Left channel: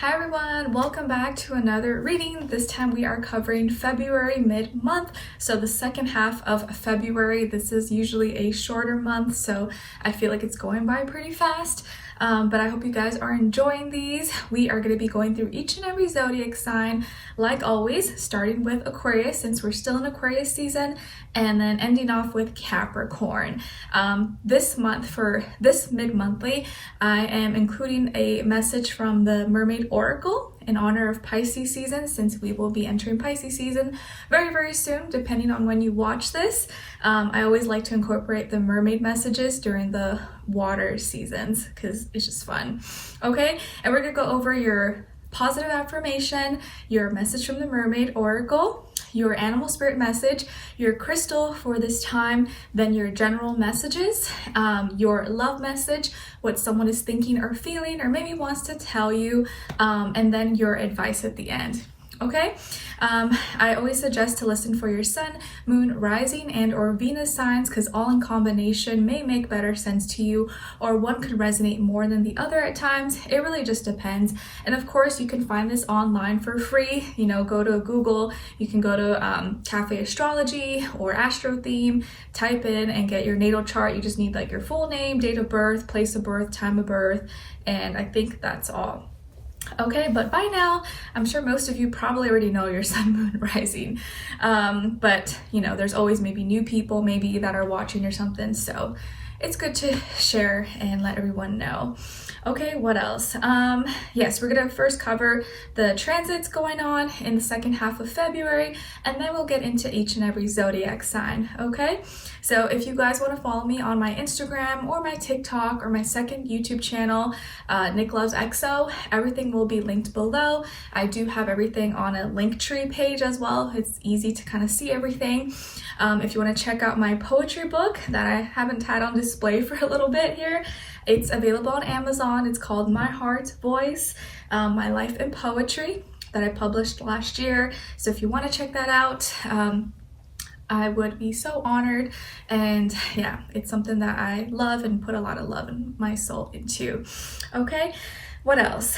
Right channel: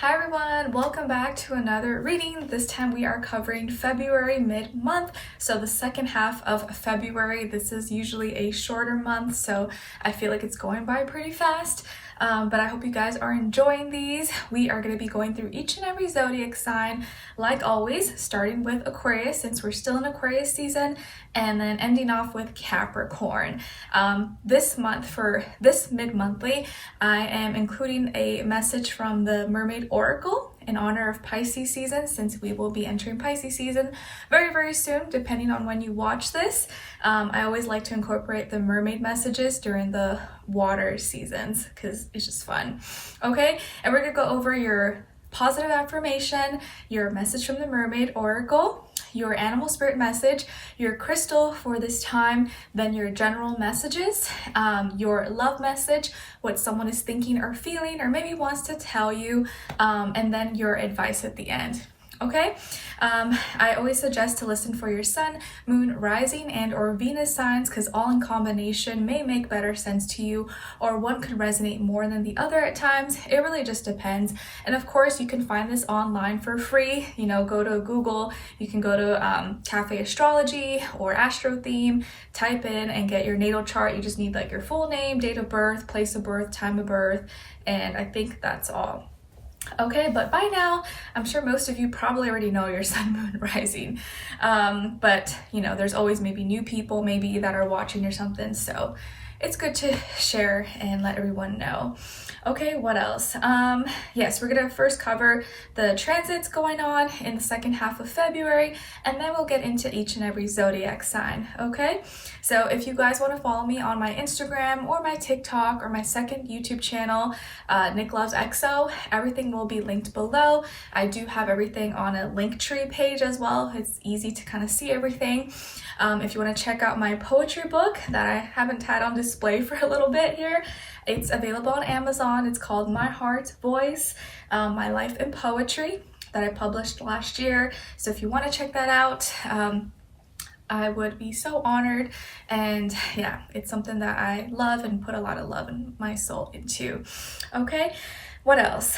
Hi everyone, welcome back to another reading. This time we are covering February mid-month, so the second half of February. This is usually a shorter month, so I feel like it's going by pretty fast. But I hope you guys are enjoying these. We are going to be going through each and every zodiac sign, like always, starting with Aquarius since we're still in Aquarius season, and then ending off with Capricorn. This month, for this mid-monthly, I am including a message from the Mermaid Oracle in honor of Pisces season, since we will be entering Pisces season very soon, depending on when you watch this. I always like to incorporate the mermaid messages during the water seasons because it's just fun. Okay, and we're gonna go over your positive affirmation, your message from the Mermaid Oracle, your animal spirit message, your crystal for this time, then your general messages, your love message, what someone is thinking or feeling or maybe wants to tell you, and then your advice at the end. Okay, I always suggest to listen for your sun, moon, rising, and or Venus signs, because all in combination may make better sense to you, or one could resonate more than the other at times. It really just depends. And of course, you can find this online for free. You know, go to Google, you can go to Cafe Astrology or Astro Theme, type in and get your natal chart. You just need like your full name, date of birth, place of birth, time of birth, and I think that's all. Okay, but by now, I'm sure most of you probably already know your sun, moon, rising. But you know, there's always maybe new people maybe that are watching or something. So it's good to share and let everyone know. Okay, what else? Yes, we're gonna first cover the transits going on in the second half of February, and then we'll get into each and every zodiac sign, okay? So if you guys want to follow me on my Instagram or my TikTok or my second YouTube channel, Nicloves XO, everything will be linked below. I do have everything on a Linktree page as well. It's easy to kind of see everything. If you want to check out my poetry book that I haven't had on display for a little bit here, it's available on Amazon. It's called My Heart's Voice, My Life in Poetry, that I published last year. So if you want to check that out, I would be so honored. And yeah, it's something that I love and put a lot of love in my soul into. Okay, what else?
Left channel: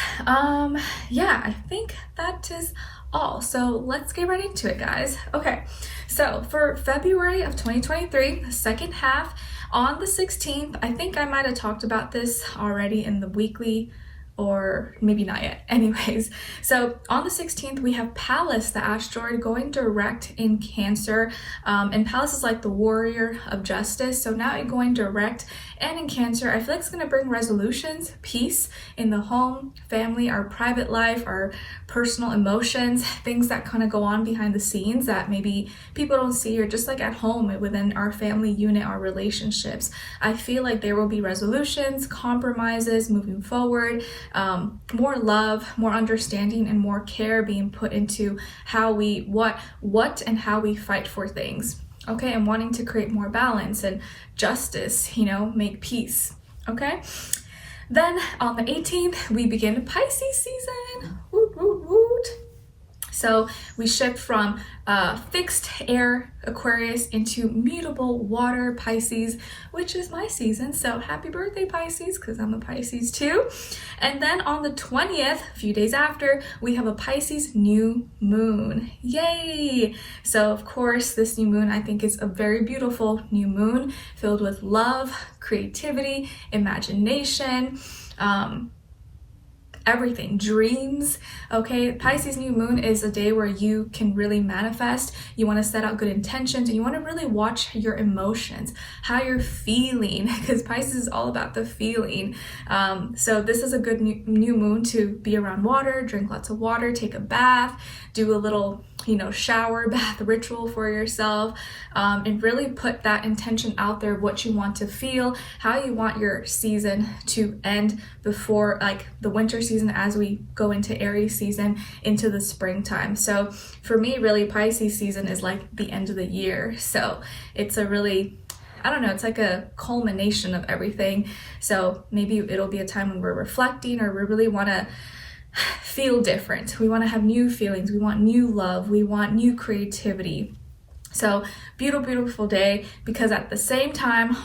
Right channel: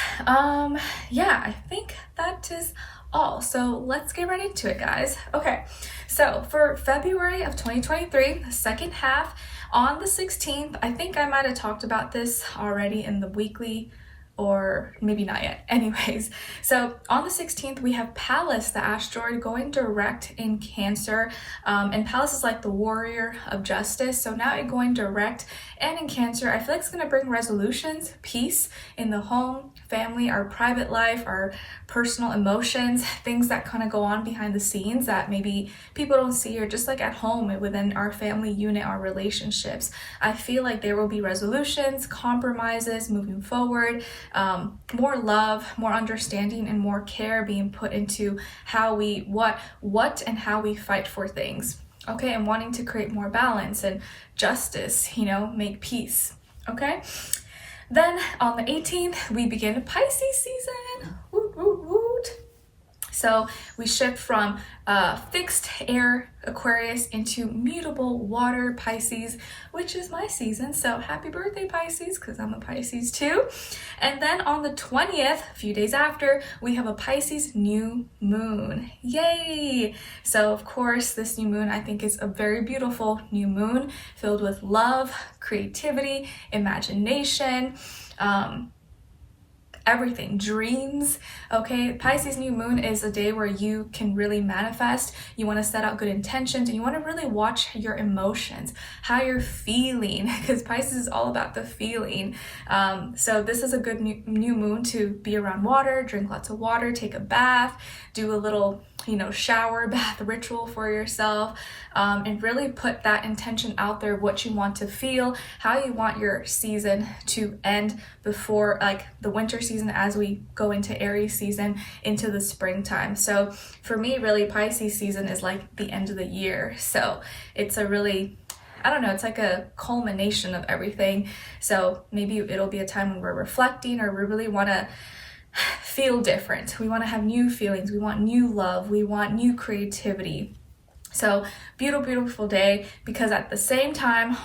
Yeah, I think that is all. So let's get right into it, guys. Okay, so for February of 2023, the second half, on the 16th, I think I might have talked about this already in the weekly, or maybe not yet. Anyways, so on the 16th, we have Pallas, the asteroid, going direct in Cancer. And Pallas is like the warrior of justice. So now it going direct and in Cancer, I feel like it's going to bring resolutions, peace in the home, family, our private life, our personal emotions, things that kind of go on behind the scenes that maybe people don't see, or just like at home within our family unit, our relationships. I feel like there will be resolutions, compromises moving forward, more love, more understanding, and more care being put into how we, what and how we fight for things. Okay, and wanting to create more balance and justice, you know, make peace. Okay, then on the 18th, we begin Pisces season. Woot, woot, woot. So we shift from fixed air Aquarius into mutable water Pisces, which is my season. So happy birthday, Pisces, because I'm a Pisces too. And then on the 20th, a few days after, we have a Pisces new moon. Yay! So of course, this new moon, I think, is a very beautiful new moon filled with love, creativity, imagination, everything, dreams. Okay, Pisces new moon is a day where you can really manifest. You want to set out good intentions, and you want to really watch your emotions, how you're feeling, because Pisces is all about the feeling. So this is a good new moon to be around water, drink lots of water, take a bath, do a little, you know, shower bath ritual for yourself, and really put that intention out there, what you want to feel, how you want your season to end before like the winter season, as we go into Aries season into the springtime. So for me, really, Pisces season is like the end of the year. So it's a really, I don't know, it's like a culmination of everything. So maybe it'll be a time when we're reflecting, or we really want to feel different. We want to have new feelings. We want new love. We want new creativity. So beautiful, beautiful day, because at the same time,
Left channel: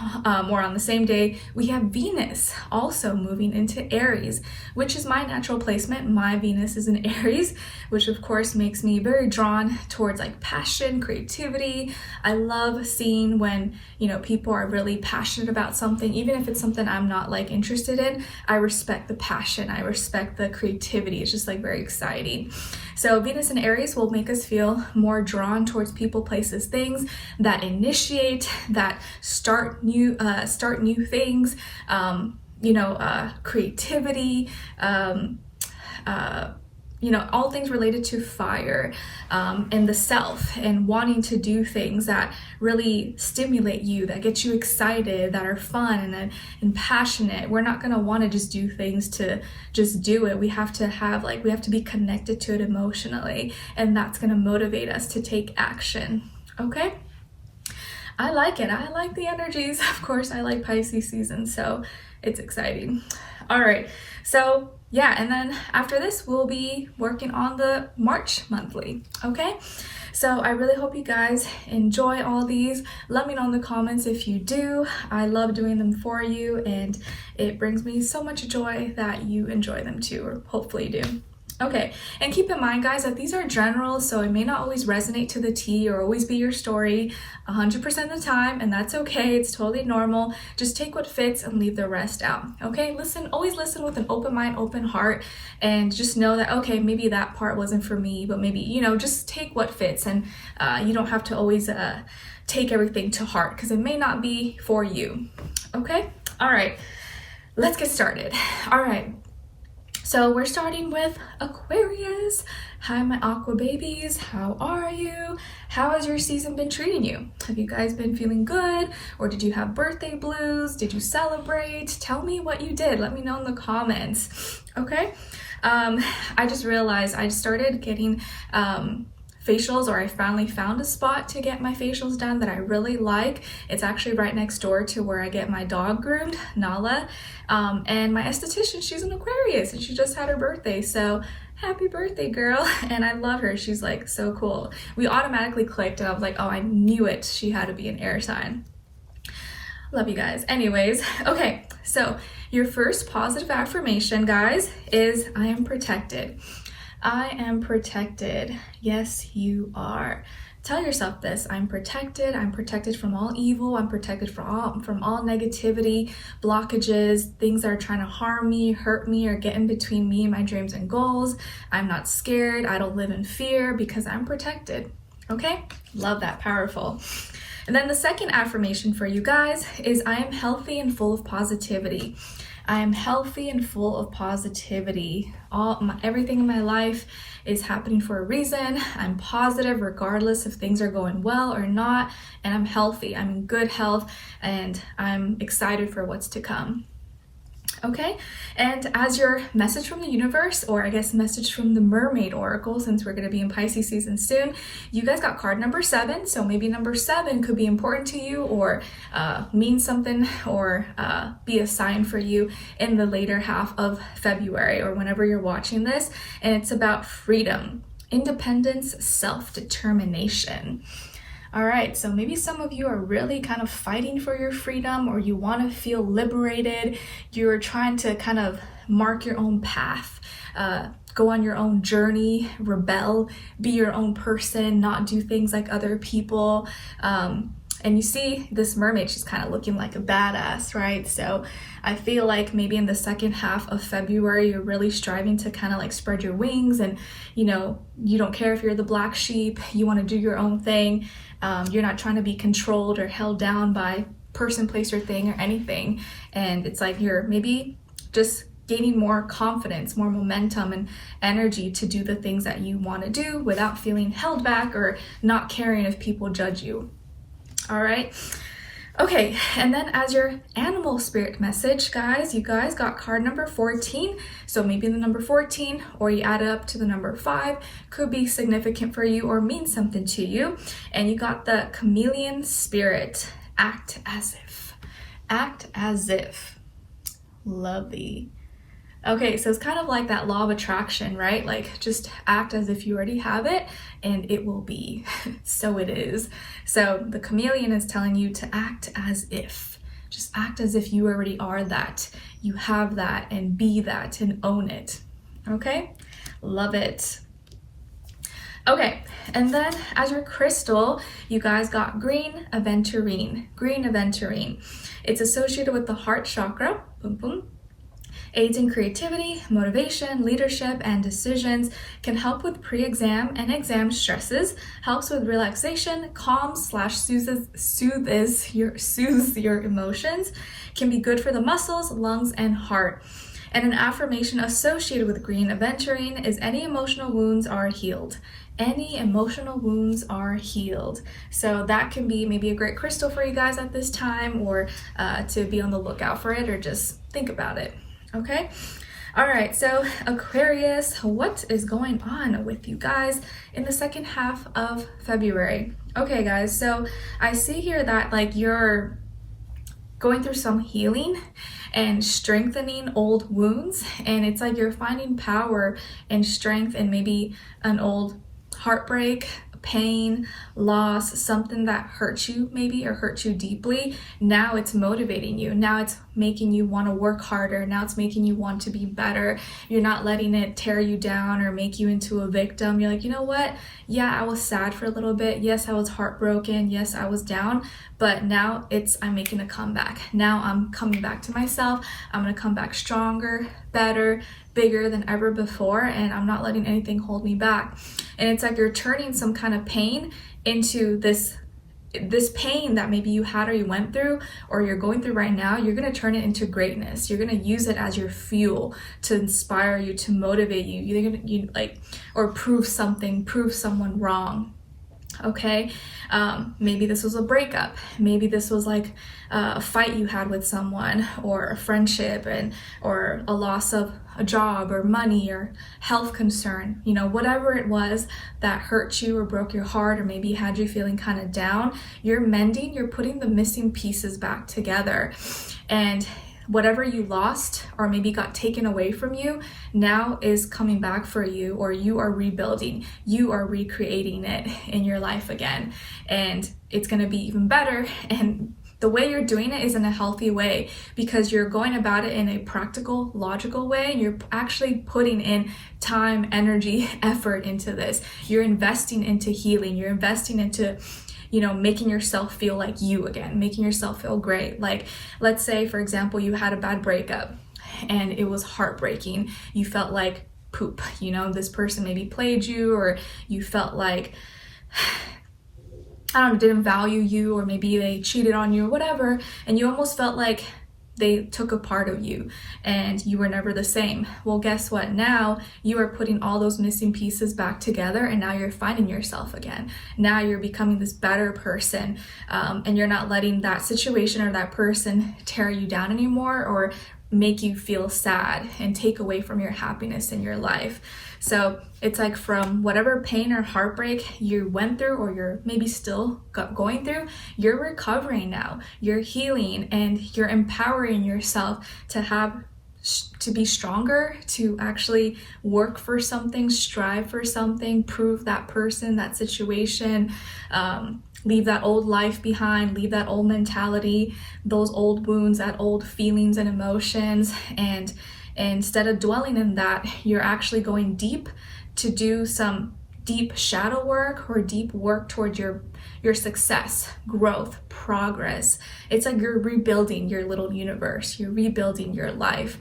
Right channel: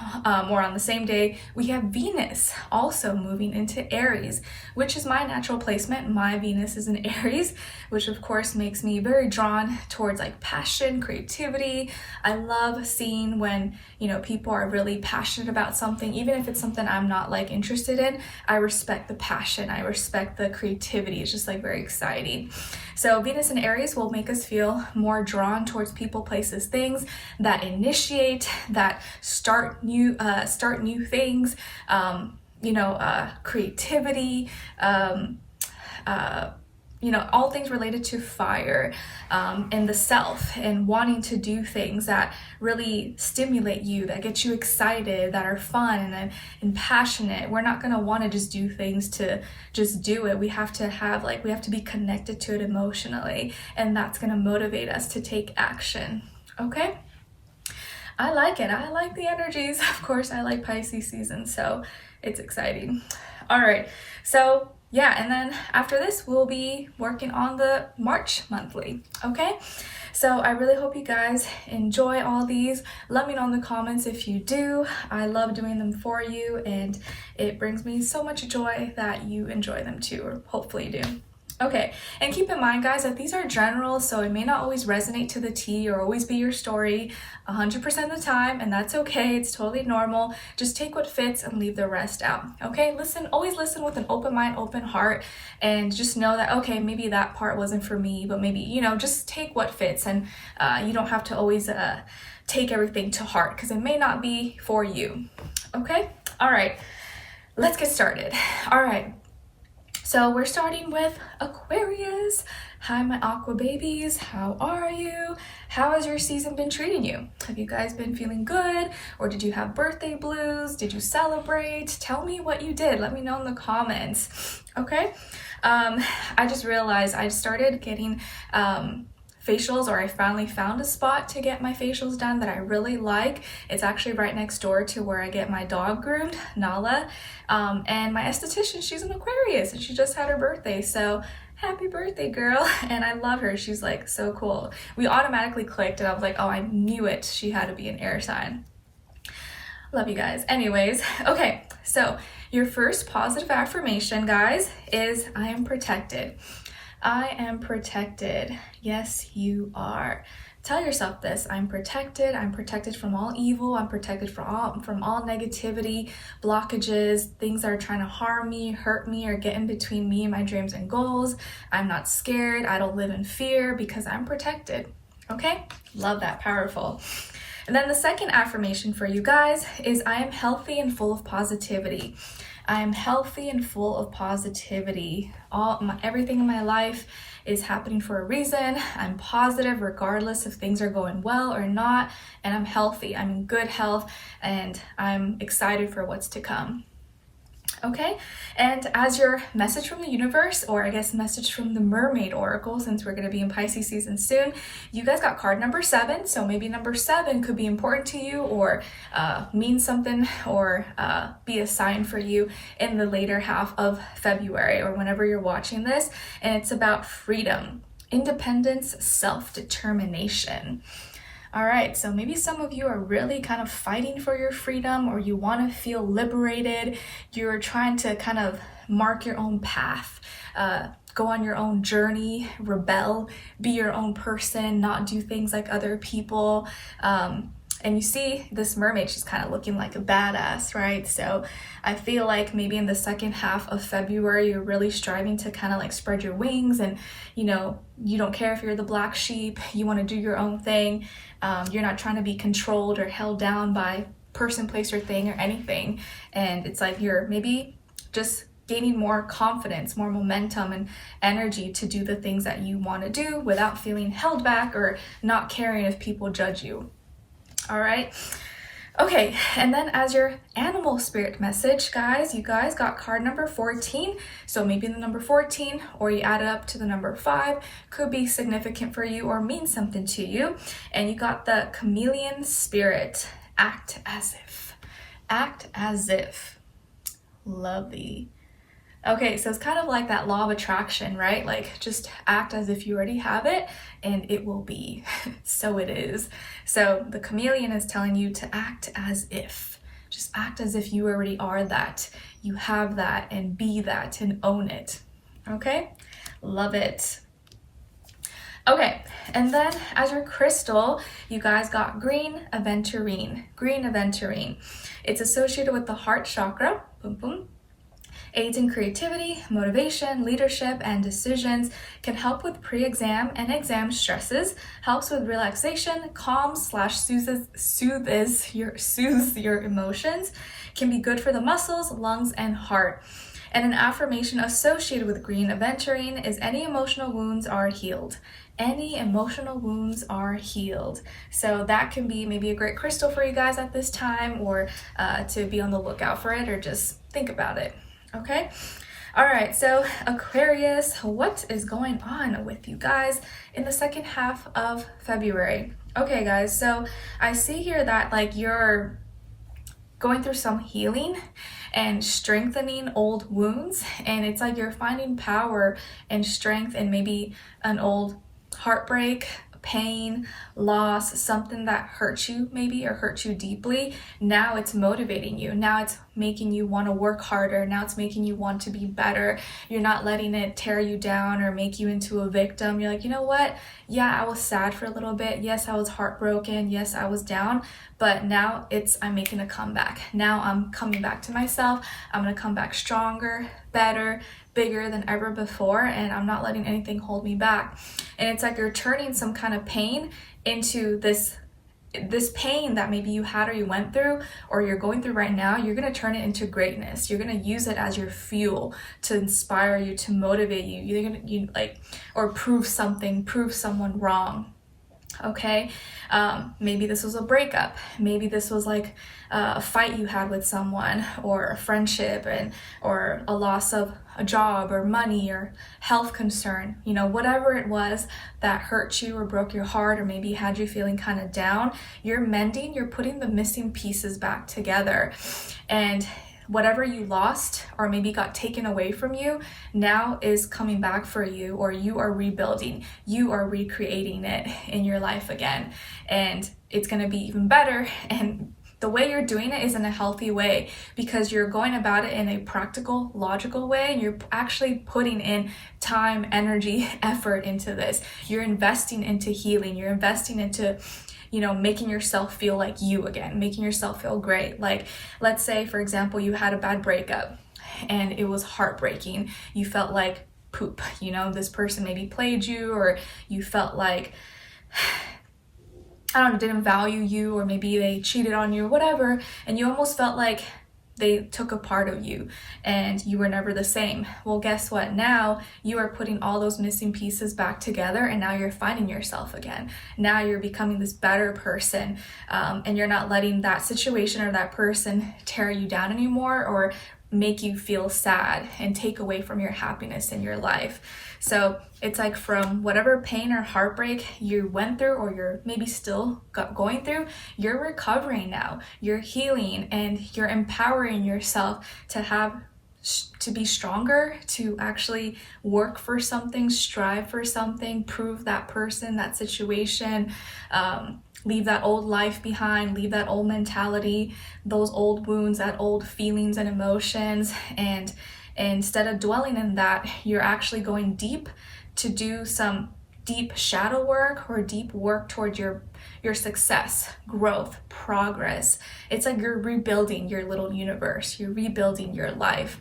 or on the same day, we have Venus also moving into Aries, which is my natural placement. My Venus is in Aries, which of course makes me very drawn towards like passion, creativity. I love seeing when, you know, people are really passionate about something, even if it's something I'm not like interested in. I respect the passion, I respect the creativity. It's just like very exciting. So Venus in Aries will make us feel more drawn towards people, places, things that initiate, that start new things, creativity, all things related to fire, and the self, and wanting to do things that really stimulate you, that get you excited, that are fun and passionate. We're not going to want to just do things to just do it. We have to be connected to it emotionally, and that's going to motivate us to take action. Okay? I like it. I like the energies. Of course, I like Pisces season, so it's exciting. All right. So yeah, and then after this, we'll be working on the March monthly. Okay. So I really hope you guys enjoy all these. Let me know in the comments if you do. I love doing them for you, and it brings me so much joy that you enjoy them too, or hopefully you do. Okay, and keep in mind, guys, that these are general, so it may not always resonate to the T or always be your story 100% of the time, and that's okay. It's totally normal. Just take what fits and leave the rest out. Okay, always listen with an open mind, open heart, and just know that, okay, maybe that part wasn't for me, but maybe, just take what fits, and you don't have to always take everything to heart, because it may not be for you. Okay, all right, let's get started. All right. So we're starting with Aquarius. Hi, my aqua babies. How are you? How has your season been treating you? Have you guys been feeling good? Or did you have birthday blues? Did you celebrate? Tell me what you did. Let me know in the comments. Okay. I just realized I started getting facials, or I finally found a spot to get my facials done that I really like. It's actually right next door to where I get my dog groomed, Nala. And my esthetician, she's an Aquarius, and she just had her birthday. So happy birthday, girl. And I love her. She's like so cool. We automatically clicked, and I was like, oh, I knew it. She had to be an air sign. Love you guys. Anyways, okay. So your first positive affirmation, guys, is I am protected. I am protected. Yes, you are. Tell yourself this. I'm protected. I'm protected from all evil. I'm protected from all negativity, blockages, things that are trying to harm me, hurt me, or get in between me and my dreams and goals. I'm not scared. I don't live in fear because I'm protected. Okay? Love that. Powerful. And then the second affirmation for you guys is I am healthy and full of positivity. I am healthy and full of positivity. Everything in my life is happening for a reason. I'm positive regardless if things are going well or not, and I'm healthy. I'm in good health, and I'm excited for what's to come. Okay, and as your message from the universe, or I guess message from the Mermaid Oracle, since we're going to be in Pisces season soon, you guys got card number 7. So maybe number 7 could be important to you, or mean something, or be a sign for you in the later half of February, or whenever you're watching this. And it's about freedom, independence, self-determination. All right, so maybe some of you are really kind of fighting for your freedom, or you want to feel liberated. You're trying to kind of mark your own path, go on your own journey, rebel, be your own person, not do things like other people. And you see this mermaid, she's kind of looking like a badass, right? So I feel like maybe in the second half of February, you're really striving to kind of like spread your wings, and you don't care if you're the black sheep, you want to do your own thing. You're not trying to be controlled or held down by person, place, or thing, or anything. And it's like you're maybe just gaining more confidence, more momentum and energy to do the things that you want to do without feeling held back or not caring if people judge you. All right. Okay, and then as your animal spirit message, guys, you guys got card number 14. So maybe the number 14, or you add it up to the number 5, could be significant for you or mean something to you. And you got the chameleon spirit. Act as if. Act as if. Lovely. Okay, so it's kind of like that law of attraction, right? Like just act as if you already have it and it will be. So it is. So the chameleon is telling you to act as if. Just act as if you already are that. You have that, and be that and own it. Okay? Love it. Okay, and then as your crystal, you guys got green aventurine. Green aventurine. It's associated with the heart chakra. Boom, boom. Aids in creativity, motivation, leadership, and decisions, can help with pre-exam and exam stresses, helps with relaxation, calms/soothes your emotions, can be good for the muscles, lungs, and heart. And an affirmation associated with green aventurine is any emotional wounds are healed. Any emotional wounds are healed. So that can be maybe a great crystal for you guys at this time, or to be on the lookout for it, or just think about it. Okay. All right. So Aquarius, what is going on with you guys in the second half of February? Okay, guys. So I see here that like you're going through some healing and strengthening old wounds, and it's like you're finding power and strength in maybe an old heartbreak, pain, loss, something that hurt you maybe, or hurt you deeply. Now it's motivating you. Now it's making you want to work harder. Now it's making you want to be better. You're not letting it tear you down or make you into a victim. You're like, you know what? Yeah, I was sad for a little bit. Yes, I was heartbroken. Yes, I was down. But now I'm making a comeback. Now I'm coming back to myself. I'm going to come back stronger, better, bigger than ever before, and I'm not letting anything hold me back. And it's like you're turning some kind of pain into this pain that maybe you had or you went through or you're going through right now. You're going to turn it into greatness. You're going to use it as your fuel to inspire you, to motivate you. You're going to or prove someone wrong. Okay, maybe this was a breakup. Maybe this was like a fight you had with someone, or a friendship, or a loss of a job or money or health concern. You know, whatever it was that hurt you or broke your heart, or maybe had you feeling kind of down, you're mending, you're putting the missing pieces back together. And whatever you lost or maybe got taken away from you now is coming back for you, or you are rebuilding, you are recreating it in your life again, and it's going to be even better. And the way you're doing it is in a healthy way, because you're going about it in a practical, logical way, and you're actually putting in time, energy, effort into this. You're investing into healing, you're investing into making yourself feel like you again, making yourself feel great. Like, let's say, for example, you had a bad breakup and it was heartbreaking. You felt like poop, this person maybe played you, or you felt like, didn't value you, or maybe they cheated on you or whatever. And you almost felt like they took a part of you and you were never the same. Well, guess what? Now you are putting all those missing pieces back together, and now you're finding yourself again. Now you're becoming this better person, and you're not letting that situation or that person tear you down anymore, or make you feel sad and take away from your happiness in your life. So it's like, from whatever pain or heartbreak you went through, or you're maybe still going through, you're recovering now, you're healing, and you're empowering yourself to be stronger, to actually work for something, strive for something, prove that person, that situation, leave that old life behind, leave that old mentality, those old wounds, that old feelings and emotions. And instead of dwelling in that, you're actually going deep to do some deep shadow work, or deep work toward your success, growth, progress. It's like you're rebuilding your little universe. You're rebuilding your life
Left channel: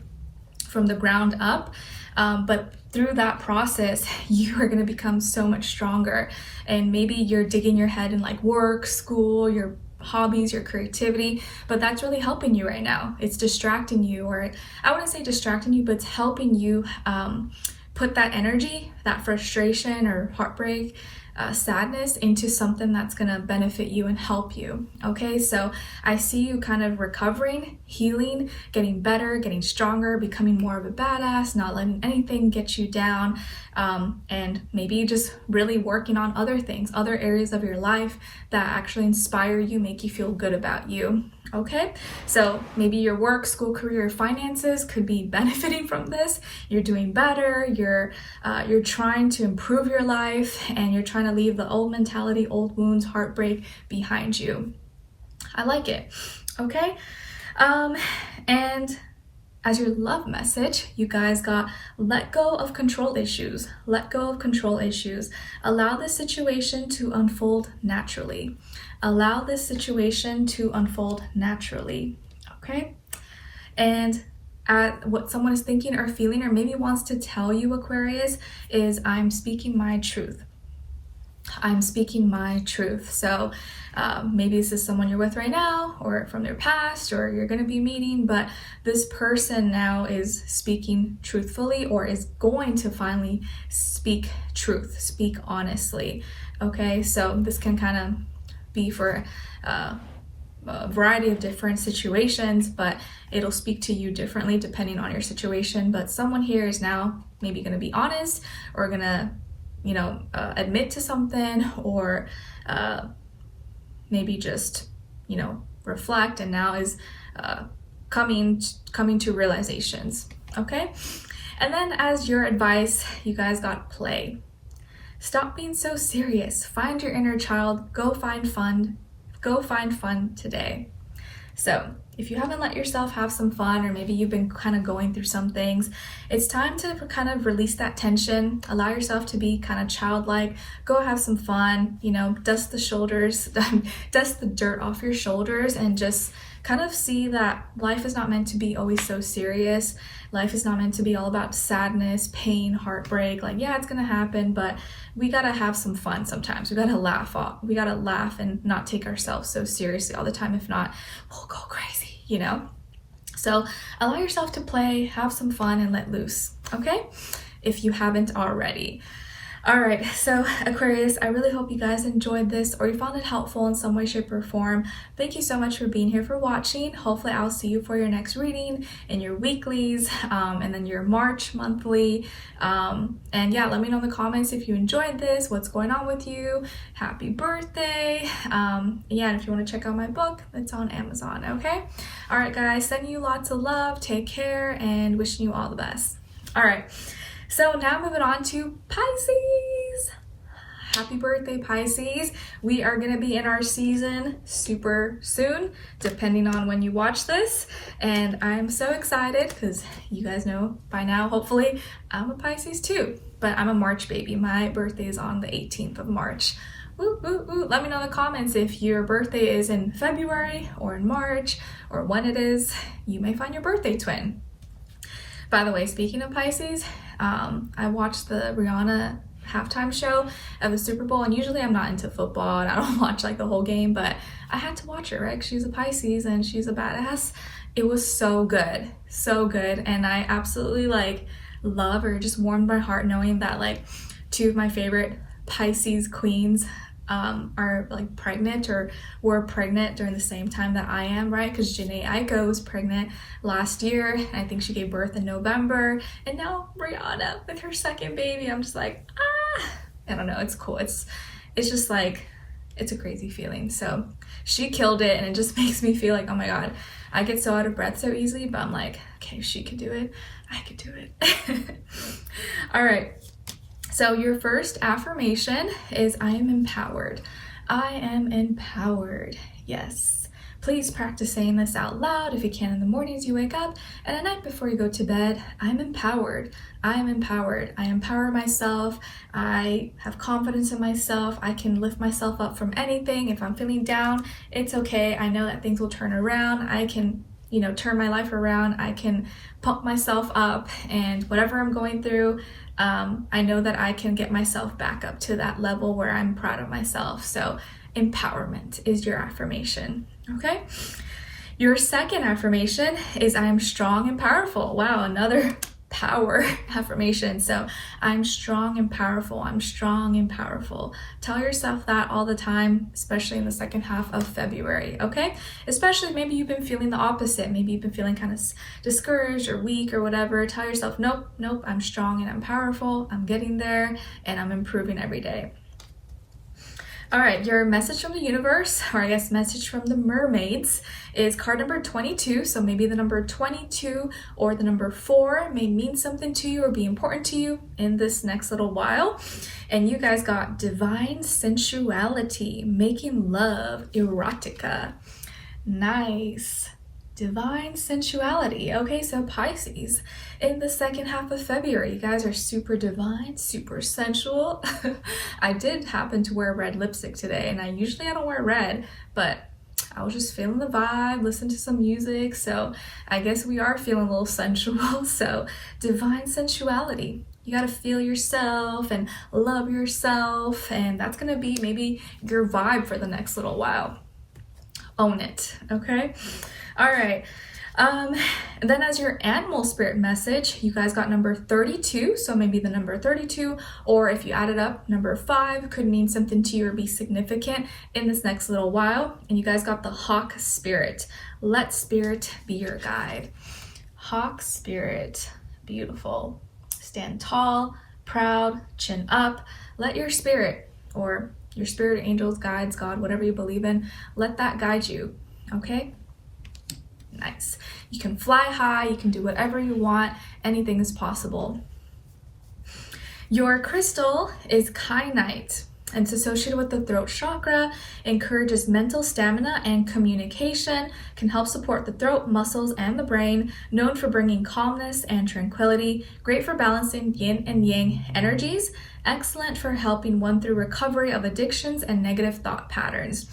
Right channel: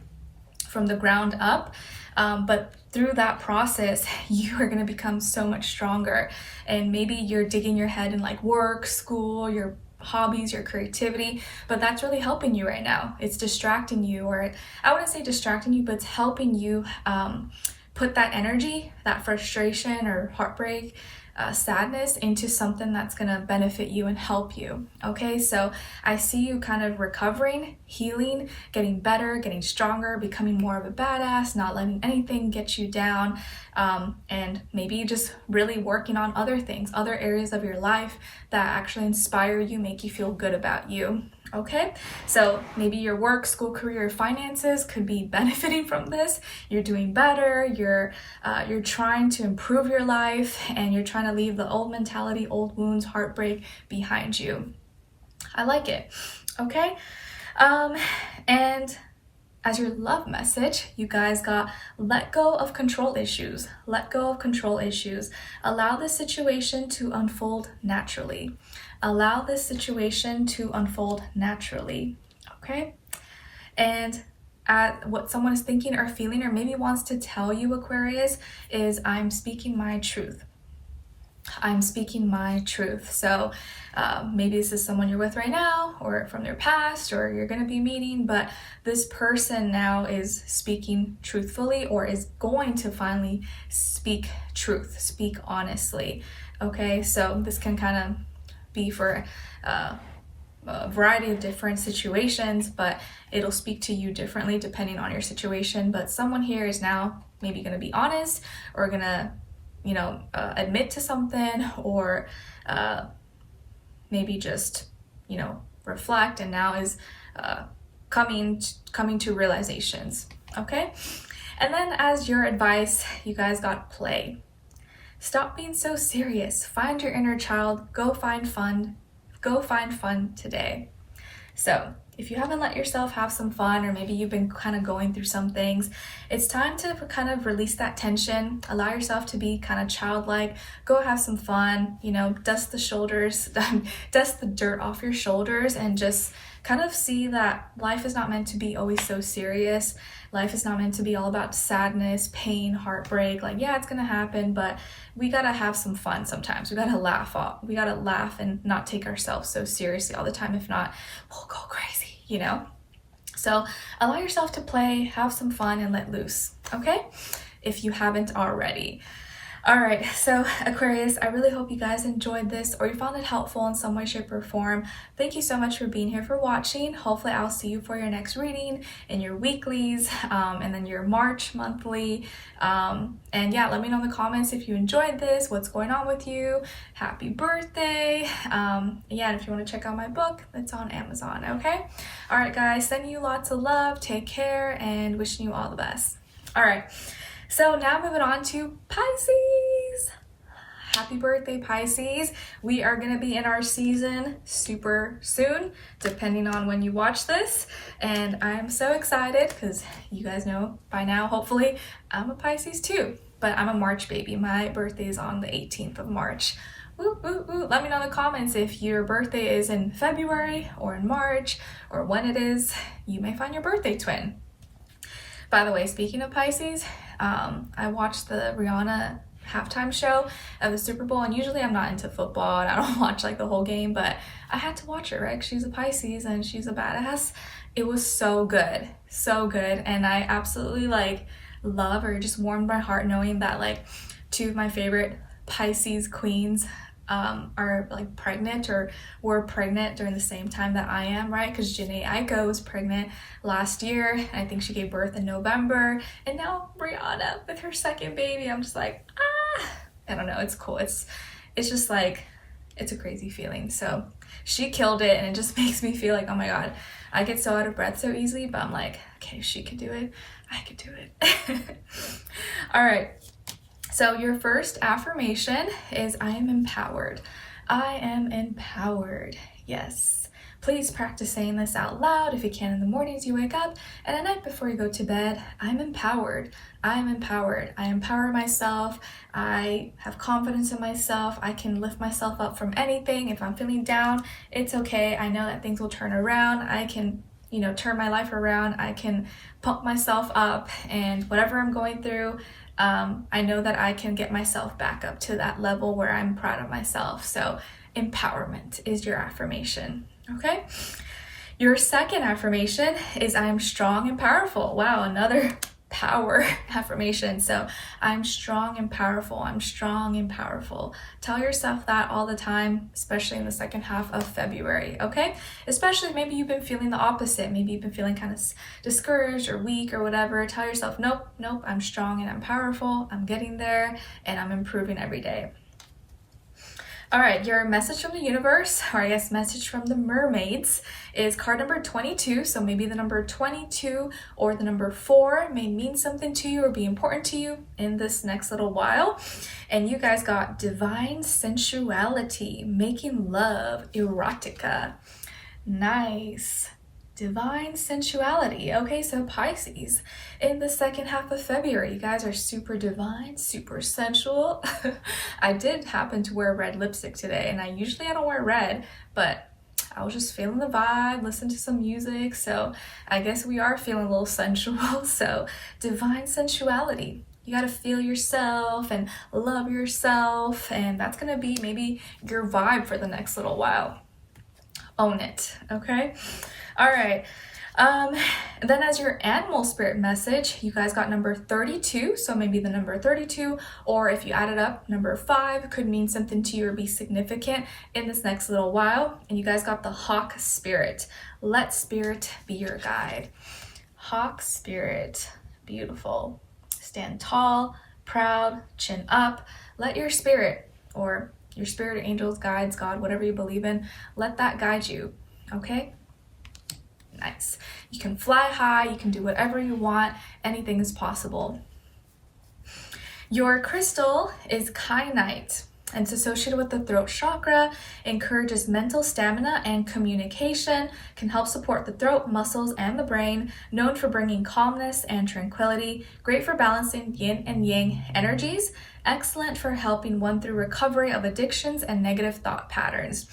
from the ground up. But through that process, you are going to become so much stronger. And maybe you're digging your head in like work, school, your hobbies, your creativity, but that's really helping you right now. It's distracting you, or I wouldn't say distracting you, but it's helping you put that energy, that frustration or heartbreak, sadness, into something that's going to benefit you and help you. Okay, so I see you kind of recovering, healing, getting better, getting stronger, becoming more of a badass, not letting anything get you down, and maybe just really working on other things, other areas of your life that actually inspire you, make you feel good about you. Okay, so maybe your work, school, career, finances could be benefiting from this. You're doing better, you're trying to improve your life, and you're trying to leave the old mentality, old wounds, heartbreak behind you. I like it. Okay, and as your love message, you guys got let go of control issues. Let go of control issues. Allow this situation to unfold naturally. Allow this situation to unfold naturally. Okay? And at what someone is thinking or feeling or maybe wants to tell you, Aquarius, is I'm speaking my truth. I'm speaking my truth. So maybe this is someone you're with right now or from their past or you're going to be meeting, but this person now is speaking truthfully or is going to finally speak truth, speak honestly. Okay, so this can kind of be for a variety of different situations, but it'll speak to you differently depending on your situation. But someone here is now maybe going to be honest or going to admit to something or maybe just, reflect and now is coming to realizations, okay? And then as your advice, you guys got play. Stop being so serious. Find your inner child. Go find fun. Go find fun today. So if you haven't let yourself have some fun, or maybe you've been kind of going through some things, it's time to kind of release that tension. Allow yourself to be kind of childlike. Go have some fun, dust the shoulders, dust the dirt off your shoulders, and just kind of see that life is not meant to be always so serious. Life is not meant to be all about sadness, pain, heartbreak. Like, yeah, it's gonna happen, but we gotta have some fun sometimes. We gotta laugh off. We gotta laugh and not take ourselves so seriously all the time. If not, we'll go crazy, So allow yourself to play, have some fun, and let loose, okay? If you haven't already. All right, so Aquarius, I really hope you guys enjoyed this or you found it helpful in some way, shape, or form. Thank you so much for being here, for watching. Hopefully I'll see you for your next reading in your weeklies and then your March monthly. And yeah, let me know in the comments if you enjoyed this, what's going on with you. Happy birthday. Yeah, and if you want to check out my book, it's on Amazon, okay? All right, guys, sending you lots of love, take care, and wishing you all the best. All right. So now moving on to Pisces. Happy birthday, Pisces. We are going to be in our season super soon, depending on when you watch this. And I'm so excited because you guys know by now, hopefully, I'm a Pisces too. But I'm a March baby. My birthday is on the 18th of March. Woo, woo, woo. Let me know in the comments if your birthday is in February or in March or when it is. You may find your birthday twin. By the way, speaking of Pisces, I watched the Rihanna halftime show of the Super Bowl, and usually I'm not into football and I don't watch like the whole game, but I had to watch it, right? She's a Pisces and she's a badass. It was so good, and I absolutely love or just warmed my heart knowing that two of my favorite Pisces queens are pregnant or were pregnant during the same time that I am, right? Because Jhené was pregnant last year, and I think she gave birth in November, and now Rihanna with her second baby. I'm just like, I don't know, it's cool. It's just it's a crazy feeling. So she killed it, and it just makes me feel like, oh my god, I get so out of breath so easily, but I'm like, okay, she could do it, I could do it. All right. So your first affirmation is I am empowered. I am empowered. Yes. Please practice saying this out loud if you can in the mornings you wake up and at night before you go to bed. I'm empowered. I am empowered. I empower myself. I have confidence in myself. I can lift myself up from anything. If I'm feeling down, it's okay. I know that things will turn around. I can turn my life around. I can pump myself up, and whatever I'm going through, I know that I can get myself back up to that level where I'm proud of myself. So empowerment is your affirmation, okay? Your second affirmation is I am strong and powerful. Wow, another power affirmation. So I'm strong and powerful. I'm strong and powerful. Tell yourself that all the time, especially in the second half of February, okay? Especially maybe you've been feeling the opposite. Maybe you've been feeling kind of discouraged or weak or whatever. Tell yourself, nope, I'm strong and I'm powerful. I'm getting there and I'm improving every day. All right, your message from the universe, or I guess message from the mermaids, is card number 22. So maybe the number 22 or the number 4 may mean something to you or be important to you in this next little while. And you guys got divine sensuality, making love, erotica. Nice. Divine sensuality. Okay, so Pisces, in the second half of February, you guys are super divine, super sensual. I did happen to wear red lipstick today, and I don't wear red, but I was just feeling the vibe, listen to some music, so I guess we are feeling a little sensual. So divine sensuality. You got to feel yourself and love yourself, and that's going to be maybe your vibe for the next little while. Own it, okay? All right. Then as your animal spirit message, you guys got number 32. So maybe the number 32, or if you add it up, number 5 could mean something to you or be significant in this next little while. And you guys got the hawk spirit. Let spirit be your guide. Hawk spirit, beautiful. Stand tall, proud, chin up. Let your spirit, or your spirit, angels, guides, God, whatever you believe in, let that guide you, okay? Nice. You can fly high, you can do whatever you want, anything is possible. Your crystal is kyanite, and it's associated with the throat chakra, encourages mental stamina and communication, can help support the throat, muscles, and the brain, known for bringing calmness and tranquility, great for balancing yin and yang energies, excellent for helping one through recovery of addictions and negative thought patterns.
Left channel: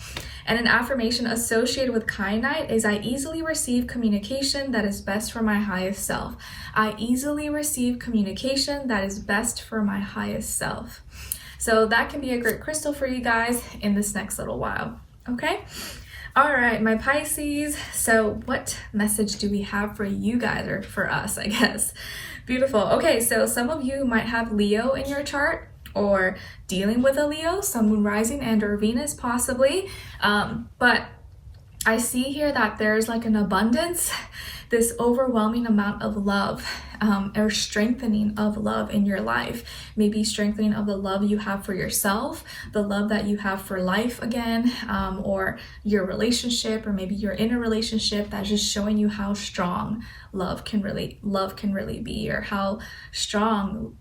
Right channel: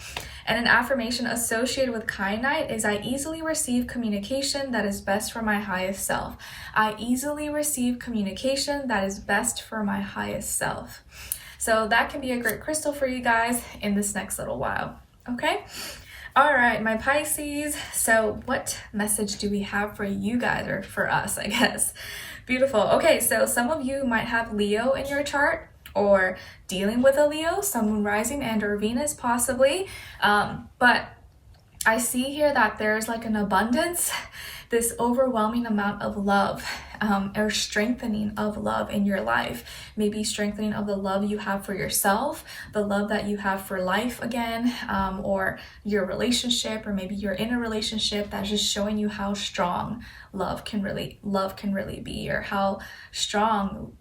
And an affirmation associated with kyanite is, I easily receive communication that is best for my highest self. I easily receive communication that is best for my highest self. So that can be a great crystal for you guys in this next little while, okay? All right, my Pisces. So what message do we have for you guys, or for us, I guess? Beautiful. Okay, so some of you might have Leo in your chart, or dealing with a Leo, Sun, Moon, Rising, and or Venus possibly. But I see here that there's like an abundance, this overwhelming amount of love, or strengthening of love in your life. Maybe strengthening of the love you have for yourself, the love that you have for life again, or your relationship, or maybe you're in a relationship that's just showing you how strong love can really be, or how strong,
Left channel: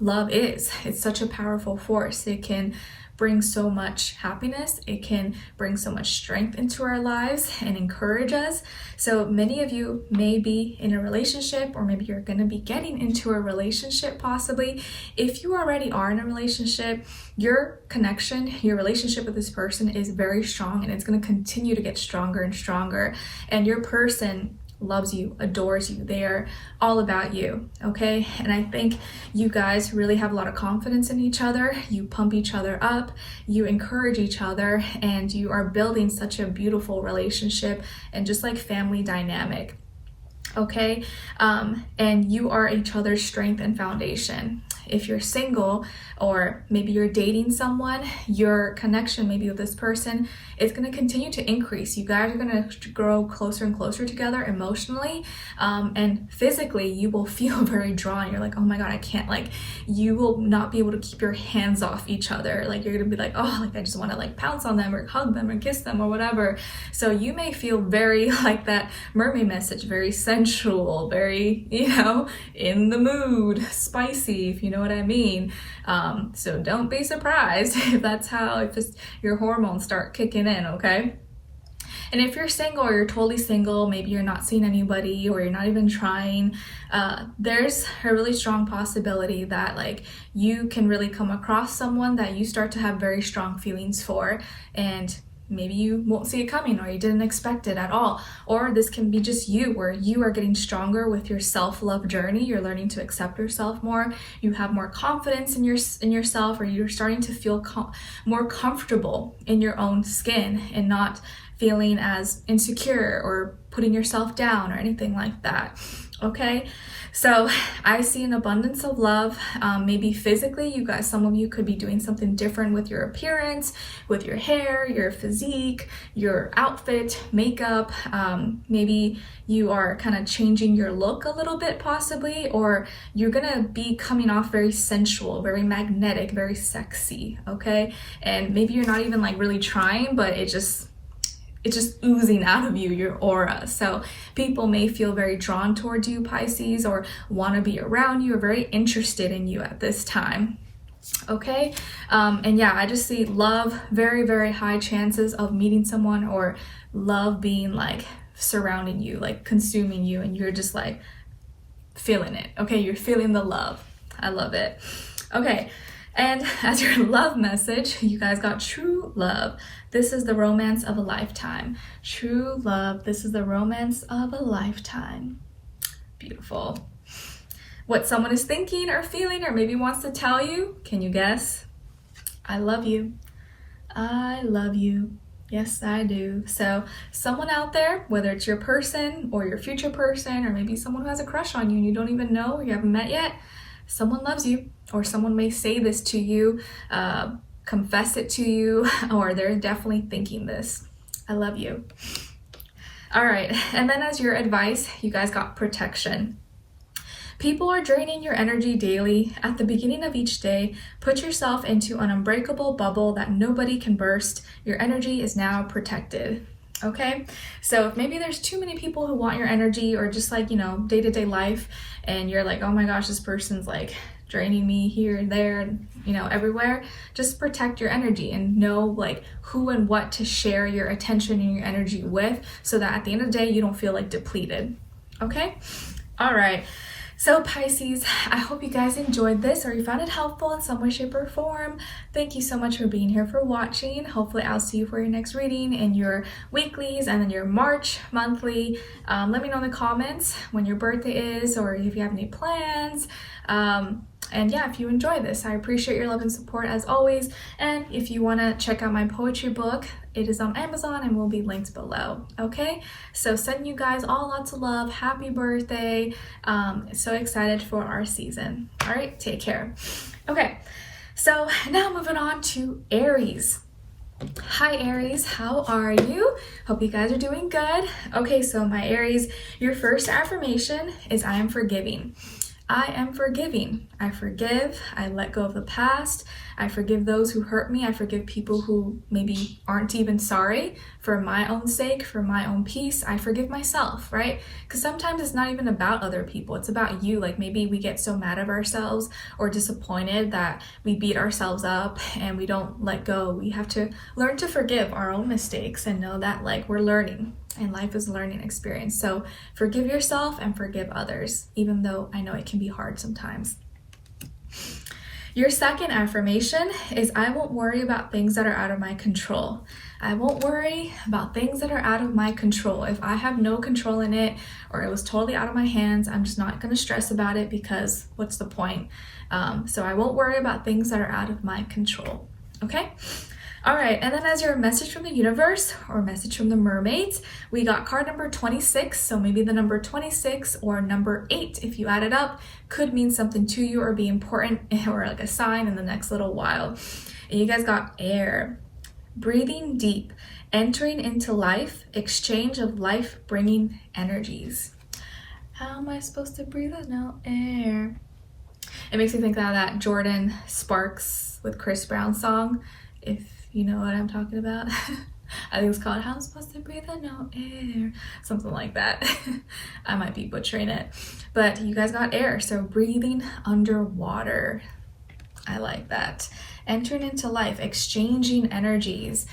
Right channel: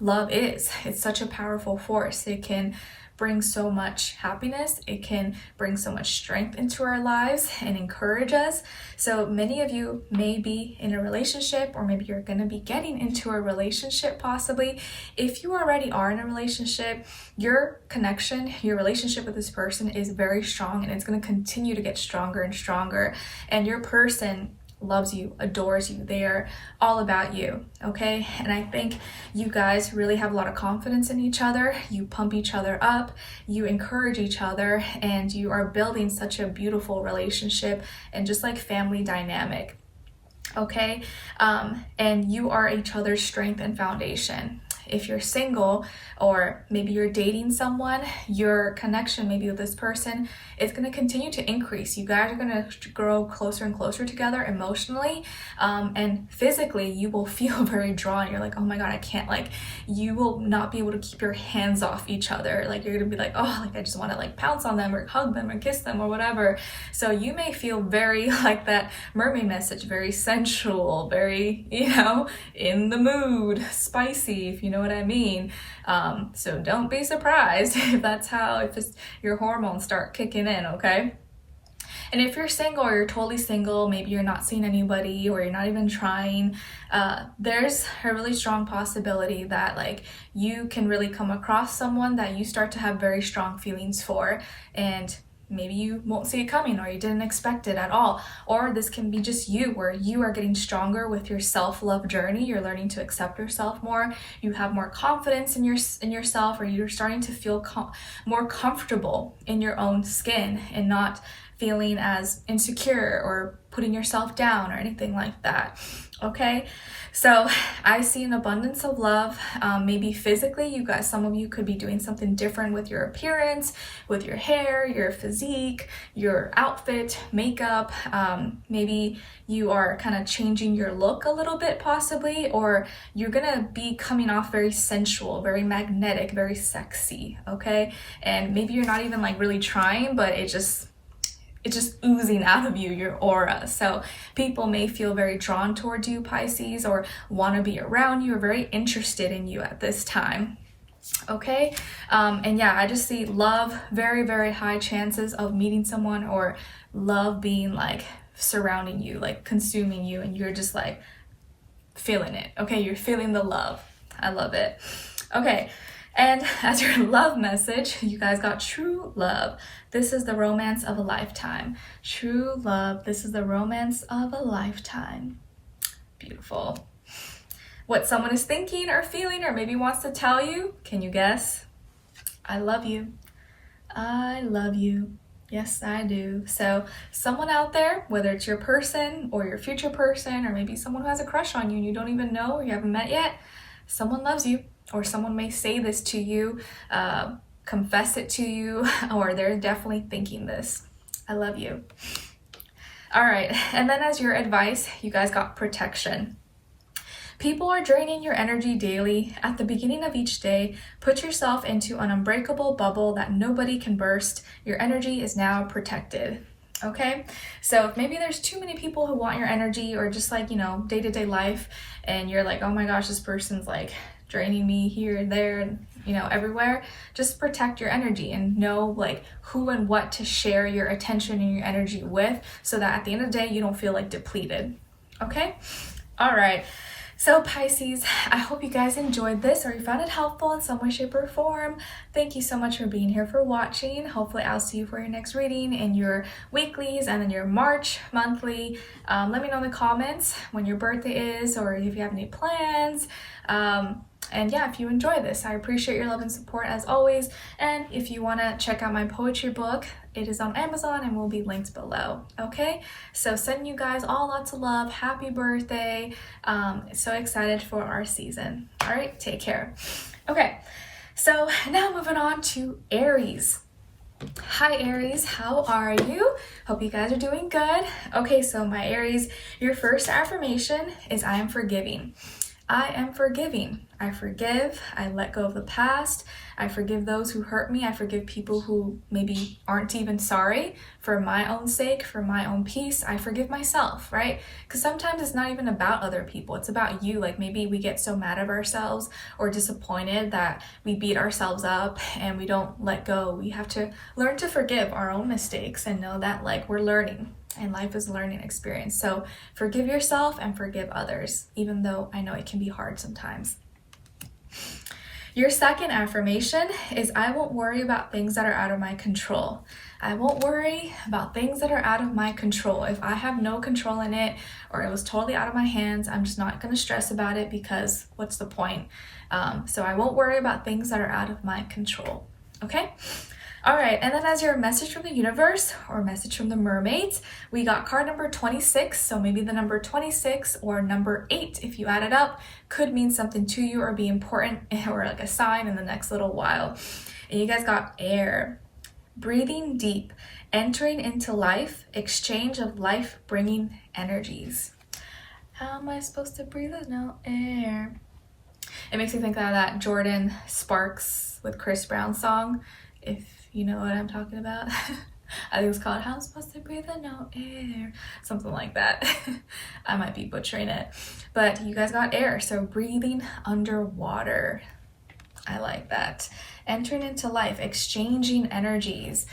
love is. It's such a powerful force. It can bring so much happiness. It can bring so much strength into our lives and encourage us. So many of you may be in a relationship, or maybe you're going to be getting into a relationship possibly. If you already are in a relationship, your connection, your relationship with this person is very strong, and it's going to continue to get stronger and stronger. And your person loves you, adores you. They are all about you, okay? And I think you guys really have a lot of confidence in each other. You pump each other up, you encourage each other, and you are building such a beautiful relationship and just like family dynamic, okay? And you are each other's strength and foundation. If you're single, or maybe you're dating someone, your connection maybe with this person is going to continue to increase. You guys are going to grow closer and closer together emotionally, and physically you will feel very drawn. You're like, oh my God, I can't, you will not be able to keep your hands off each other. You're going to be like, oh, I just want to pounce on them or hug them or kiss them or whatever. So you may feel very like that mermaid message, very sensual, very, in the mood, spicy, if you know what I mean. So don't be surprised if your hormones start kicking in, okay? And if you're single, or you're totally single, maybe you're not seeing anybody, or you're not even trying, there's a really strong possibility that you can really come across someone that you start to have very strong feelings for, and maybe you won't see it coming, or you didn't expect it at all. Or this can be just you, where you are getting stronger with your self-love journey. You're learning to accept yourself more. You have more confidence in yourself, or you're starting to feel more comfortable in your own skin and not feeling as insecure or putting yourself down or anything like that. Okay, so I see an abundance of love. Maybe physically, you guys, some of you could be doing something different with your appearance, with your hair, your physique, your outfit, makeup. Maybe you are kind of changing your look a little bit possibly, or you're gonna be coming off very sensual, very magnetic, very sexy, okay? And maybe you're not even like really trying, but it's just oozing out of you, your aura. So people may feel very drawn towards you, Pisces, or want to be around you, or very interested in you at this time. Okay, and yeah, I just see love, very, very high chances of meeting someone, or love being like surrounding you, like consuming you, and you're just like feeling it. Okay, you're feeling the love. I love it. Okay, and as your love message, you guys got true love. This is the romance of a lifetime. True love. This is the romance of a lifetime. Beautiful. What someone is thinking or feeling or maybe wants to tell you, can you guess? I love you. I love you. Yes, I do. So someone out there, whether it's your person or your future person, or maybe someone who has a crush on you and you don't even know or you haven't met yet, someone loves you, or someone may say this to you, confess it to you, or they're definitely thinking this. I love you. All right, and then as your advice, you guys got protection. People are draining your energy daily. At the beginning of each day, put yourself into an unbreakable bubble that nobody can burst. Your energy is now protected. Okay, so if maybe there's too many people who want your energy, or just like, you know, day-to-day life, and you're like, oh my gosh, this person's like draining me here and there and, you know, everywhere, just protect your energy and know like who and what to share your attention and your energy with, so that at the end of the day you don't feel like depleted. Okay, all right. So Pisces, I hope you guys enjoyed this, or you found it helpful in some way, shape, or form. Thank you so much for being here, for watching. Hopefully I'll see you for your next reading in your weeklies and then your March monthly. Let me know in the comments when your birthday is, or if you have any plans. And yeah, if you enjoy this, I appreciate your love and support as always. And if you want to check out my poetry book, it is on Amazon and will be linked below. Okay, so sending you guys all lots of love. Happy birthday. So excited for our season. All right, take care. Okay, so now moving on to Aries. Hi Aries, how are you? Hope you guys are doing good. Okay, so my Aries, your first affirmation is I am forgiving. I am forgiving. I forgive. I let go of the past. I forgive those who hurt me. I forgive people who maybe aren't even sorry. For my own sake, for my own peace, I forgive myself, right? Because sometimes it's not even about other people. It's about you. Like maybe we get so mad at ourselves or disappointed that we beat ourselves up and we don't let go. We have to learn to forgive our own mistakes and know that like we're learning. And life is a learning experience. So forgive yourself and forgive others, even though I know it can be hard sometimes. Your second affirmation is I won't worry about things that are out of my control. I won't worry about things that are out of my control. If I have no control in it, or it was totally out of my hands, I'm just not going to stress about it, because what's the point? So I won't worry about things that are out of my control. Okay? All right, and then as your message from the universe, or message from the mermaids, we got card number 26. So maybe the number 26 or number 8, if you add it up, could mean something to you or be important, or like a sign in the next little while. And you guys got air, breathing deep, entering into life, exchange of life-bringing energies. How am I supposed to breathe with no air? It makes me think of that Jordan Sparks with Chris Brown song, if you know what I'm talking about. I think it's called How I'm Supposed to Breathe with No Air, something like that. I might be butchering it, but you guys got air, so breathing underwater. I like that. Entering into life, exchanging energies.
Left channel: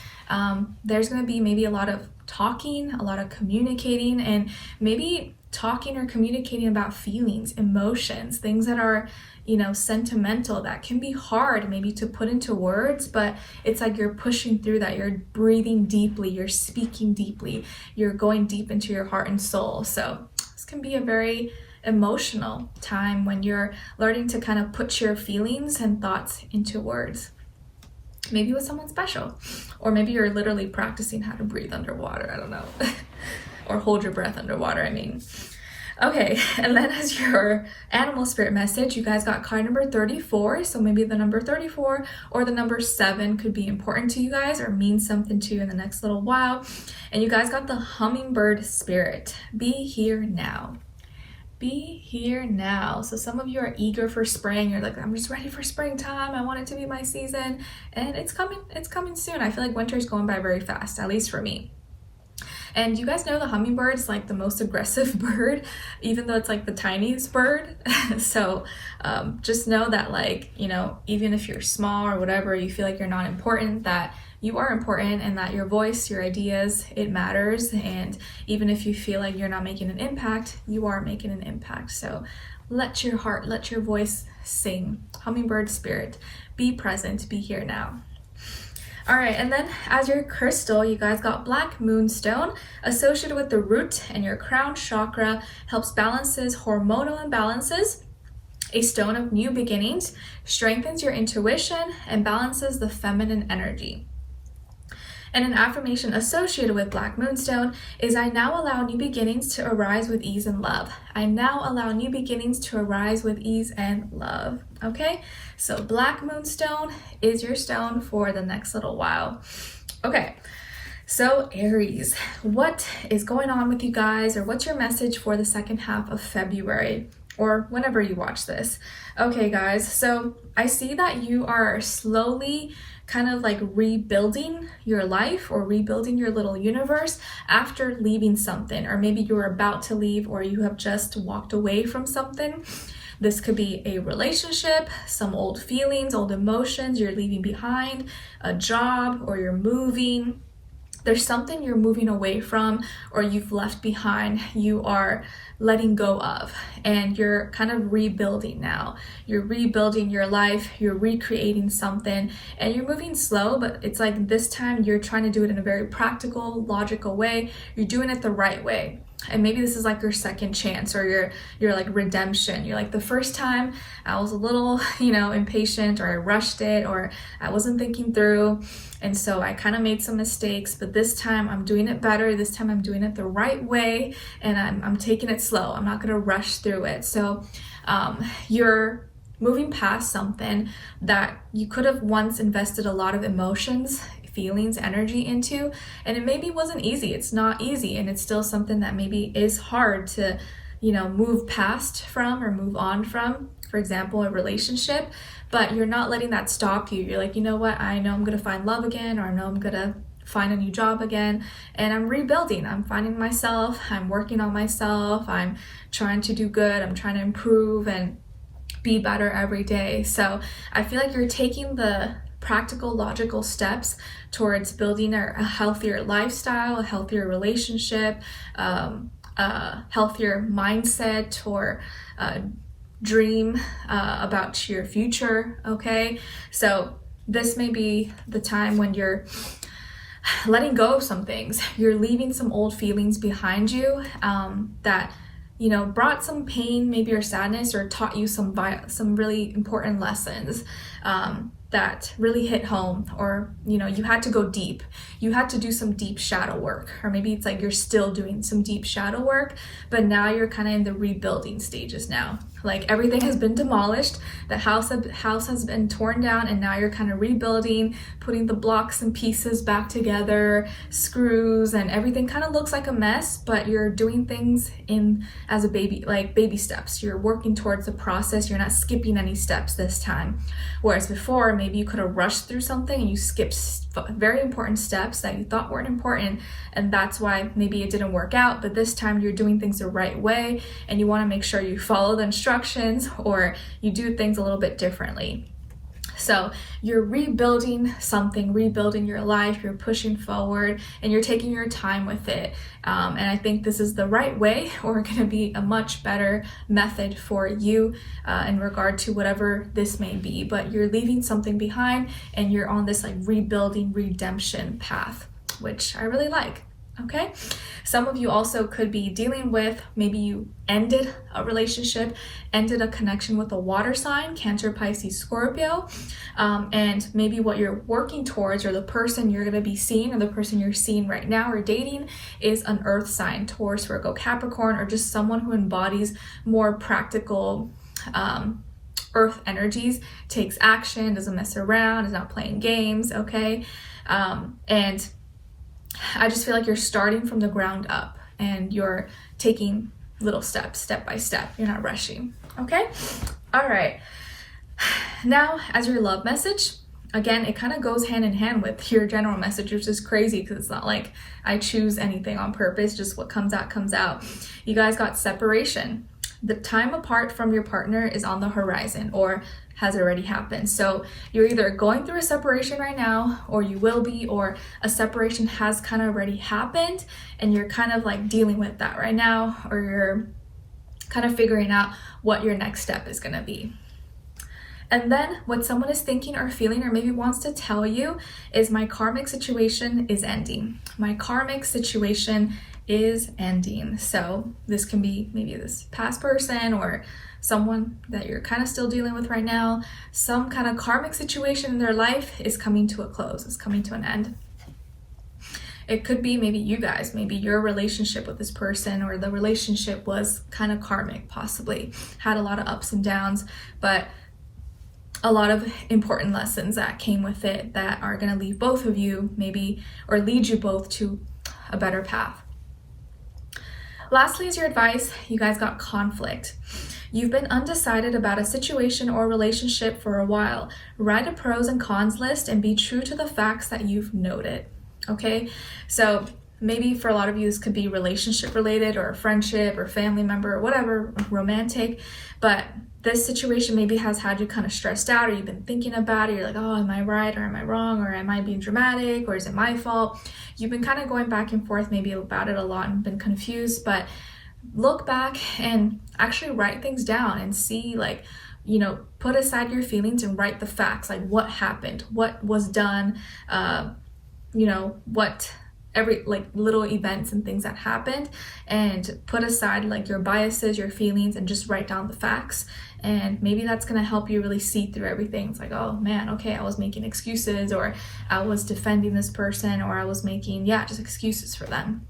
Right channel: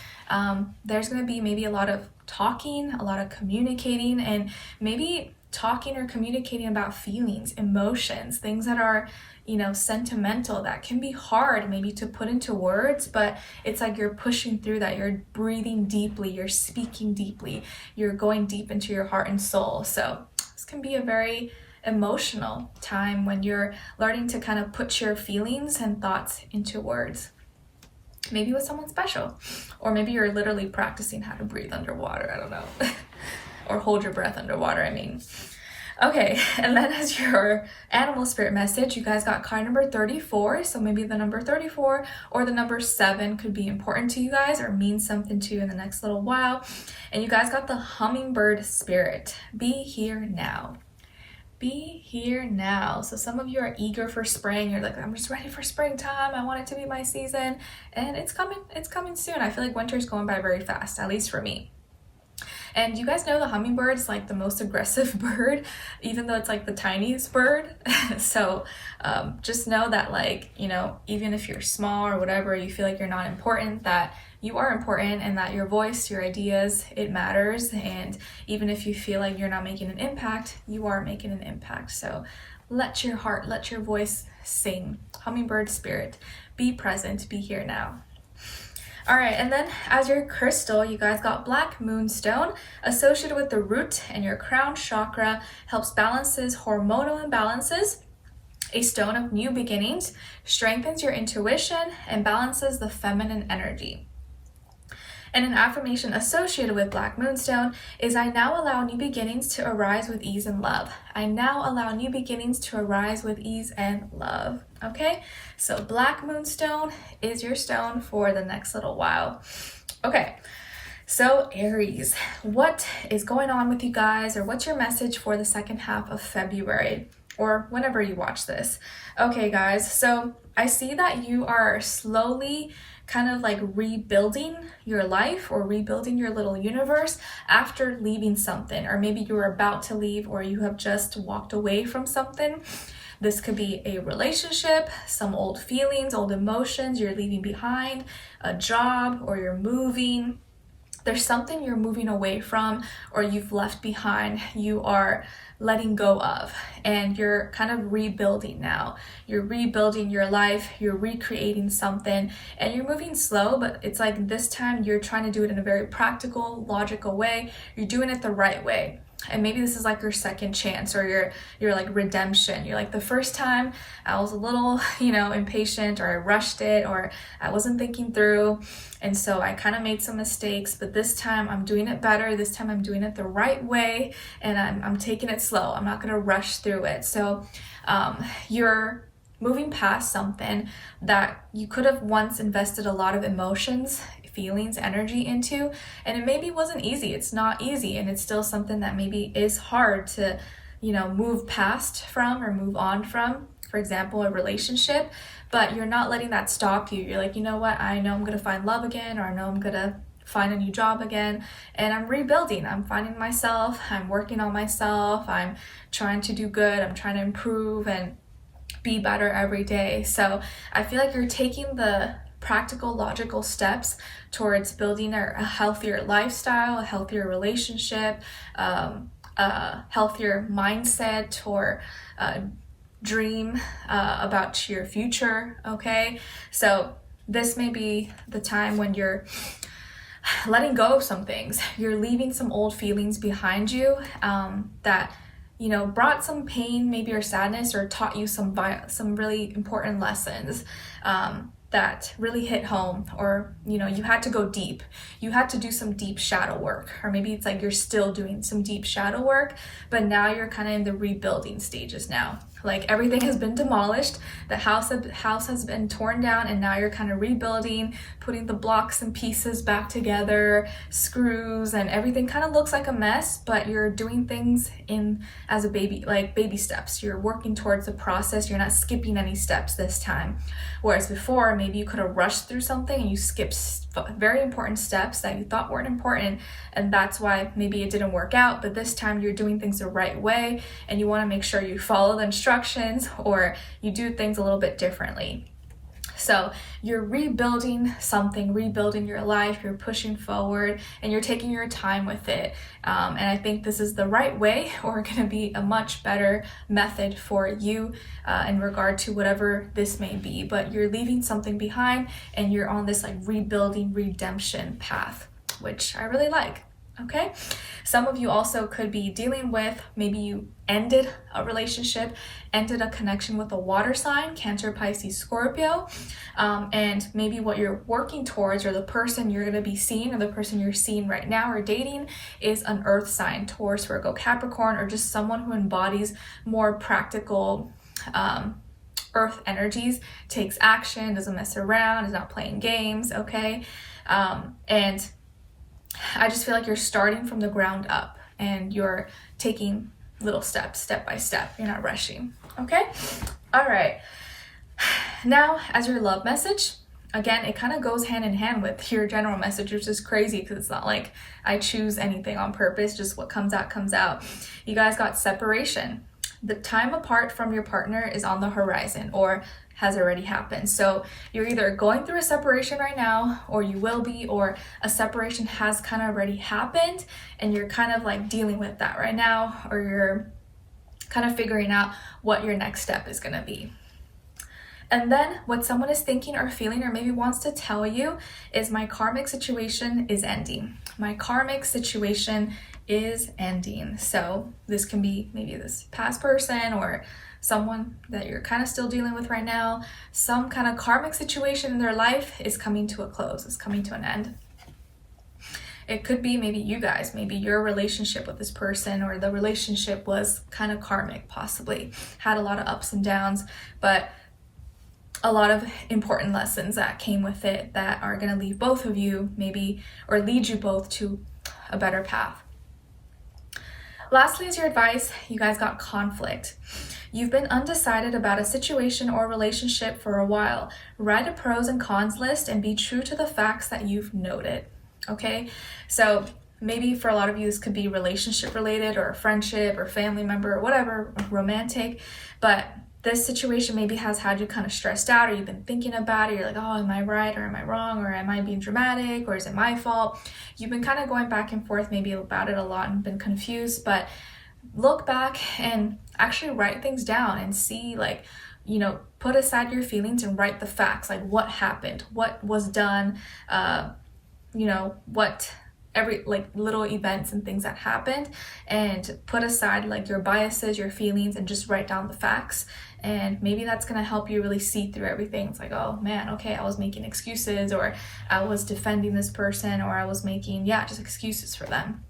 There's going to be maybe a lot of talking, a lot of communicating, and maybe talking or communicating about feelings, emotions, things that are, you know, sentimental, that can be hard maybe to put into words, but it's like you're pushing through that. You're breathing deeply, you're speaking deeply, you're going deep into your heart and soul. So this can be a very emotional time when you're learning to kind of put your feelings and thoughts into words. maybe with someone special, or maybe you're literally practicing how to breathe underwater. I don't know. Or hold your breath underwater, I mean. Okay, and then as your animal spirit message, you guys got card number 34. So maybe the number 34 or the number 7 could be important to you guys or mean something to you in the next little while. And you guys got the hummingbird spirit. Be here now. Be here now. So some of you are eager for spring. You're like, I'm just ready for springtime. I want it to be my season. And it's coming soon. I feel like winter's going by very fast, at least for me. And you guys know the hummingbird is like the most aggressive bird, even though it's like the tiniest bird. So just know that, like, you know, even if you're small or whatever, you feel like you're not important, that you are important, and that your voice, your ideas, it matters. And even if you feel like you're not making an impact, you are making an impact. So let your heart, let your voice sing. Hummingbird spirit, be present, be here now. All right, and then as your crystal, you guys got black moonstone, associated with the root and your crown chakra, helps balances hormonal imbalances, a stone of new beginnings, strengthens your intuition, and balances the feminine energy. And an affirmation associated with black moonstone is, I now allow new beginnings to arise with ease and love. I now allow new beginnings to arise with ease and love. Okay, so black moonstone is your stone for the next little while. Okay, so Aries, what is going on with you guys, or what's your message for the second half of February, or whenever you watch this? Okay guys, so I see that you are slowly kind of like rebuilding your life or rebuilding your little universe after leaving something, or maybe you're about to leave, or you have just walked away from something. This could be a relationship, some old feelings, old emotions you're leaving behind, a job, or you're moving. There's something you're moving away from, or you've left behind, you are letting go of, and you're kind of rebuilding now. You're rebuilding your life, you're recreating something, and you're moving slow, but it's like this time you're trying to do it in a very practical, logical way. You're doing it the right way. And maybe this is like your second chance, or your like redemption. You're like, the first time I was a little, you know, impatient, or I rushed it, or I wasn't thinking through, and so I kind of made some mistakes, but this time I'm doing it better. This time I'm doing it the right way, and I'm taking it slow. I'm not gonna rush through it. So you're moving past something that you could have once invested a lot of emotions, feelings, energy into, and it maybe wasn't easy. It's not easy, and it's still something that maybe is hard to, you know, move past from or move on from. For example, a relationship, but you're not letting that stop you. You're like, you know what, I know I'm gonna find love again, or I know I'm gonna find a new job again, and I'm rebuilding. I'm finding myself, I'm working on myself, I'm trying to do good, I'm trying to improve and be better every day. So I feel like you're taking the practical, logical steps towards building a healthier lifestyle, a healthier relationship, a healthier mindset, or dream about your future. Okay, so this may be the time when you're letting go of some things. You're leaving some old feelings behind you that, you know, brought some pain, maybe, or sadness, or taught you some really important lessons that really hit home, or, you know, you had to go deep. You had to do some deep shadow work, or maybe it's like you're still doing some deep shadow work, but now you're kind of in the rebuilding stages now. Like everything has been demolished, the house has been torn down, and now you're kind of rebuilding, putting the blocks and pieces back together, screws, and everything kind of looks like a mess, but you're doing things as a baby, like baby steps. You're working towards the process. You're not skipping any steps this time. Whereas before, maybe you could have rushed through something and you skipped very important steps that you thought weren't important, and that's why maybe it didn't work out. But this time you're doing things the right way, and you want to make sure you follow the instructions, or you do things a little bit differently. So you're rebuilding something, rebuilding your life, you're pushing forward, and you're taking your time with it. And I think this is the right way, or going to be a much better method for you in regard to whatever this may be. But you're leaving something behind, and you're on this like rebuilding, redemption path, which I really like. Okay, some of you also could be dealing with, maybe you ended a relationship, ended a connection with a water sign, Cancer, Pisces, Scorpio, and maybe what you're working towards, or the person you're going to be seeing, or the person you're seeing right now or dating, is an earth sign, Taurus, Virgo, Capricorn, or just someone who embodies more practical earth energies, takes action, doesn't mess around, is not playing games. Okay, and I just feel like you're starting from the ground up and you're taking little steps, step by step. You're not rushing. Okay? All right. Now, as your love message, again, it kind of goes hand in hand with your general message, which is crazy because it's not like I choose anything on purpose. Just what comes out, comes out. You guys got separation. The time apart from your partner is on the horizon, or has already happened. So you're either going through a separation right now, or you will be, or a separation has kind of already happened and you're kind of like dealing with that right now, or you're kind of figuring out what your next step is going to be. And then what someone is thinking or feeling, or maybe wants to tell you, is my karmic situation is ending. My karmic situation is ending. So this can be maybe this past person, or someone that you're kind of still dealing with right now. Some kind of karmic situation in their life is coming to a close, is coming to an end. It could be maybe you guys, maybe your relationship with this person, or the relationship was kind of karmic, possibly had a lot of ups and downs, but a lot of important lessons that came with it that are going to leave both of you maybe, or lead you both to a better path. Lastly, is your advice. You guys got conflict. You've been undecided about a situation or relationship for a while. Write a pros and cons list and be true to the facts that you've noted. Okay, so maybe for a lot of you this could be relationship related, or a friendship, or family member, or whatever, romantic, but this situation maybe has had you kind of stressed out, or you've been thinking about it. You're like, oh, am I right or am I wrong, or am I being dramatic, or is it my fault? You've been kind of going back and forth maybe about it a lot and been confused, but look back and actually write things down and see, like, you know, put aside your feelings and write the facts, like what happened, what was done, you know, what every like little events and things that happened, and put aside like your biases, your feelings, and just write down the facts. And maybe that's going to help you really see through everything. It's like, oh man, okay, I was making excuses, or I was defending this person, or I was making, just excuses for them.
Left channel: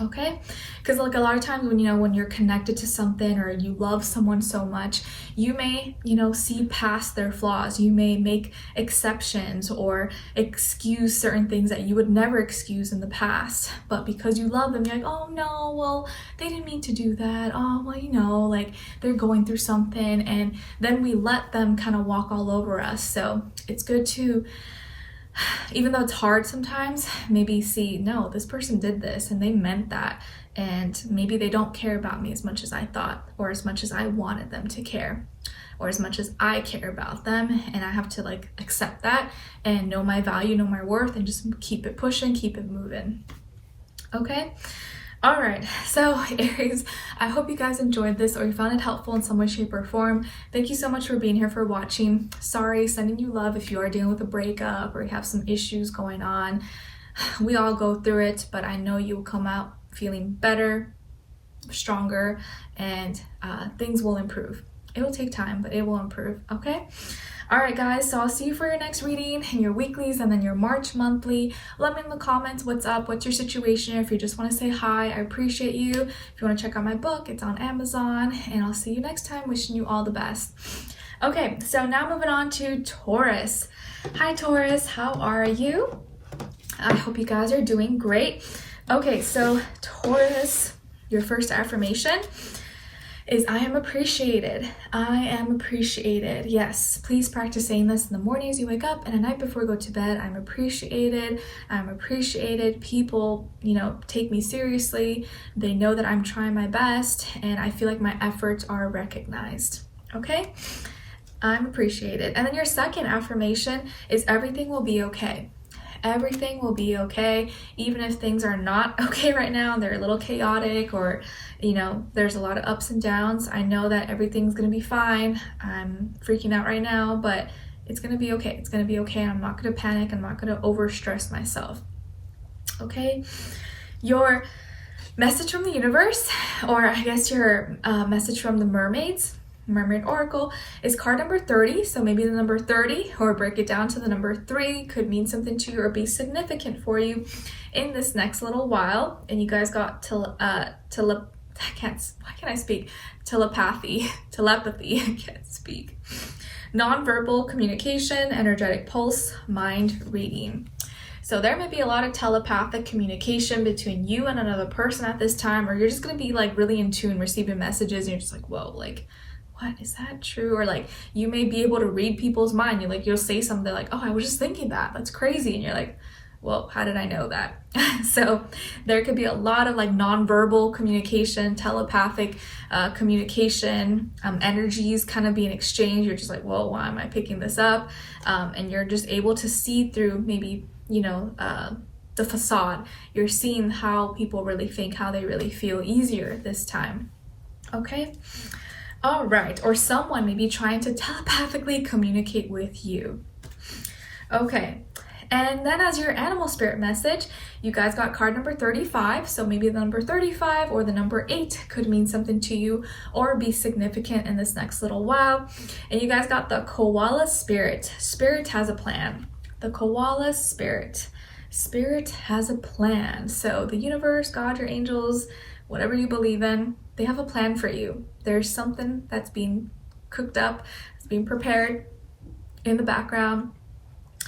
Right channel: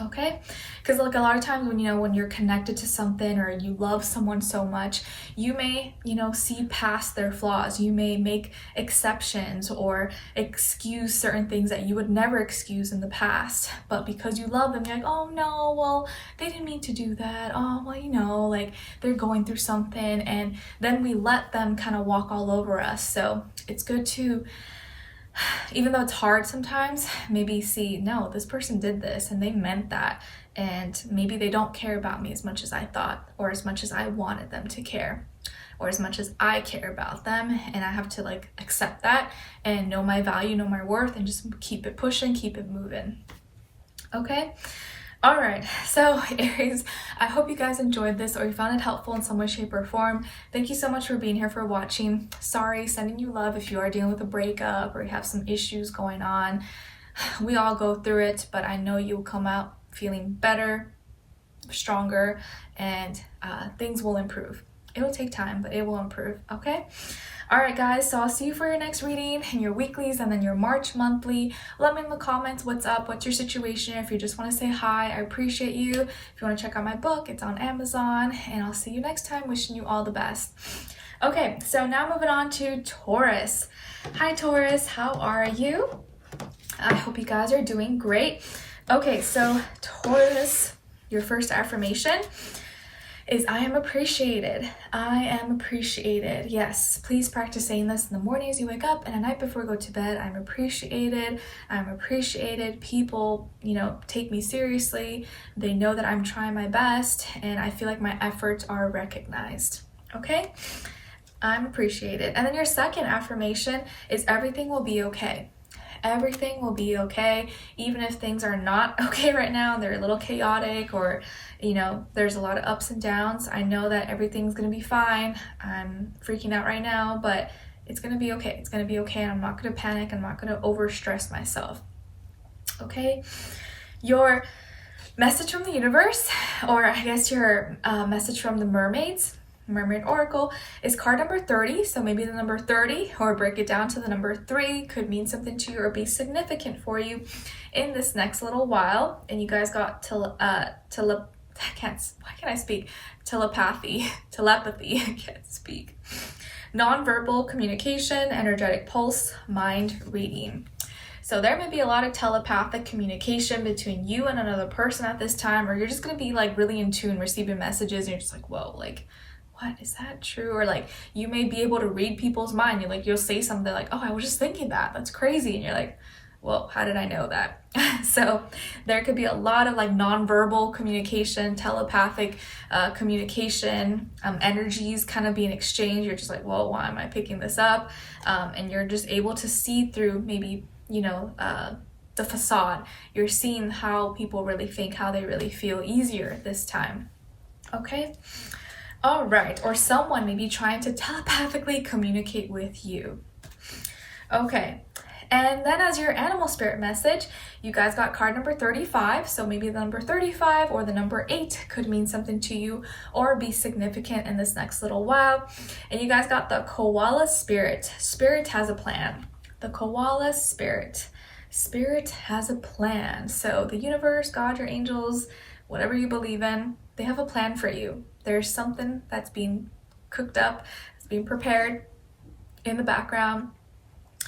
Okay, because like a lot of times when, you know, when you're connected to something, or you love someone so much, you may, you know, see past their flaws. You may make exceptions or excuse certain things that you would never excuse in the past, but because you love them, you're like, oh no, well, they didn't mean to do that. Oh, well, you know, like they're going through something, and then we let them kind of walk all over us. So it's good to, even though it's hard sometimes, maybe see, no, this person did this and they meant that, and maybe they don't care about me as much as I thought, or as much as I wanted them to care, or as much as I care about them, and I have to like accept that and know my value, know my worth, and just keep it pushing, keep it moving. Okay. All right, so Aries, I hope you guys enjoyed this, or you found it helpful in some way, shape, or form. Thank you so much for being here, for watching. Sorry, sending you love if you are dealing with a breakup or you have some issues going on. We all go through it, but I know you will come out feeling better, stronger, and things will improve. It will take time, but it will improve, okay? All right, guys, so I'll see you for your next reading and your weeklies, and then your March monthly. Let me in the comments what's up, what's your situation. If you just want to say hi, I appreciate you. If you want to check out my book, it's on Amazon, and I'll see you next time. Wishing you all the best. Okay, so now moving on to Taurus. Hi, Taurus, how are you? I hope you guys are doing great. Okay, so Taurus, your first affirmation is I am appreciated. I am appreciated. Yes, please practice saying this in the mornings you wake up and at night before you go to bed. I'm appreciated. I'm appreciated. People, you know, take me seriously. They know that I'm trying my best, and I feel like my efforts are recognized. Okay? I'm appreciated. And then your second affirmation is everything will be okay. Everything will be okay, even if things are not okay right now, they're a little chaotic, or, you know, there's a lot of ups and downs. I know that everything's gonna be fine. I'm freaking out right now, but it's gonna be okay. It's gonna be okay. I'm not gonna panic. I'm not gonna overstress myself. Okay? Your message from the universe, or I guess your message from the mermaids, Mermaid Oracle, is card number 30. So maybe the number 30, or break it down to the number 3, could mean something to you or be significant for you in this next little while. And you guys got telepathy, I can't speak. Nonverbal communication, energetic pulse, mind reading. So there may be a lot of telepathic communication between you and another person at this time, or you're just going to be like really in tune, receiving messages, and you're just like, whoa, like, what, is that true? Or like, you may be able to read people's mind. You'll say something like, oh, I was just thinking that, that's crazy. And you're like, well, how did I know that? So there could be a lot of like nonverbal communication, telepathic communication, energies kind of being exchanged. You're just like, whoa, why am I picking this up? And you're just able to see through maybe, the facade. You're seeing how people really think, how they really feel easier this time. Okay. All right. Or someone may be trying to telepathically communicate with you. Okay. And then as your animal spirit message, you guys got card number 35. So maybe the number 35 or the number 8 could mean something to you or be significant in this next little while. And you guys got the koala spirit. Spirit has a plan. The koala spirit. Spirit has a plan. So the universe, God, your angels, whatever you believe in, they have a plan for you. There's something that's being cooked up, it's being prepared in the background.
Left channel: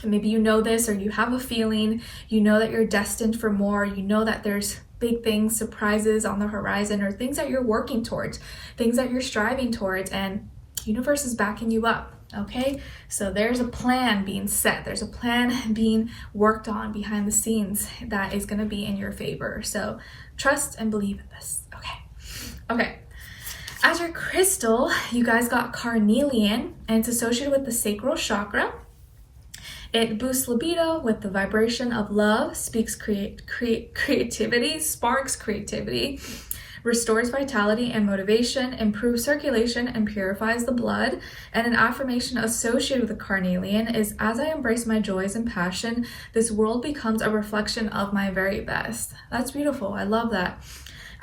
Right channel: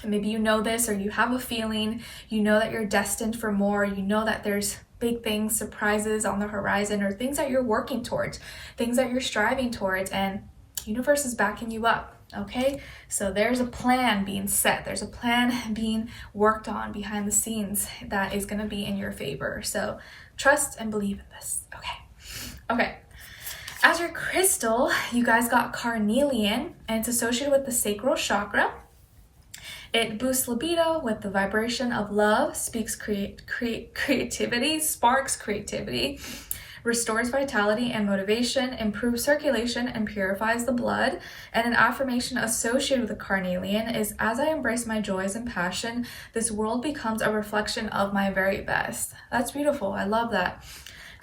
And maybe you know this, or you have a feeling, you know that you're destined for more, you know that there's big things, surprises on the horizon, or things that you're working towards, things that you're striving towards, and the universe is backing you up. Okay, so there's a plan being set, there's a plan being worked on behind the scenes that is going to be in your favor. So trust and believe in this. Okay. As your crystal, you guys got carnelian, and it's associated with the sacral chakra. It boosts libido with the vibration of love, speaks creativity, sparks creativity, restores vitality and motivation, improves circulation, and purifies the blood. And an affirmation associated with the carnelian is, as I embrace my joys and passion, this world becomes a reflection of my very best. That's beautiful. I love that.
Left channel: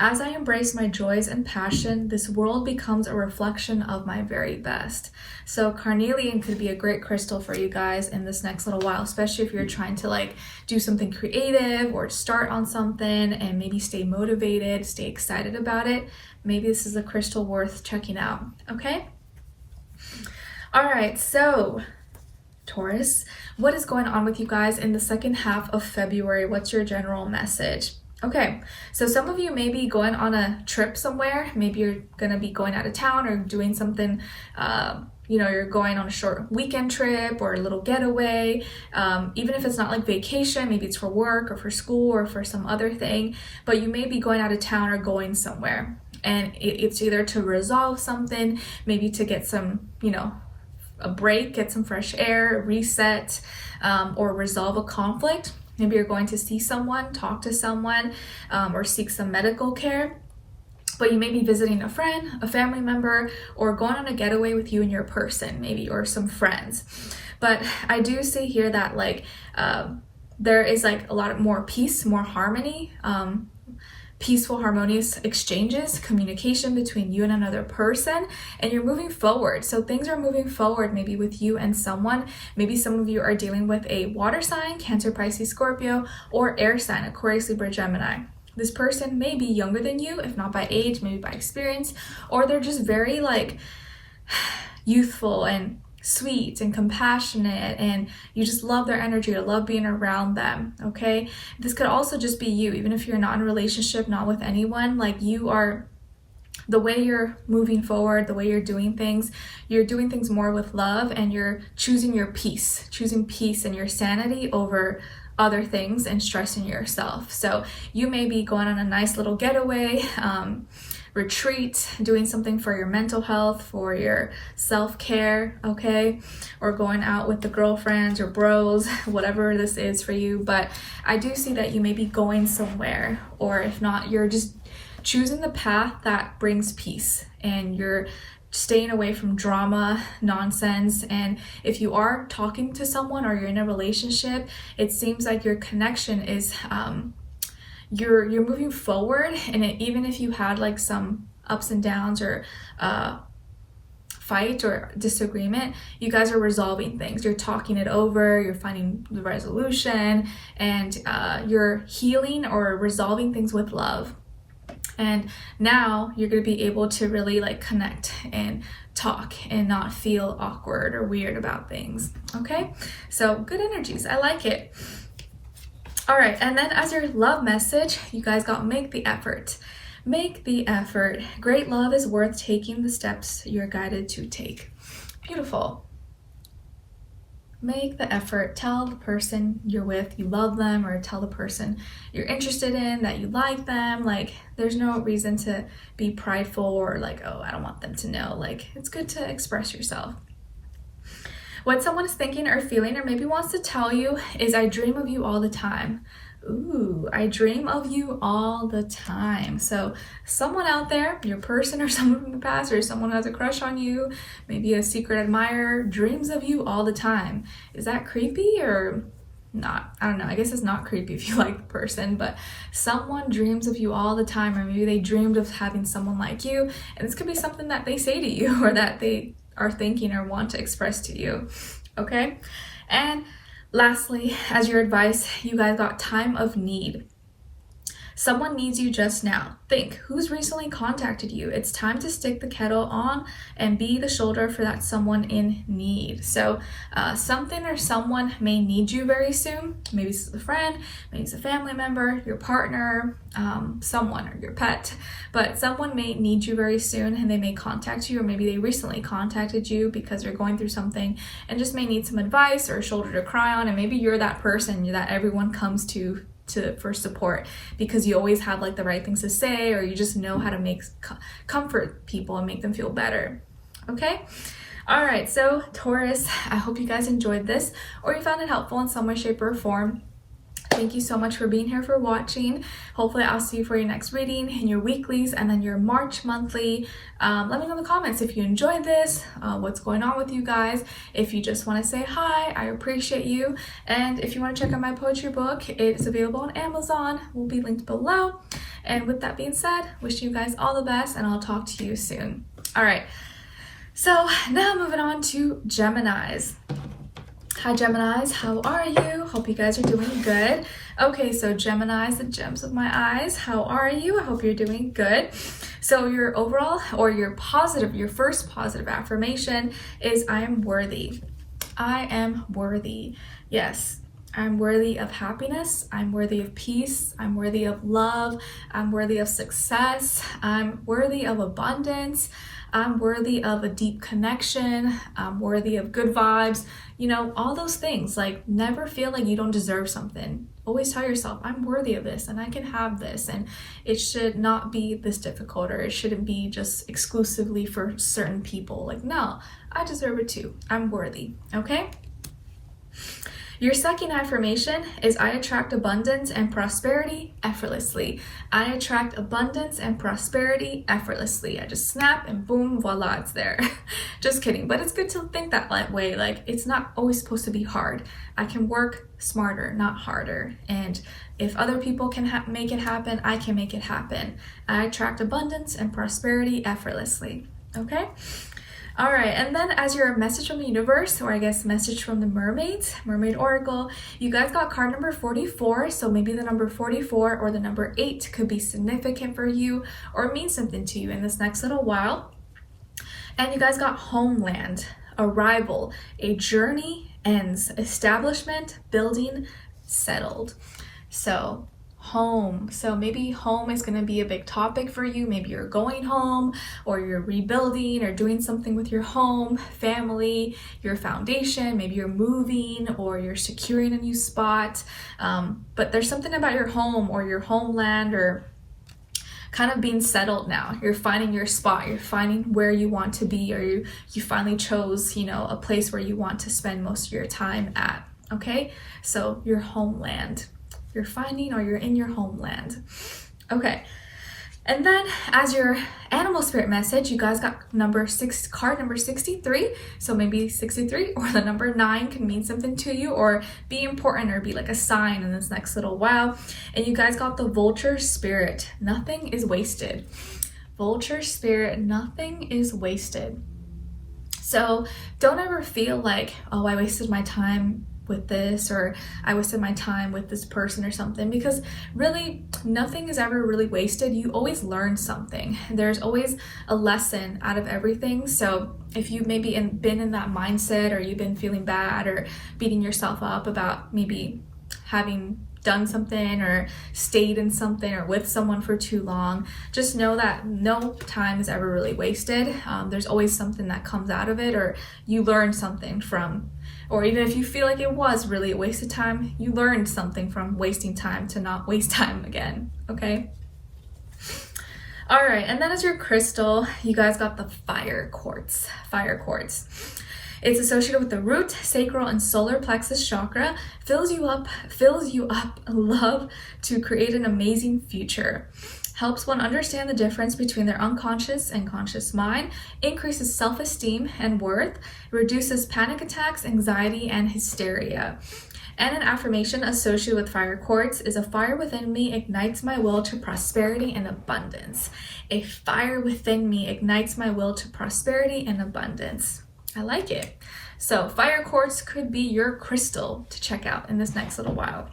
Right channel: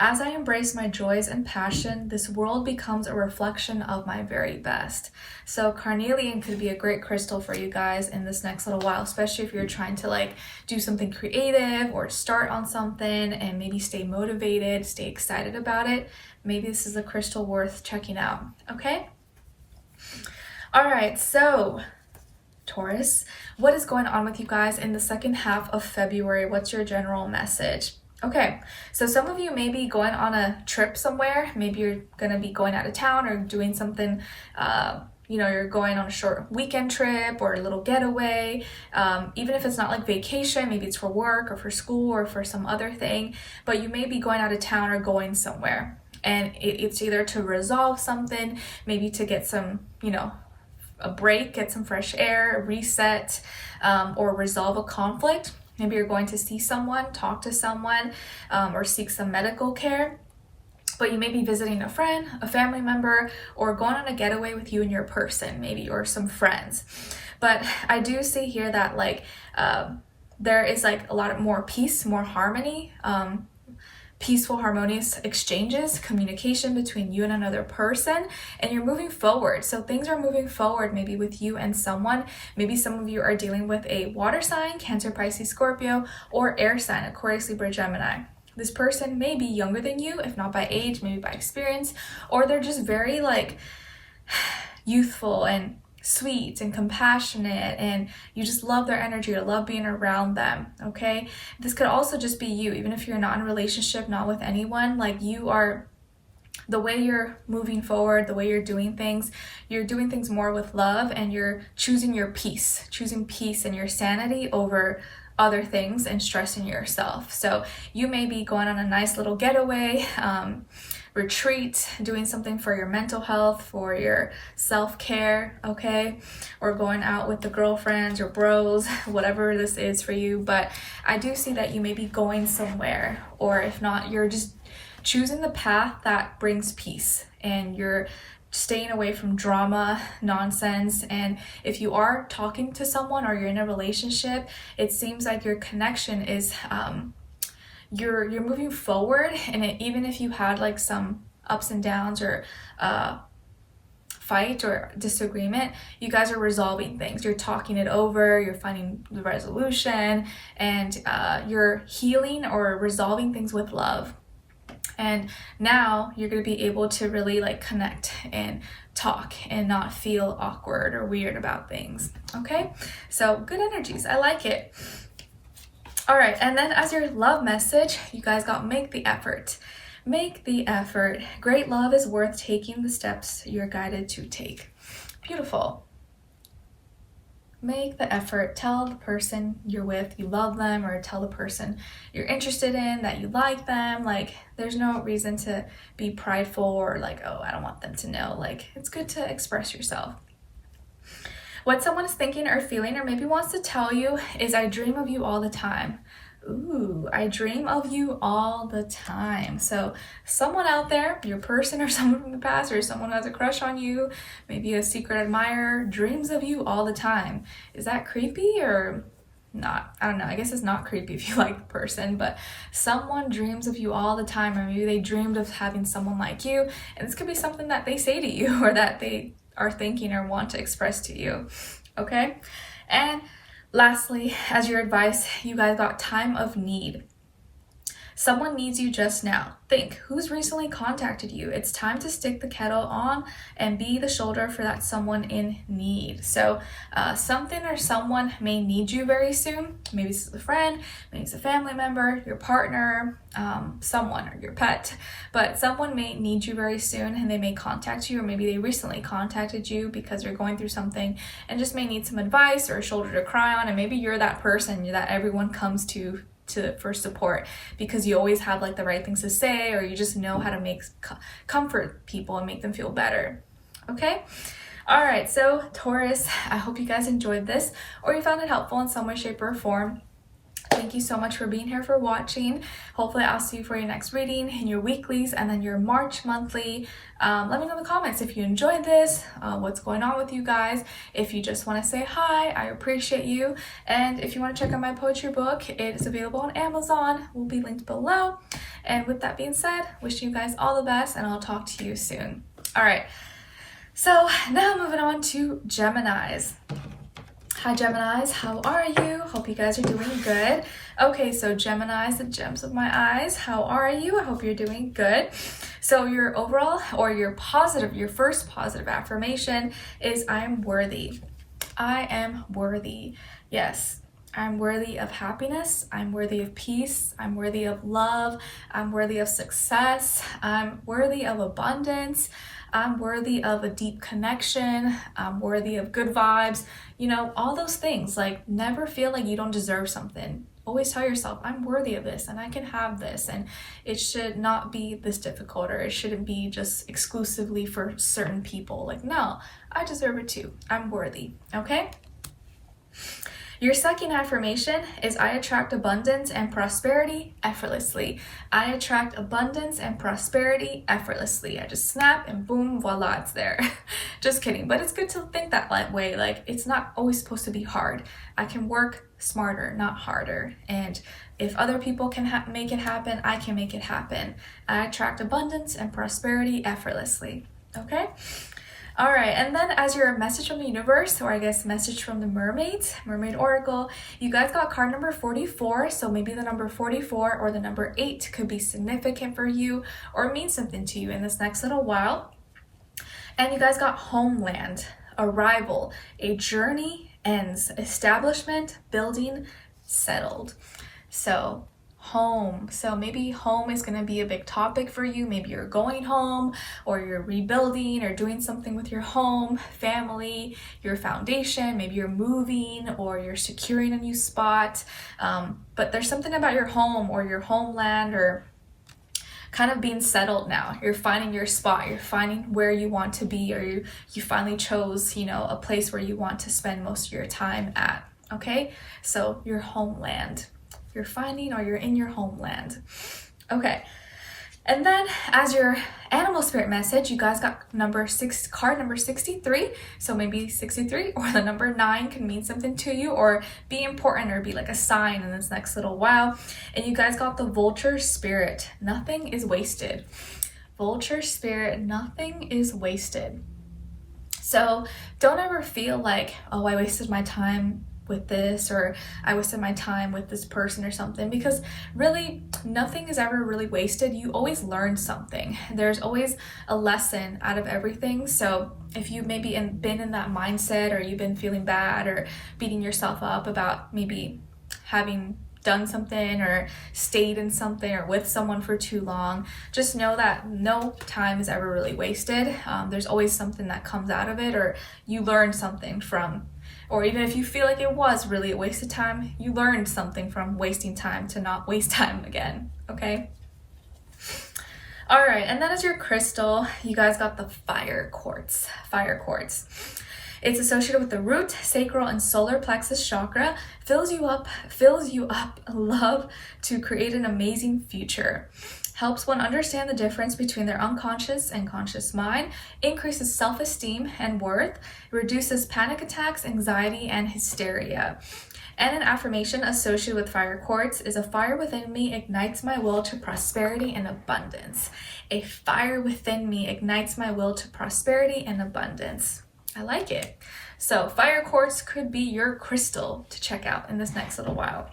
As I embrace my joys and passion, this world becomes a reflection of my very best. So carnelian could be a great crystal for you guys in this next little while, especially if you're trying to like do something creative or start on something and maybe stay motivated, stay excited about it. Maybe this is a crystal worth checking out. Okay. All right. So Taurus, what is going on with you guys in the second half of February? What's your general message? Okay, so some of you may be going on a trip somewhere. Maybe you're going to be going out of town or doing something, you're going on a short weekend trip or a little getaway. Even if it's not like vacation, maybe it's for work or for school or for some other thing, but you may be going out of town or going somewhere. And it's either to resolve something, maybe to get some, a break, get some fresh air, reset, or resolve a conflict. Maybe you're going to see someone, talk to someone, or seek some medical care. But you may be visiting a friend, a family member, or going on a getaway with you and your person, maybe, or some friends. But I do see here that there is like a lot more peace, more harmony, peaceful, harmonious exchanges, communication between you and another person, and you're moving forward. So things are moving forward maybe with you and someone. Maybe some of you are dealing with a water sign, Cancer, Pisces, Scorpio, or air sign, Aquarius, Libra, Gemini. This person may be younger than you, if not by age, maybe by experience, or they're just very youthful and sweet and compassionate, and you just love their energy or love being around them. Okay, this could also just be you, even if you're not in a relationship, not with anyone. You are, the way you're moving forward, the way you're doing things more with love, and you're choosing peace and your sanity over other things and stressing yourself. So you may be going on a nice little getaway, retreat, doing something for your mental health, for your self-care, okay? Or going out with the girlfriends or bros, whatever this is for you. But I do see that you may be going somewhere, or if not, you're just choosing the path that brings peace, and you're staying away from drama, nonsense. And if you are talking to someone or you're in a relationship, it seems like your connection is you're moving forward, and even if you had like some ups and downs or fight or disagreement, you guys are resolving things. You're talking it over, you're finding the resolution, and you're healing or resolving things with love. And now you're going to be able to really like connect and talk and not feel awkward or weird about things. Okay, so good energies. I like it. All right, and then as your love message, you guys got make the effort. Make the effort. Great love is worth taking the steps you're guided to take. Beautiful. Make the effort. Tell the person you're with you love them, or tell the person you're interested in that you like them. Like, there's no reason to be prideful or like, oh, I don't want them to know. Like, it's good to express yourself. What someone is thinking or feeling or maybe wants to tell you is, I dream of you all the time. Ooh, I dream of you all the time. So someone out there, your person or someone from the past, or someone who has a crush on you, maybe a secret admirer, dreams of you all the time. Is that creepy or not? I don't know. I guess it's not creepy if you like the person, but someone dreams of you all the time, or maybe they dreamed of having someone like you, and this could be something that they say to you or that they are thinking or want to express to you. Okay? And lastly, as your advice, you guys got time of need. Someone needs you just now. Think, who's recently contacted you? It's time to stick the kettle on and be the shoulder for that someone in need. So something or someone may need you very soon. Maybe it's a friend, maybe it's a family member, your partner, someone, or your pet. But someone may need you very soon, and they may contact you, or maybe they recently contacted you because they're going through something and just may need some advice or a shoulder to cry on. And maybe you're that person that everyone comes to for support, because you always have like the right things to say, or you just know how to comfort people and make them feel better. Okay? All right, so Taurus, I hope you guys enjoyed this, or you found it helpful in some way, shape, or form. Thank you so much for being here, for watching. Hopefully I'll see you for your next reading in your weeklies and then your March monthly. Let me know in the comments if you enjoyed this, what's going on with you guys. If you just want to say hi, I appreciate you. And if you want to check out my poetry book, it's available on Amazon. Will be linked below. And with that being said, wish you guys all the best, and I'll talk to you soon. All right, so now moving on to Geminis. Hi Geminis, how are you? Hope you guys are doing good. Okay, so Geminis, the gems of my eyes, how are you? I hope you're doing good. So your overall, or your first positive affirmation is, I am worthy. I am worthy. Yes, I'm worthy of happiness. I'm worthy of peace. I'm worthy of love. I'm worthy of success. I'm worthy of abundance. I'm worthy of a deep connection. I'm worthy of good vibes. You know, all those things. Like, never feel like you don't deserve something. Always tell yourself, I'm worthy of this and I can have this, and it should not be this difficult, or it shouldn't be just exclusively for certain people. Like, no, I deserve it too. I'm worthy. Okay? Your second affirmation is, I attract abundance and prosperity effortlessly. I attract abundance and prosperity effortlessly. I just snap and boom, voila, it's there. Just kidding, but it's good to think that way. Like, it's not always supposed to be hard. I can work smarter, not harder. And if other people can make it happen, I can make it happen. I attract abundance and prosperity effortlessly. Okay? All right, and then as your message from the universe, or I guess message from the mermaids, mermaid oracle, you guys got card number 44. So maybe the number 44 or the number 8 could be significant for you or mean something to you in this next little while. And you guys got homeland, arrival, a journey ends, establishment, building, settled. So home. So maybe home is going to be a big topic for you. Maybe you're going home, or you're rebuilding or doing something with your home, family, your foundation. Maybe you're moving or you're securing a new spot. But there's something about your home or your homeland, or kind of being settled now. You're finding your spot. You're finding where you want to be, or you finally chose, you know, a place where you want to spend most of your time at. Okay? So your homeland. You're finding, or you're in your homeland. Okay. And then as your animal spirit message, you guys got card number 63. So maybe 63 or the number 9 can mean something to you or be important or be like a sign in this next little while. And you guys got the vulture spirit. Nothing is wasted. Vulture spirit, nothing is wasted. So don't ever feel like, oh, I wasted my time with this, or I wasted my time with this person or something, because really nothing is ever really wasted. You always learn something. There's always a lesson out of everything. So if you maybe been in that mindset, or you've been feeling bad or beating yourself up about maybe having done something or stayed in something or with someone for too long, just know that no time is ever really wasted. There's always something that comes out of it, or you learn something from, or even if you feel like it was really a waste of time, you learned something from wasting time to not waste time again, okay? All right, and then as your crystal, you guys got the fire quartz. Fire quartz. It's associated with the root, sacral, and solar plexus chakra. Fills you up love to create an amazing future. Helps one understand the difference between their unconscious and conscious mind, increases self-esteem and worth, reduces panic attacks, anxiety, and hysteria. And an affirmation associated with fire quartz is, a fire within me ignites my will to prosperity and abundance. A fire within me ignites my will to prosperity and abundance. I like it. So fire quartz could be your crystal to check out in this next little while.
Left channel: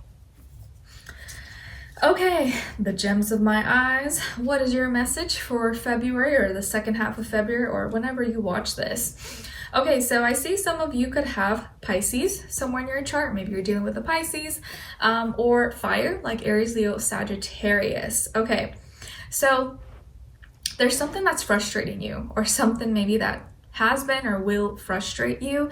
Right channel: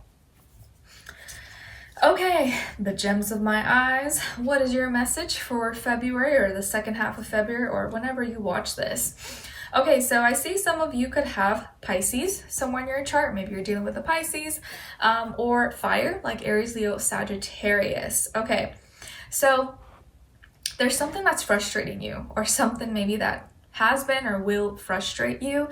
Okay, the gems of my eyes. What is your message for February, or the second half of February, or whenever you watch this? Okay, so I see some of you could have Pisces somewhere in your chart. Maybe you're dealing with a Pisces, or fire, like Aries, Leo, Sagittarius. Okay, so there's something that's frustrating you, or something maybe that has been or will frustrate you,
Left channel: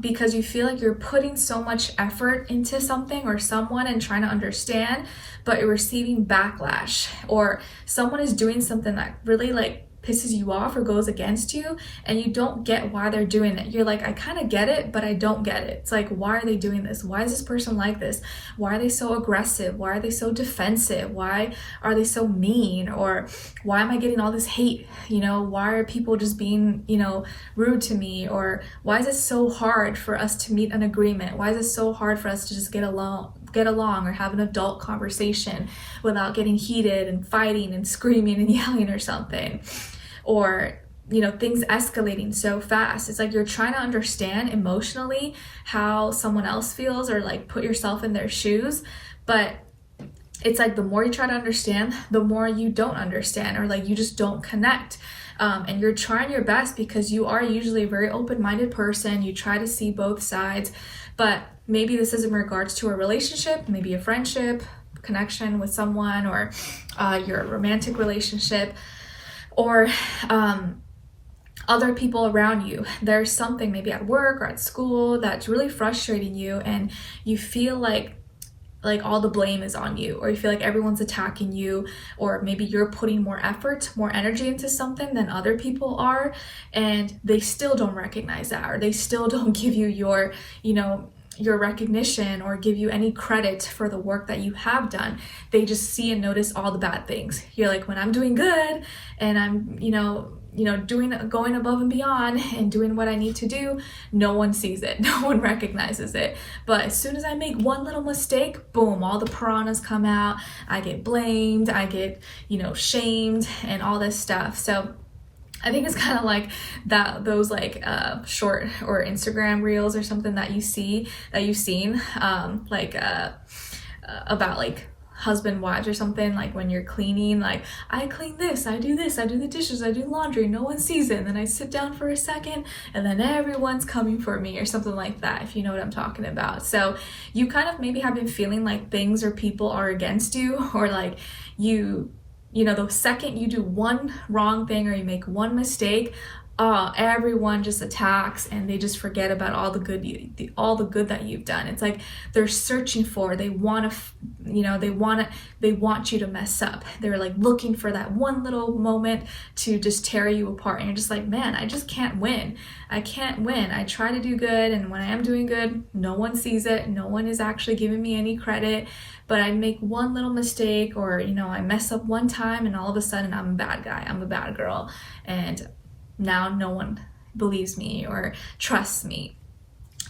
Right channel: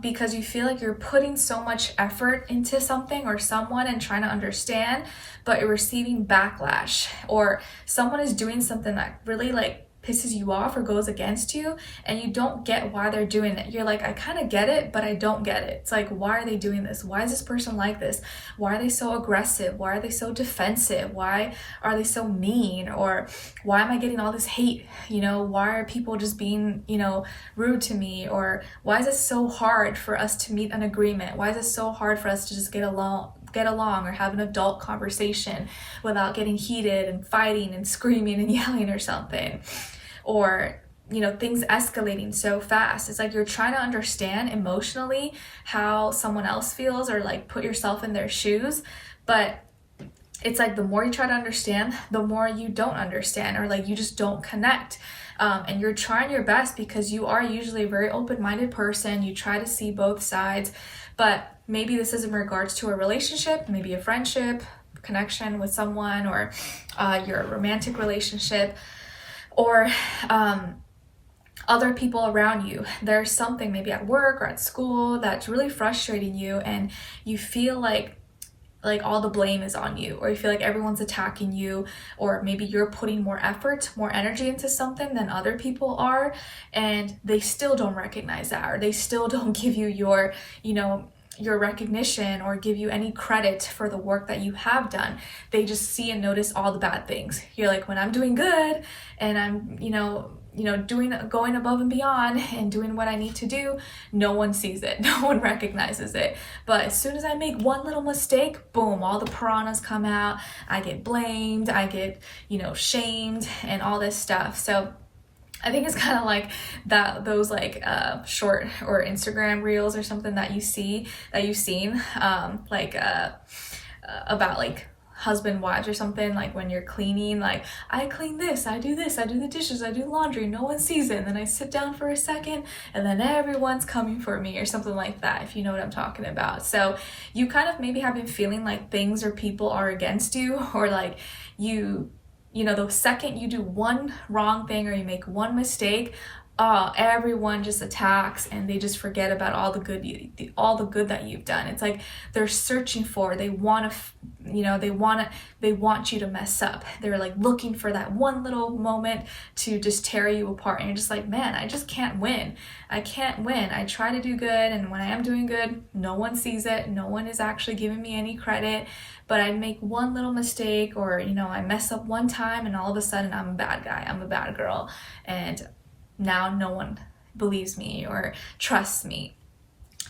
because you feel like you're putting so much effort into something or someone and trying to understand, but you're receiving backlash, or someone is doing something that really like pisses you off or goes against you, and you don't get why they're doing it. You're like, I kind of get it, but I don't get it. It's like, why are they doing this? Why is this person like this? Why are they so aggressive? Why are they so defensive? Why are they so mean? Or why am I getting all this hate? You know, why are people just being, you know, rude to me? Or why is it so hard for us to meet an agreement? Why is it so hard for us to just get along or have an adult conversation without getting heated and fighting and screaming and yelling or something? Or, you know, things escalating so fast. It's like you're trying to understand emotionally how someone else feels, or like put yourself in their shoes, but it's like the more you try to understand, the more you don't understand, or like you just don't connect. And you're trying your best, because you are usually a very open-minded person. You try to see both sides, but maybe this is in regards to a relationship, maybe a friendship, connection with someone, or your romantic relationship, or other people around you. There's something maybe at work or at school that's really frustrating you, and you feel like all the blame is on you, or you feel like everyone's attacking you, or maybe you're putting more effort, more energy into something than other people are, and they still don't recognize that, or they still don't give you your, you know, your recognition, or give you any credit for the work that you have done. They just see and notice all the bad things. You're like, when I'm doing good and I'm, going above and beyond and doing what I need to do, no one sees it, no one recognizes it. But as soon as I make one little mistake, boom, all the piranhas come out. I get blamed, I get, shamed, and all this stuff. So I think it's kind of like those like short or Instagram reels or something that you've seen, about like husband wives or something, like when you're cleaning, like, I clean this, I do the dishes, I do laundry, no one sees it, and then I sit down for a second and then everyone's coming for me, or something like that, if you know what I'm talking about. So you kind of maybe have been feeling like things or people are against you, or like the second you do one wrong thing or you make one mistake, everyone just attacks and they just forget about all the good all the good that you've done. It's like they're searching for, they want to, they want you to mess up. They're like looking for that one little moment to just tear you apart, and you're just like, man, I just can't win. I can't win. I try to do good, and when I am doing good, no one sees it. No one is actually giving me any credit, but I make one little mistake, or I mess up one time, and all of a sudden I'm a bad guy, I'm a bad girl, and now no one believes me or trusts me.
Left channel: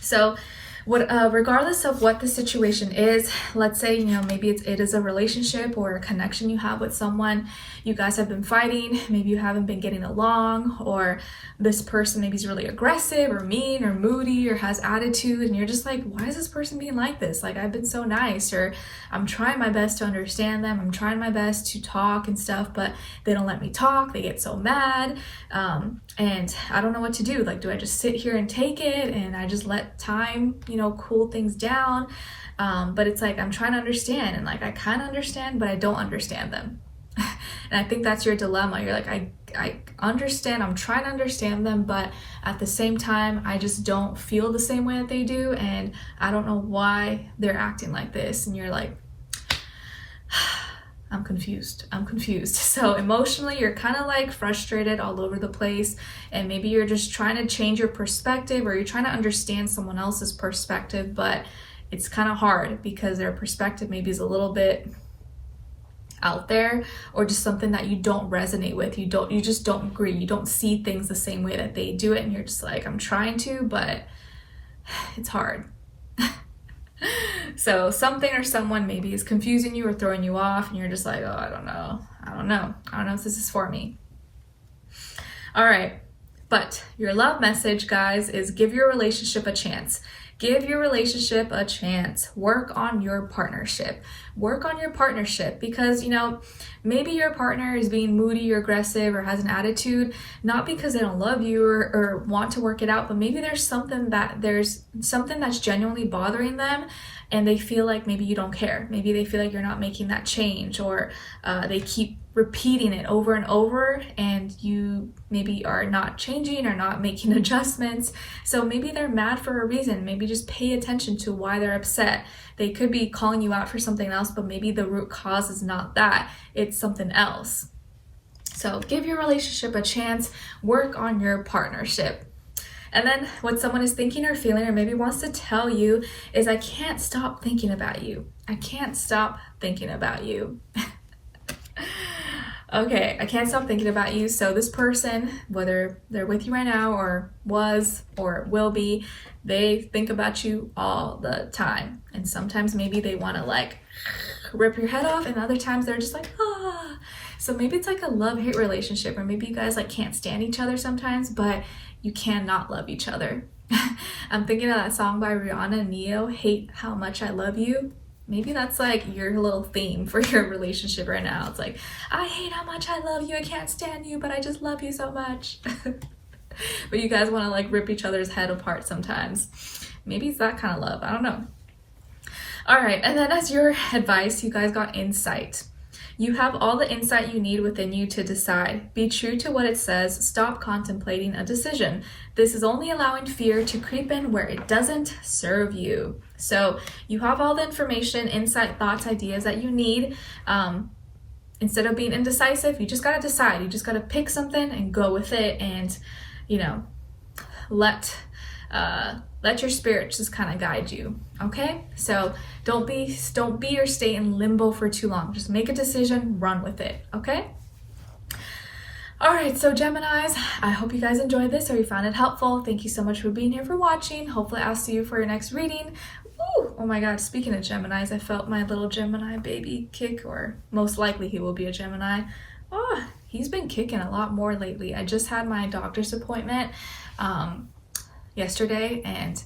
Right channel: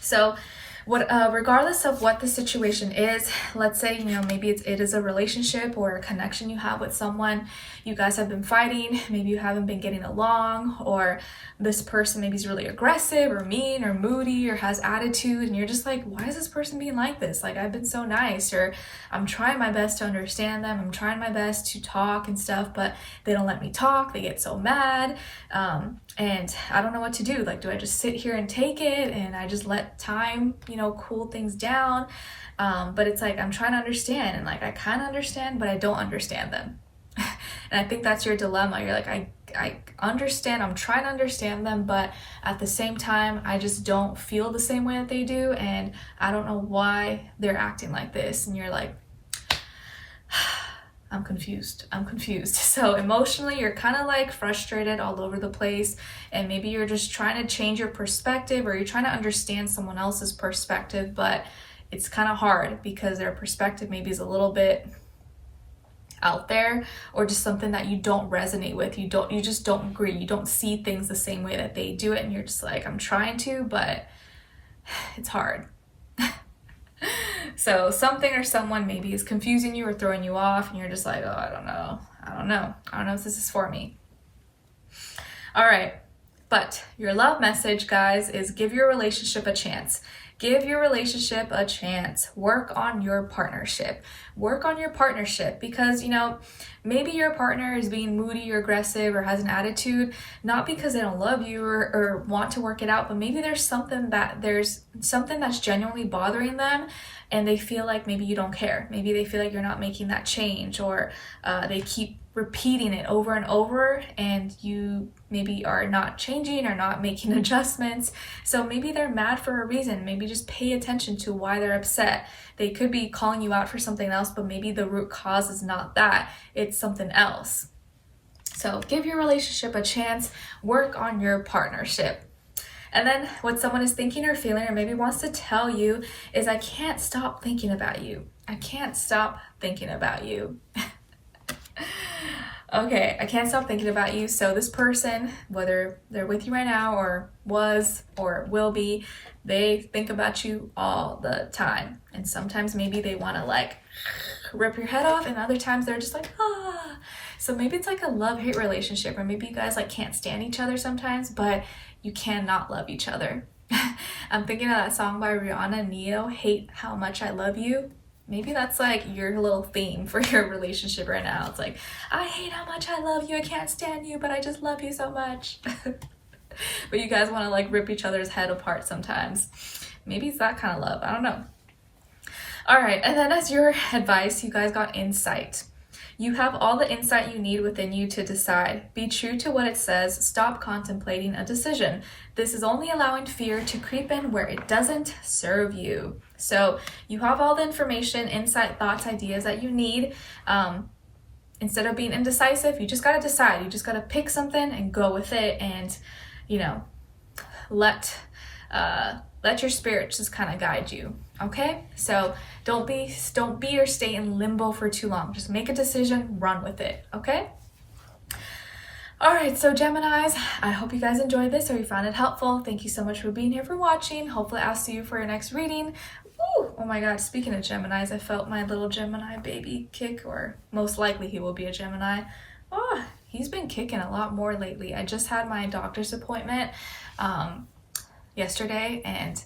So regardless of what the situation is, let's say, maybe it is a relationship or a connection you have with someone, you guys have been fighting, maybe you haven't been getting along, or this person maybe is really aggressive or mean or moody or has attitude, and you're just like, why is this person being like this? Like, I've been so nice, or I'm trying my best to understand them, I'm trying my best to talk and stuff, but they don't let me talk, they get so mad, and I don't know what to do. Like, do I just sit here and take it and I just let time cool things down? But it's like, I'm trying to understand, and like I kind of understand, but I don't understand them. And I think that's your dilemma. You're like, I understand, I'm trying to understand them, but at the same time, I just don't feel the same way that they do, and I don't know why they're acting like this. And you're like, I'm confused. So emotionally, you're kind of like frustrated all over the place, and maybe you're just trying to change your perspective, or you're trying to understand someone else's perspective, but it's kind of hard because their perspective maybe is a little bit out there, or just something that you don't resonate with. You just don't agree. You don't see things the same way that they do it, and you're just like, I'm trying to, but it's hard. So something or someone maybe is confusing you or throwing you off, and you're just like, oh, I don't know if this is for me. All right, but your love message, guys, is give your relationship a chance. Give your relationship a chance. Work on your partnership. Work on your partnership, because maybe your partner is being moody or aggressive or has an attitude, not because they don't love you or want to work it out, but maybe there's something that's genuinely bothering them, and they feel like maybe you don't care. Maybe they feel like you're not making that change, or they keep repeating it over and over, and you maybe are not changing or not making adjustments. So maybe they're mad for a reason. Maybe just pay attention to why they're upset. They could be calling you out for something else, but maybe the root cause is not that, it's something else. So give your relationship a chance, work on your partnership. And then what someone is thinking or feeling, or maybe wants to tell you, is, I can't stop thinking about you. I can't stop thinking about you. Okay, I can't stop thinking about you. So this person, whether they're with you right now or was or will be, they think about you all the time. And sometimes maybe they want to like rip your head off, and other times they're just like, ah. So maybe it's like a love-hate relationship, or maybe you guys like can't stand each other sometimes, but you cannot love each other. I'm thinking of that song by Rihanna and Neo, Hate How Much I Love You. Maybe that's like your little theme for your relationship right now. It's like, I hate how much I love you, I can't stand you, but I just love you so much. But you guys want to like rip each other's head apart sometimes. Maybe it's that kind of love, I don't know. All right, and then as your advice, you guys got insight. You have all the insight you need within you to decide. Be true to what it says. Stop contemplating a decision. This is only allowing fear to creep in where it doesn't serve you. So you have all the information, insight, thoughts, ideas that you need. Instead of being indecisive, you just got to decide. You just got to pick something and go with it, and let your spirit just kind of guide you. Okay, so don't be or stay in limbo for too long. Just make a decision, run with it. Okay. All right, so Geminis, I hope you guys enjoyed this or you found it helpful. Thank you so much for being here, for watching. Hopefully I'll see you for your next reading. Ooh, oh my God, speaking of Geminis, I felt my little Gemini baby kick, or most likely he will be a Gemini. Oh, he's been kicking a lot more lately. I just had my doctor's appointment yesterday, and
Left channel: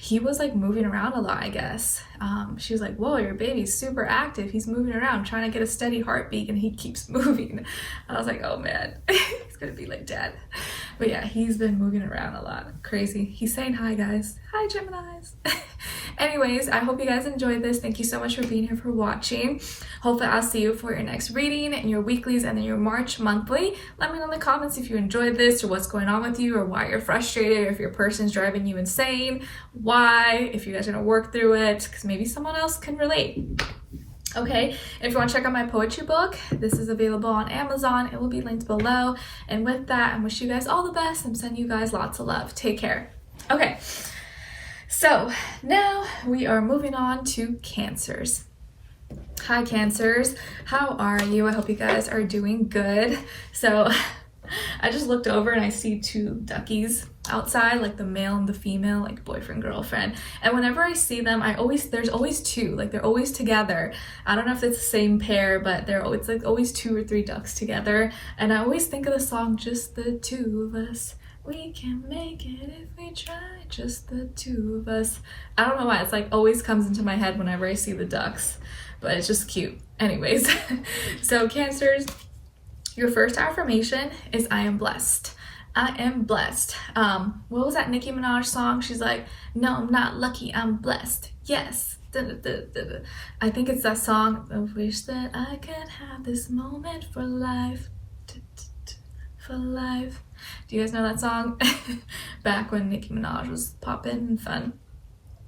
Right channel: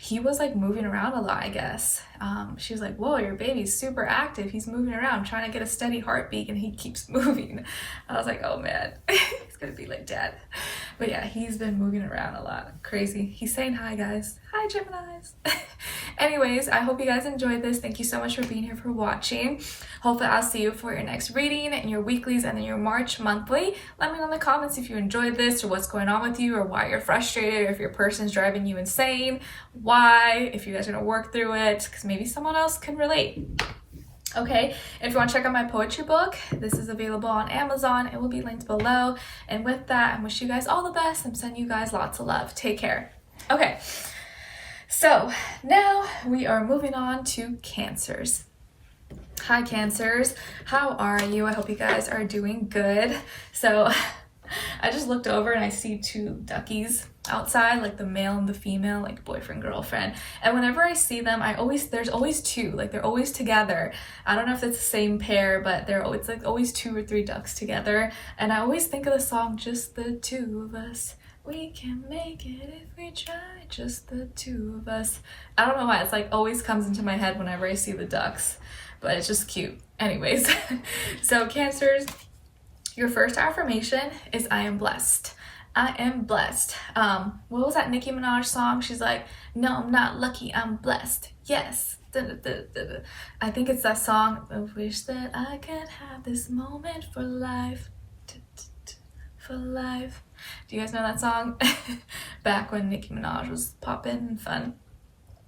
he was like moving around a lot, I guess. She was like, whoa, your baby's super active. He's moving around, trying to get a steady heartbeat, and he keeps moving. I was like, oh man, he's gonna be like dad. But yeah, he's been moving around a lot. Crazy. He's saying hi, guys. Hi, Geminis. Anyways, I hope you guys enjoyed this. Thank you so much for being here, for watching. Hopefully I'll see you for your next reading and your weeklies and then your March monthly. Let me know in the comments if you enjoyed this or what's going on with you or why you're frustrated or if your person's driving you insane. Why, if you guys are gonna work through it, because maybe someone else can relate. Okay, if you want to check out my poetry book, this is available on Amazon. It will be linked below. And with that, I wish you guys all the best. I'm sending you guys lots of love. Take care. Okay, so now we are moving on to Cancers. Hi Cancers, how are you? I hope you guys are doing good. So I just looked over and I see two duckies outside, like the male and the female, like boyfriend, girlfriend. And whenever I see them, there's always two, like they're always together. I don't know if it's the same pair, but it's like always 2 or 3 ducks together. And I always think of the song, Just the Two of Us. We can make it if we try, just the two of us. I don't know why, it's like always comes into my head whenever I see the ducks, but it's just cute. Anyways, so Cancers, your first affirmation is I am blessed. I am blessed. What was that Nicki Minaj song? She's like, no, I'm not lucky, I'm blessed. Yes. I think it's that song. I wish that I could have this moment for life. For life. Do you guys know that song? Back when Nicki Minaj was poppin' and fun.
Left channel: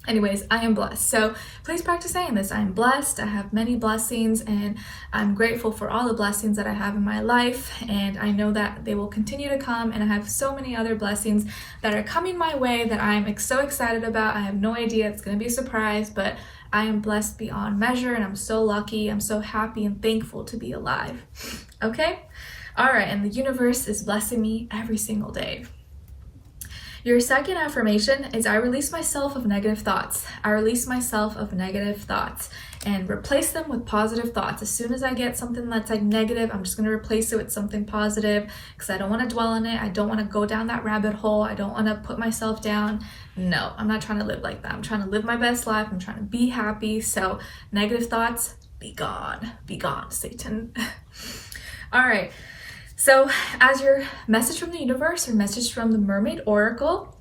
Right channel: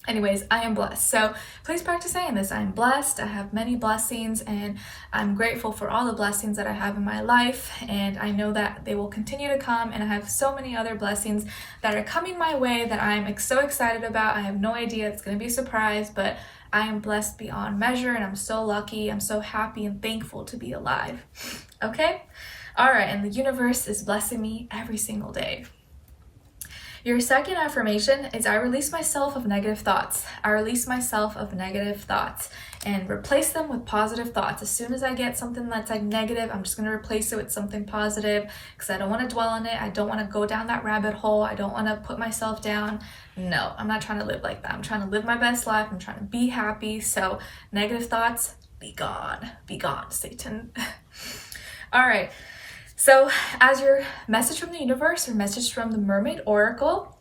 Anyways, I am blessed. So please practice saying this. I'm blessed. I have many blessings and I'm grateful for all the blessings that I have in my life. And I know that they will continue to come. And I have so many other blessings that are coming my way that I'm so excited about. I have no idea. It's going to be a surprise, but I am blessed beyond measure. And I'm so lucky. I'm so happy and thankful to be alive. Okay? All right. And the universe is blessing me every single day. Your second affirmation is I release myself of negative thoughts. I release myself of negative thoughts and replace them with positive thoughts. As soon as I get something that's like negative, I'm just going to replace it with something positive because I don't want to dwell on it. I don't want to go down that rabbit hole. I don't want to put myself down. No, I'm not trying to live like that. I'm trying to live my best life. I'm trying to be happy. So negative thoughts, be gone, Satan. All right. So as your message from the universe or message from the Mermaid Oracle,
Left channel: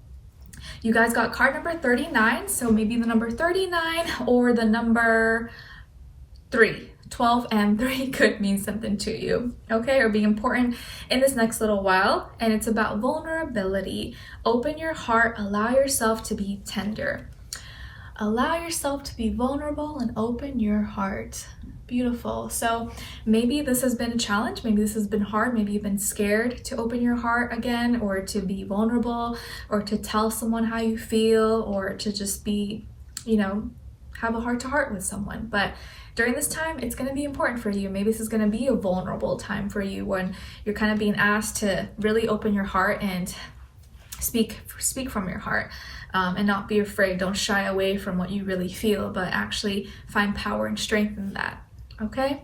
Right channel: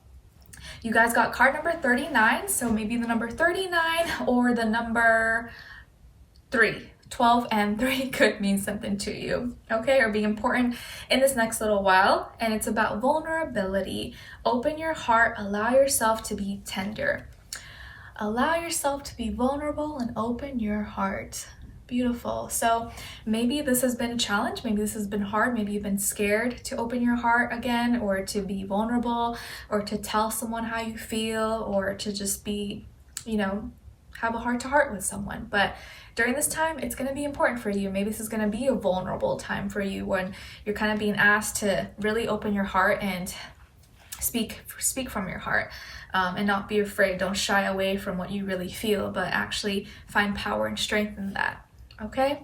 you guys got card number 39. So maybe the number 39 or the number 3. 12 and 3 could mean something to you, okay, or be important in this next little while. And it's about vulnerability. Open your heart, allow yourself to be tender. Allow yourself to be vulnerable and open your heart. Beautiful. So maybe this has been a challenge. Maybe this has been hard. Maybe you've been scared to open your heart again, or to be vulnerable, or to tell someone how you feel, or to just be, have a heart-to-heart with someone. But during this time, it's going to be important for you. Maybe this is going to be a vulnerable time for you when you're kind of being asked to really open your heart and speak from your heart, and not be afraid. Don't shy away from what you really feel, but actually find power and strength in that. Okay?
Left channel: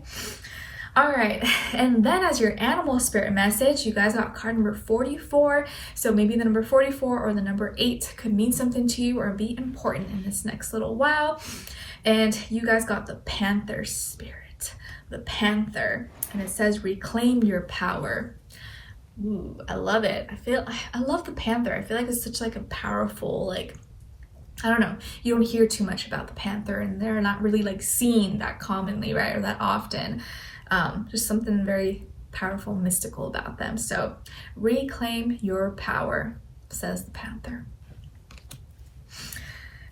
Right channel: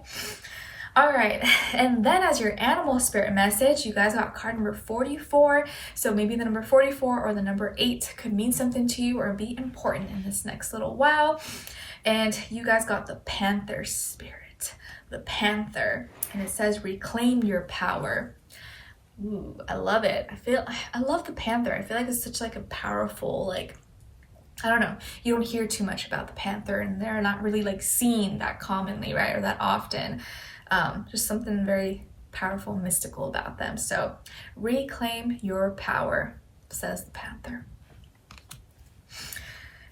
All right. And then as your animal spirit message, you guys got card number 44. So maybe the number 44 or the number 8 could mean something to you or be important in this next little while. And you guys got the Panther spirit, the Panther, and it says reclaim your power. Ooh, I love it. I love the Panther. I feel like it's such like a powerful, I don't know, you don't hear too much about the Panther, and they're not really like seen that commonly, right, or that often. Just something very powerful, mystical about them. So reclaim your power, says the Panther.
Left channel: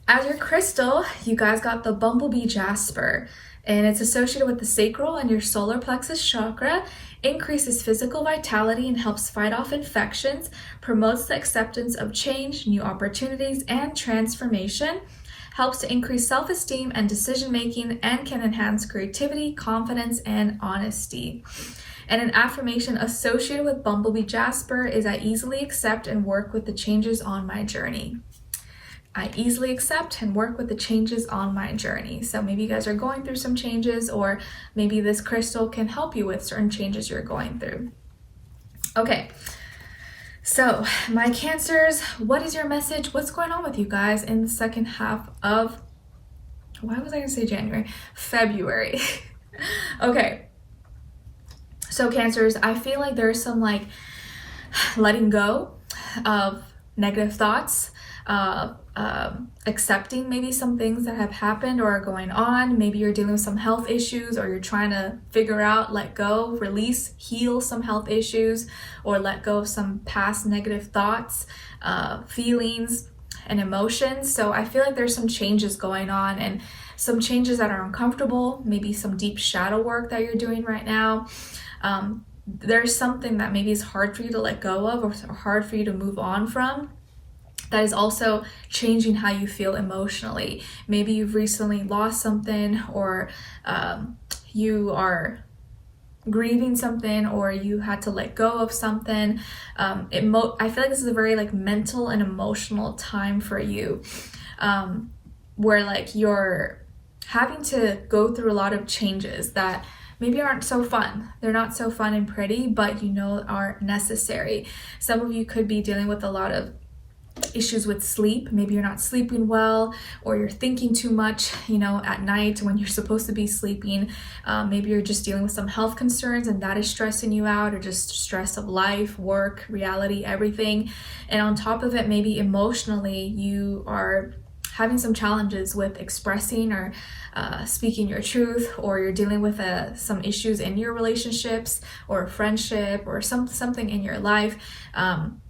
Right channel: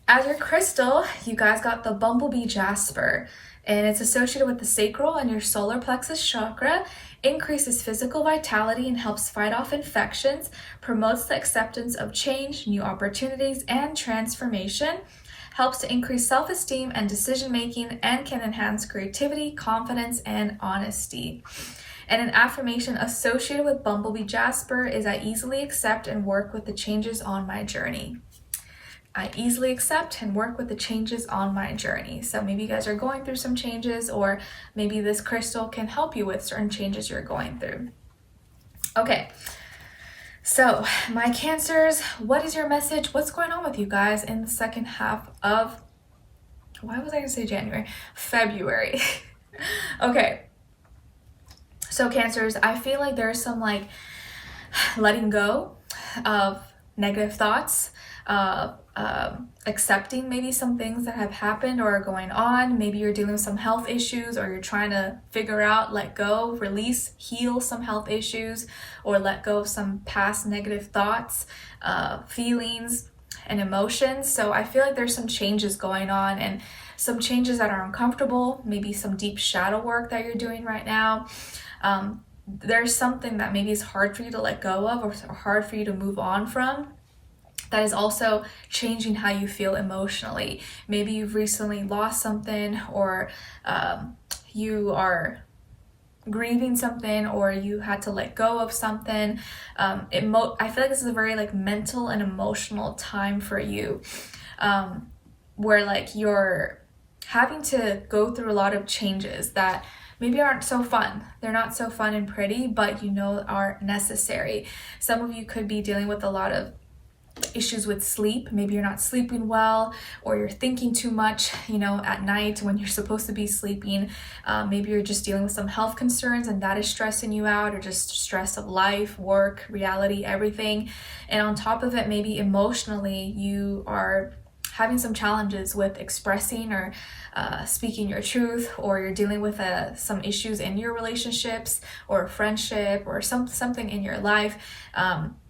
As your crystal, you guys got the Bumblebee Jasper, and it's associated with the sacral and your solar plexus chakra. Increases physical vitality and helps fight off infections, promotes the acceptance of change, new opportunities, and transformation, helps to increase self-esteem and decision-making, and can enhance creativity, confidence, and honesty. And an affirmation associated with Bumblebee Jasper is I easily accept and work with the changes on my journey. I easily accept and work with the changes on my journey. So maybe you guys are going through some changes, or maybe this crystal can help you with certain changes you're going through. Okay, so my Cancers, what is your message? What's going on with you guys in the second half of, why was I gonna say January? February. Okay, so Cancers, I feel like there's some letting go of negative thoughts, accepting maybe some things that have happened or are going on. Maybe you're dealing with some health issues, or you're trying to figure out, let go, release, heal some health issues, or let go of some past negative thoughts, feelings, and emotions. So I feel like there's some changes going on, and some changes that are uncomfortable, maybe some deep shadow work that you're doing right now. There's something that maybe is hard for you to let go of, or hard for you to move on from, that is also changing how you feel emotionally. Maybe you've recently lost something, or you are grieving something, or you had to let go of something. I feel like this is a very like mental and emotional time for you, where like you're having to go through a lot of changes that maybe aren't so fun. They're not so fun and pretty, but you know are necessary. Some of you could be dealing with a lot of issues with sleep. Maybe you're not sleeping well, or you're thinking too much, you know, at night when you're supposed to be sleeping. Maybe you're just dealing with some health concerns, and that is stressing you out, or just stress of life, work, reality, everything. And on top of it, maybe emotionally you are having some challenges with expressing or speaking your truth, or you're dealing with some issues in your relationships or friendship, or something in your life.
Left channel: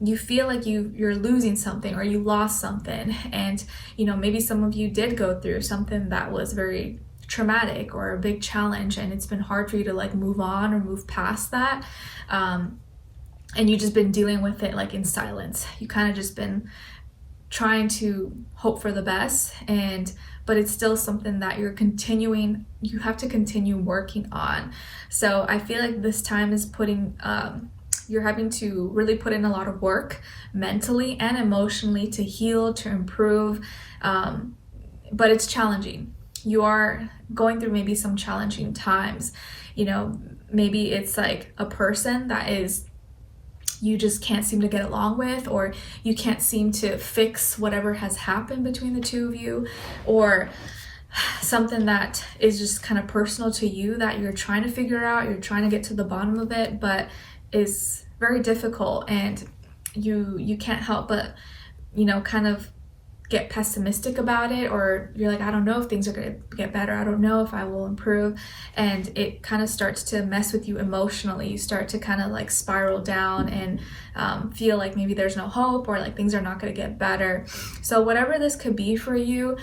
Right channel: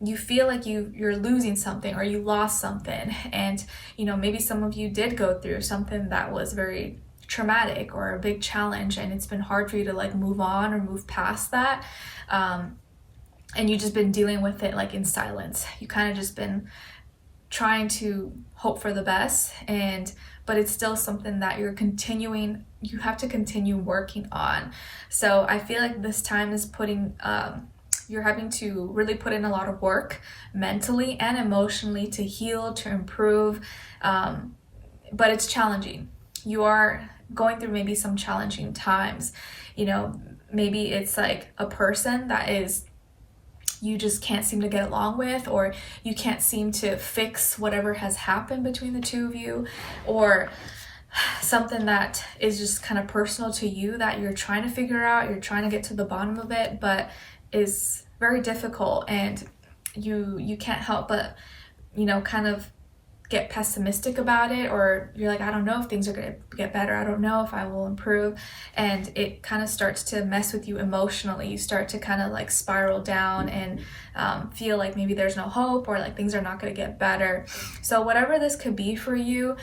You feel like you're losing something, or you lost something, and you know, maybe some of you did go through something that was very traumatic or a big challenge, and it's been hard for you to like move on or move past that, and you've just been dealing with it like in silence. You kind of just been trying to hope for the best, but it's still something that you have to continue working on. So I feel like this time is you're having to really put in a lot of work mentally and emotionally to heal, to improve, but it's challenging. You are going through maybe some challenging times. You know, maybe it's like a person that you just can't seem to get along with, or you can't seem to fix whatever has happened between the two of you, or something that is just kind of personal to you that you're trying to figure out, you're trying to get to the bottom of it, but is very difficult, and you can't help but, you know, kind of get pessimistic about it, or you're like, I don't know if things are going to get better, I don't know if I will improve, and it kind of starts to mess with you emotionally. You start to kind of like spiral down and feel like maybe there's no hope, or like things are not going to get better. So whatever this could be for you,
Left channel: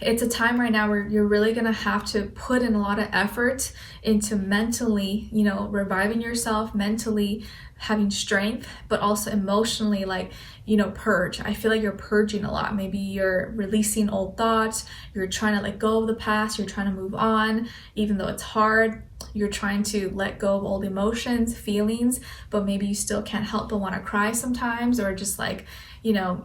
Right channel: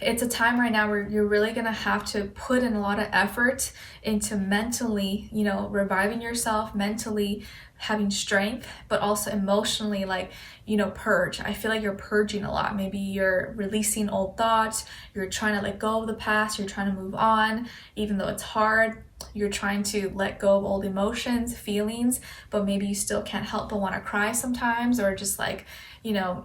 it's a time right now where you're really going to have to put in a lot of effort into mentally, you know, reviving yourself, mentally having strength, but also emotionally, like, you know, purge. I feel like you're purging a lot. Maybe you're releasing old thoughts, you're trying to let go of the past, you're trying to move on, even though it's hard. You're trying to let go of old emotions, feelings, but maybe you still can't help but want to cry sometimes, or just like, you know,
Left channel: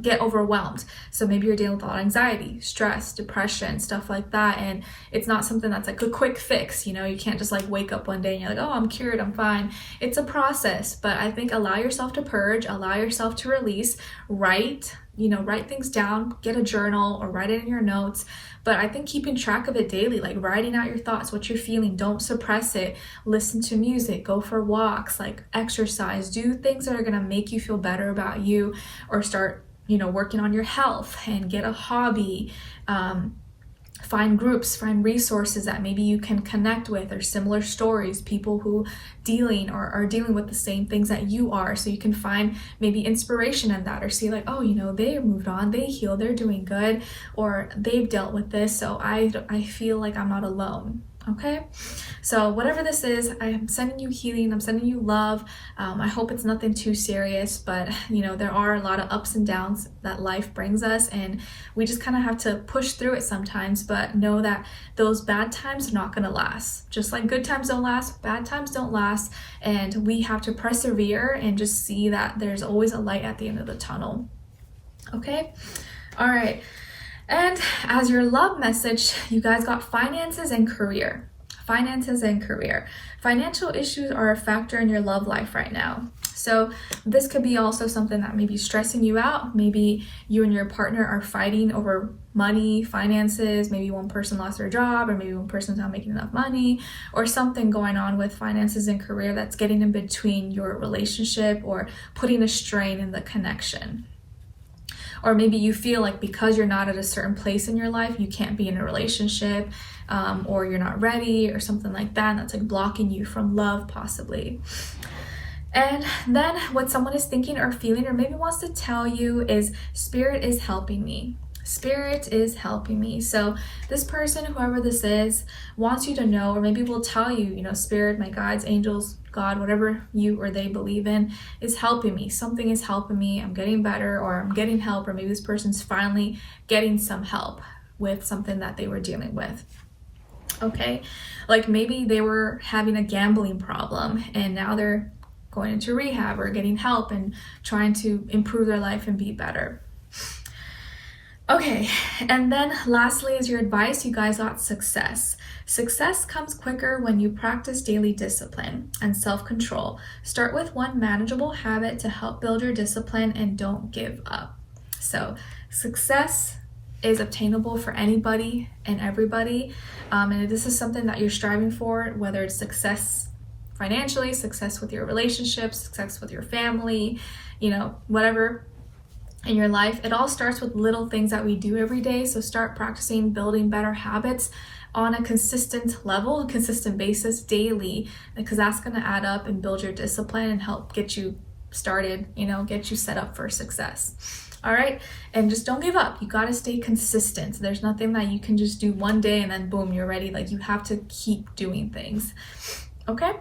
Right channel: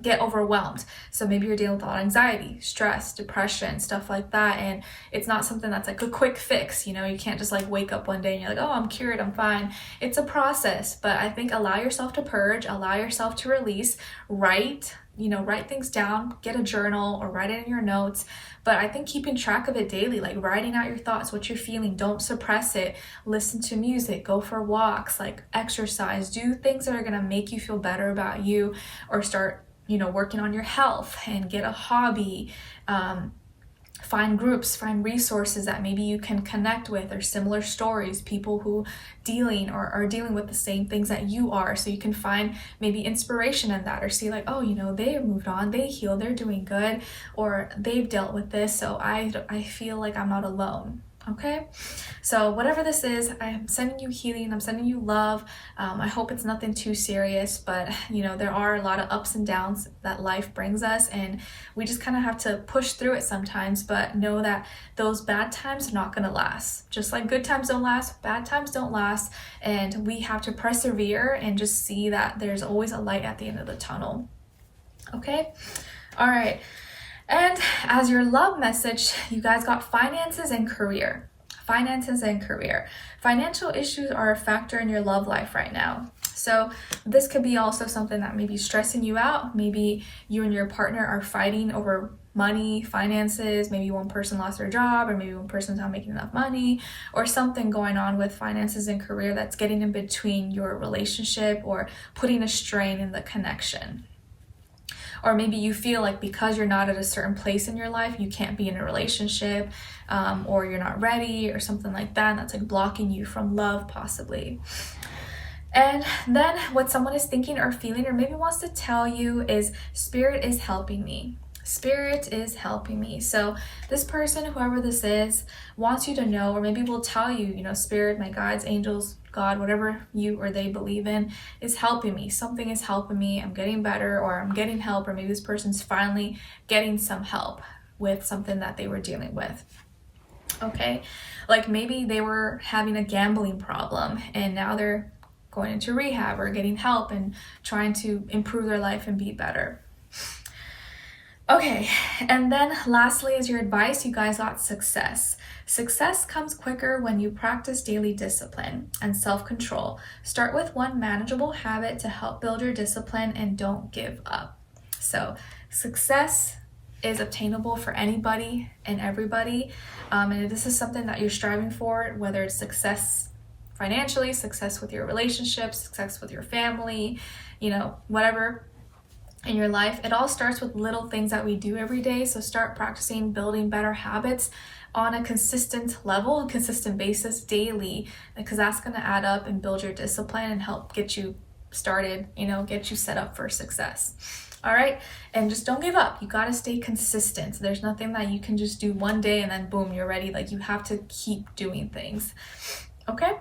get overwhelmed. So maybe you're dealing with a lot of anxiety, stress, depression, stuff like that, and it's not something that's like a quick fix. You know, you can't just like wake up one day and you're like, oh, I'm cured, I'm fine. It's a process, but I think allow yourself to purge, allow yourself to release, write things down, get a journal, or write it in your notes. But I think keeping track of it daily, like writing out your thoughts, what you're feeling, don't suppress it. Listen to music, go for walks, like exercise, do things that are gonna make you feel better about you, or start, you know, working on your health, and get a hobby. Find groups, find resources that maybe you can connect with, or similar stories, people who are dealing with the same things that you are, so you can find maybe inspiration in that, or see like, oh, you know, they moved on, they healed, they're doing good, or they've dealt with this, so I feel like I'm not alone. Okay, so whatever this is, I am sending you healing, I'm sending you love. I hope it's nothing too serious, but you know, there are a lot of ups and downs that life brings us, and we just kind of have to push through it sometimes, but know that those bad times are not going to last. Just like good times don't last, bad times don't last, and we have to persevere and just see that there's always a light at the end of the tunnel. Okay, all right. And as your love message, you guys got finances and career. Finances and career. Financial issues are a factor in your love life right now. So So this could be also something that may be stressing you out. Maybe you and your partner are fighting over money, finances. Maybe one person lost their job, or maybe one person's not making enough money, or something going on with finances and career that's getting in between your relationship or putting a strain in the connection. Or maybe you feel like because you're not at a certain place in your life, you can't be in a relationship, or you're not ready or something like that. And that's like blocking you from love possibly. And then what someone is thinking or feeling or maybe wants to tell you is, Spirit is helping me. Spirit is helping me. So this person, whoever this is, wants you to know, or maybe will tell you, you know, Spirit, my guides, angels, God, whatever you or they believe in, is helping me. Something is helping me. I'm getting better, or I'm getting help, or maybe this person's finally getting some help with something that they were dealing with. Okay, like maybe they were having a gambling problem and now they're going into rehab or getting help and trying to improve their life and be better. Okay, and then lastly, as your advice, you guys got success. Success comes quicker when you practice daily discipline and self-control. Start with one manageable habit to help build your discipline and don't give up. So success is obtainable for anybody and everybody. And if this is something that you're striving for, whether it's success financially, success with your relationships, success with your family, you know, whatever in your life, it all starts with little things that we do every day. So start practicing building better habits on a consistent level, a consistent basis daily, because that's going to add up and build your discipline and help get you started, you know, get you set up for success. All right, and just don't give up. You got to stay consistent. There's nothing that you can just do one day and then boom, you're ready. Like, you have to keep doing things. Okay.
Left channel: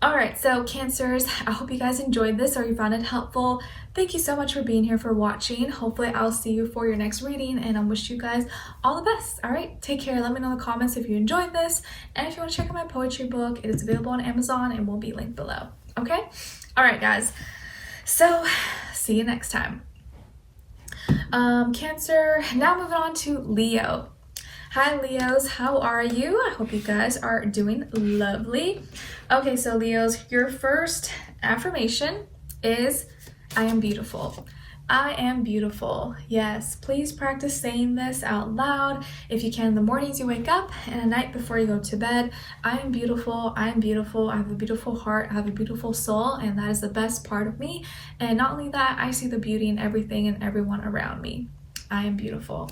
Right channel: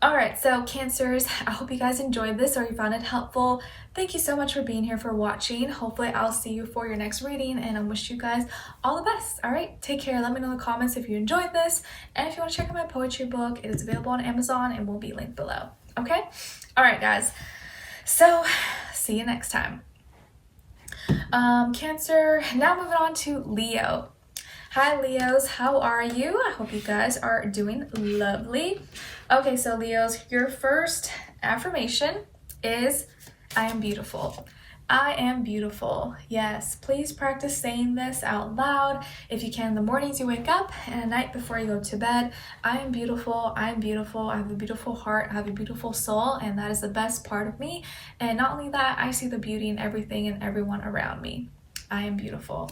All right, so Cancers, I hope you guys enjoyed this or you found it helpful. Thank you so much for being here, for watching. Hopefully I'll see you for your next reading, and I wish you guys all the best. All right, take care. Let me know in the comments if you enjoyed this, and if you want to check out my poetry book, it is available on Amazon and will be linked below. Okay. All right, guys, so see you next time. Cancer, now moving on to Leo. Hi Leos, how are you? I hope you guys are doing lovely. Okay, so Leos, your first affirmation is, I am beautiful. I am beautiful. Yes, please practice saying this out loud if you can in the mornings you wake up and at night before you go to bed. I am beautiful. I am beautiful. I have a beautiful heart. I have a beautiful soul, and that is the best part of me. And not only that, I see the beauty in everything and everyone around me. I am beautiful.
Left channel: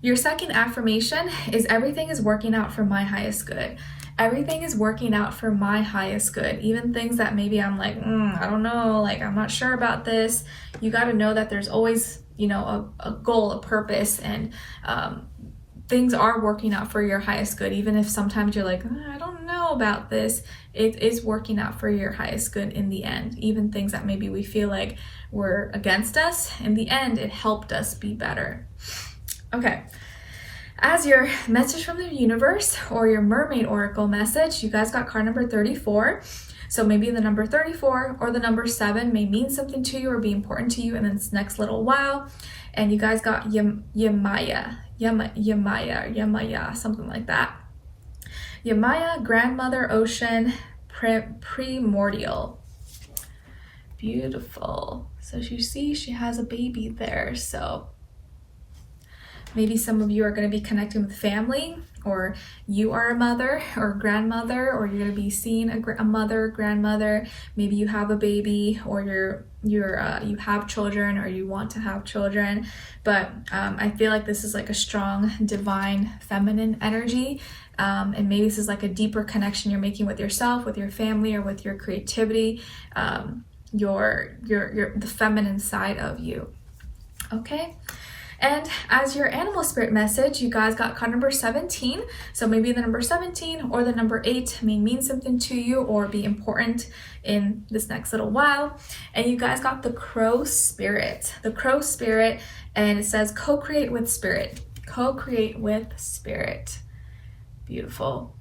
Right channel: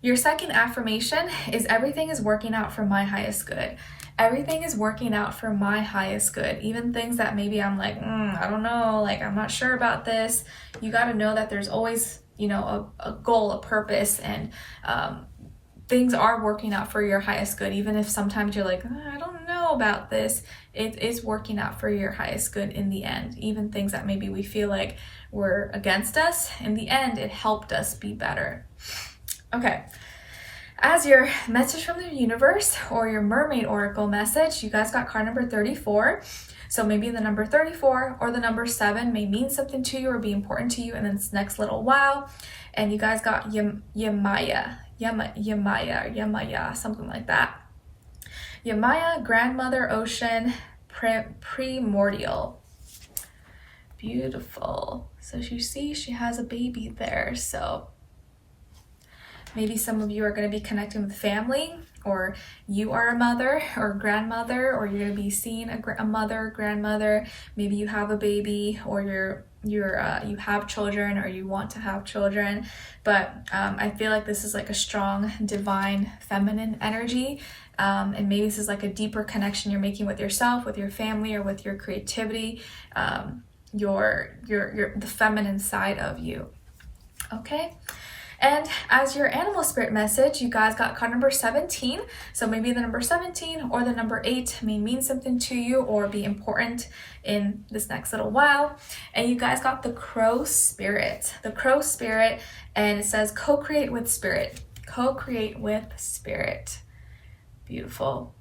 Your second affirmation is, everything is working out for my highest good. Everything is working out for my highest good. Even things that maybe I'm like, I don't know, like I'm not sure about this. You got to know that there's always, you know, a goal, a purpose, and things are working out for your highest good. Even if sometimes you're like, I don't know about this, it is working out for your highest good in the end. Even things that maybe we feel like were against us, in the end, it helped us be better. Okay. As your message from the universe, or your mermaid oracle message, you guys got card number 34. So maybe the number 34 or the number 7 may mean something to you or be important to you in this next little while. And you guys got Yemaya, something like that. Yemaya, grandmother, ocean, primordial. Beautiful. So you see she has a baby there. So maybe some of you are going to be connecting with family, or you are a mother or grandmother, or you're going to be seeing a mother, grandmother. Maybe you have a baby, or you have children, or you want to have children. But I feel like this is like a strong divine feminine energy, and maybe this is like a deeper connection you're making with yourself, with your family, or with your creativity, the feminine side of you. Okay. And as your animal spirit message, you guys got card number 17. So maybe the number 17 or the number 8 may mean something to you or be important in this next little while. And you guys got the crow spirit. The crow spirit, and it says co-create with spirit. Co-create with spirit. Beautiful.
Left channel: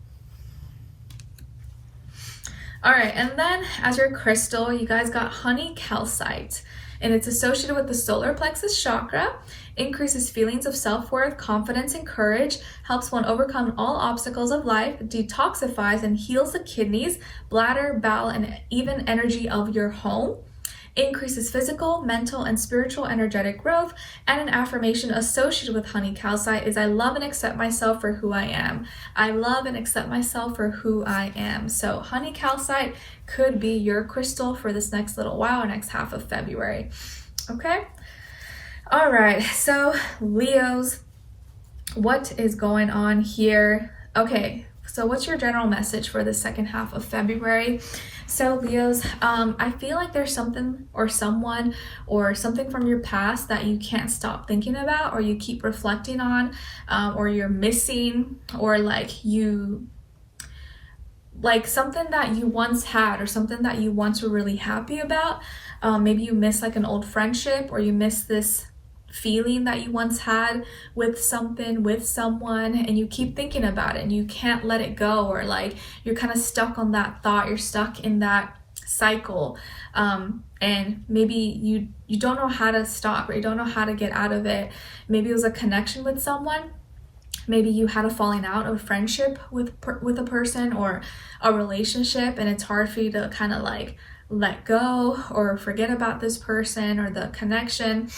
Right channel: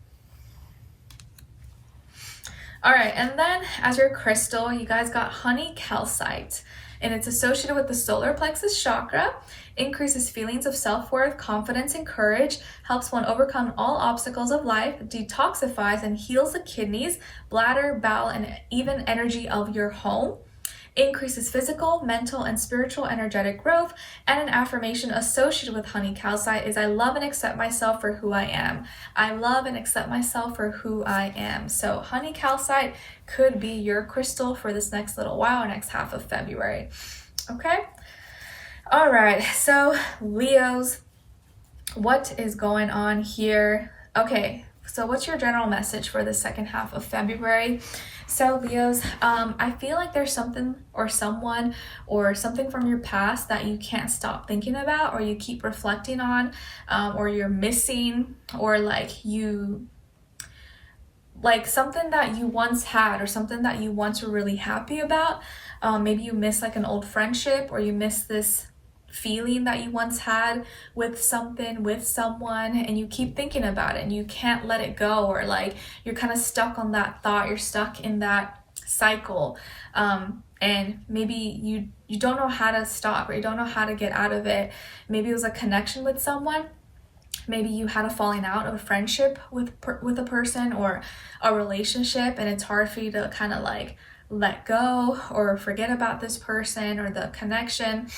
All right, and then as your crystal, you guys got honey calcite. and it's associated with the solar plexus chakra, increases feelings of self-worth, confidence, and courage, helps one overcome all obstacles of life, detoxifies and heals the kidneys, bladder, bowel, and even energy of your home, increases physical, mental, and spiritual energetic growth. And an affirmation associated with honey calcite is, I love and accept myself for who I am. I love and accept myself for who I am. So honey calcite could be your crystal for this next little while, or next half of February. Okay? All right, so Leos, what is going on here? Okay, so what's your general message for the second half of February? So Leos, I feel like there's something or someone or something from your past that you can't stop thinking about, or you keep reflecting on, or you're missing, or like something that you once had, or something that you once were really happy about. Maybe you miss like an old friendship, or you miss this feeling that you once had with something, with someone, and you keep thinking about it and you can't let it go, or like you're kind of stuck on that thought, you're stuck in that cycle, and maybe you don't know how to stop, or you don't know how to get out of it. Maybe it was a connection with someone, maybe you had a falling out of a friendship with a person, or a relationship, and it's hard for you to kind of like let go or forget about this person or the connection.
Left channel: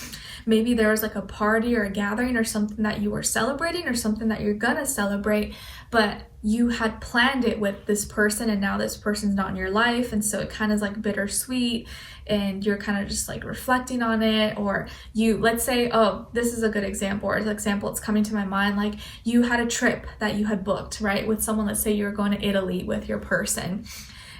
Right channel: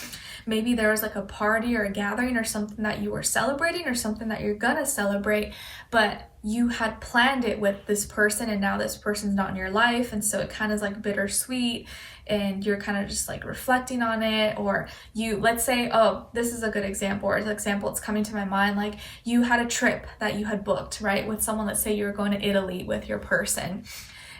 Maybe there was like a party or a gathering or something that you were celebrating, or something that you're gonna celebrate, but you had planned it with this person, and now this person's not in your life, and so it kind of is like bittersweet, and you're kind of just like reflecting on it. Or let's say, oh, this is a good example, or an example it's coming to my mind, like you had a trip that you had booked, right, with someone. Let's say you were going to Italy with your person,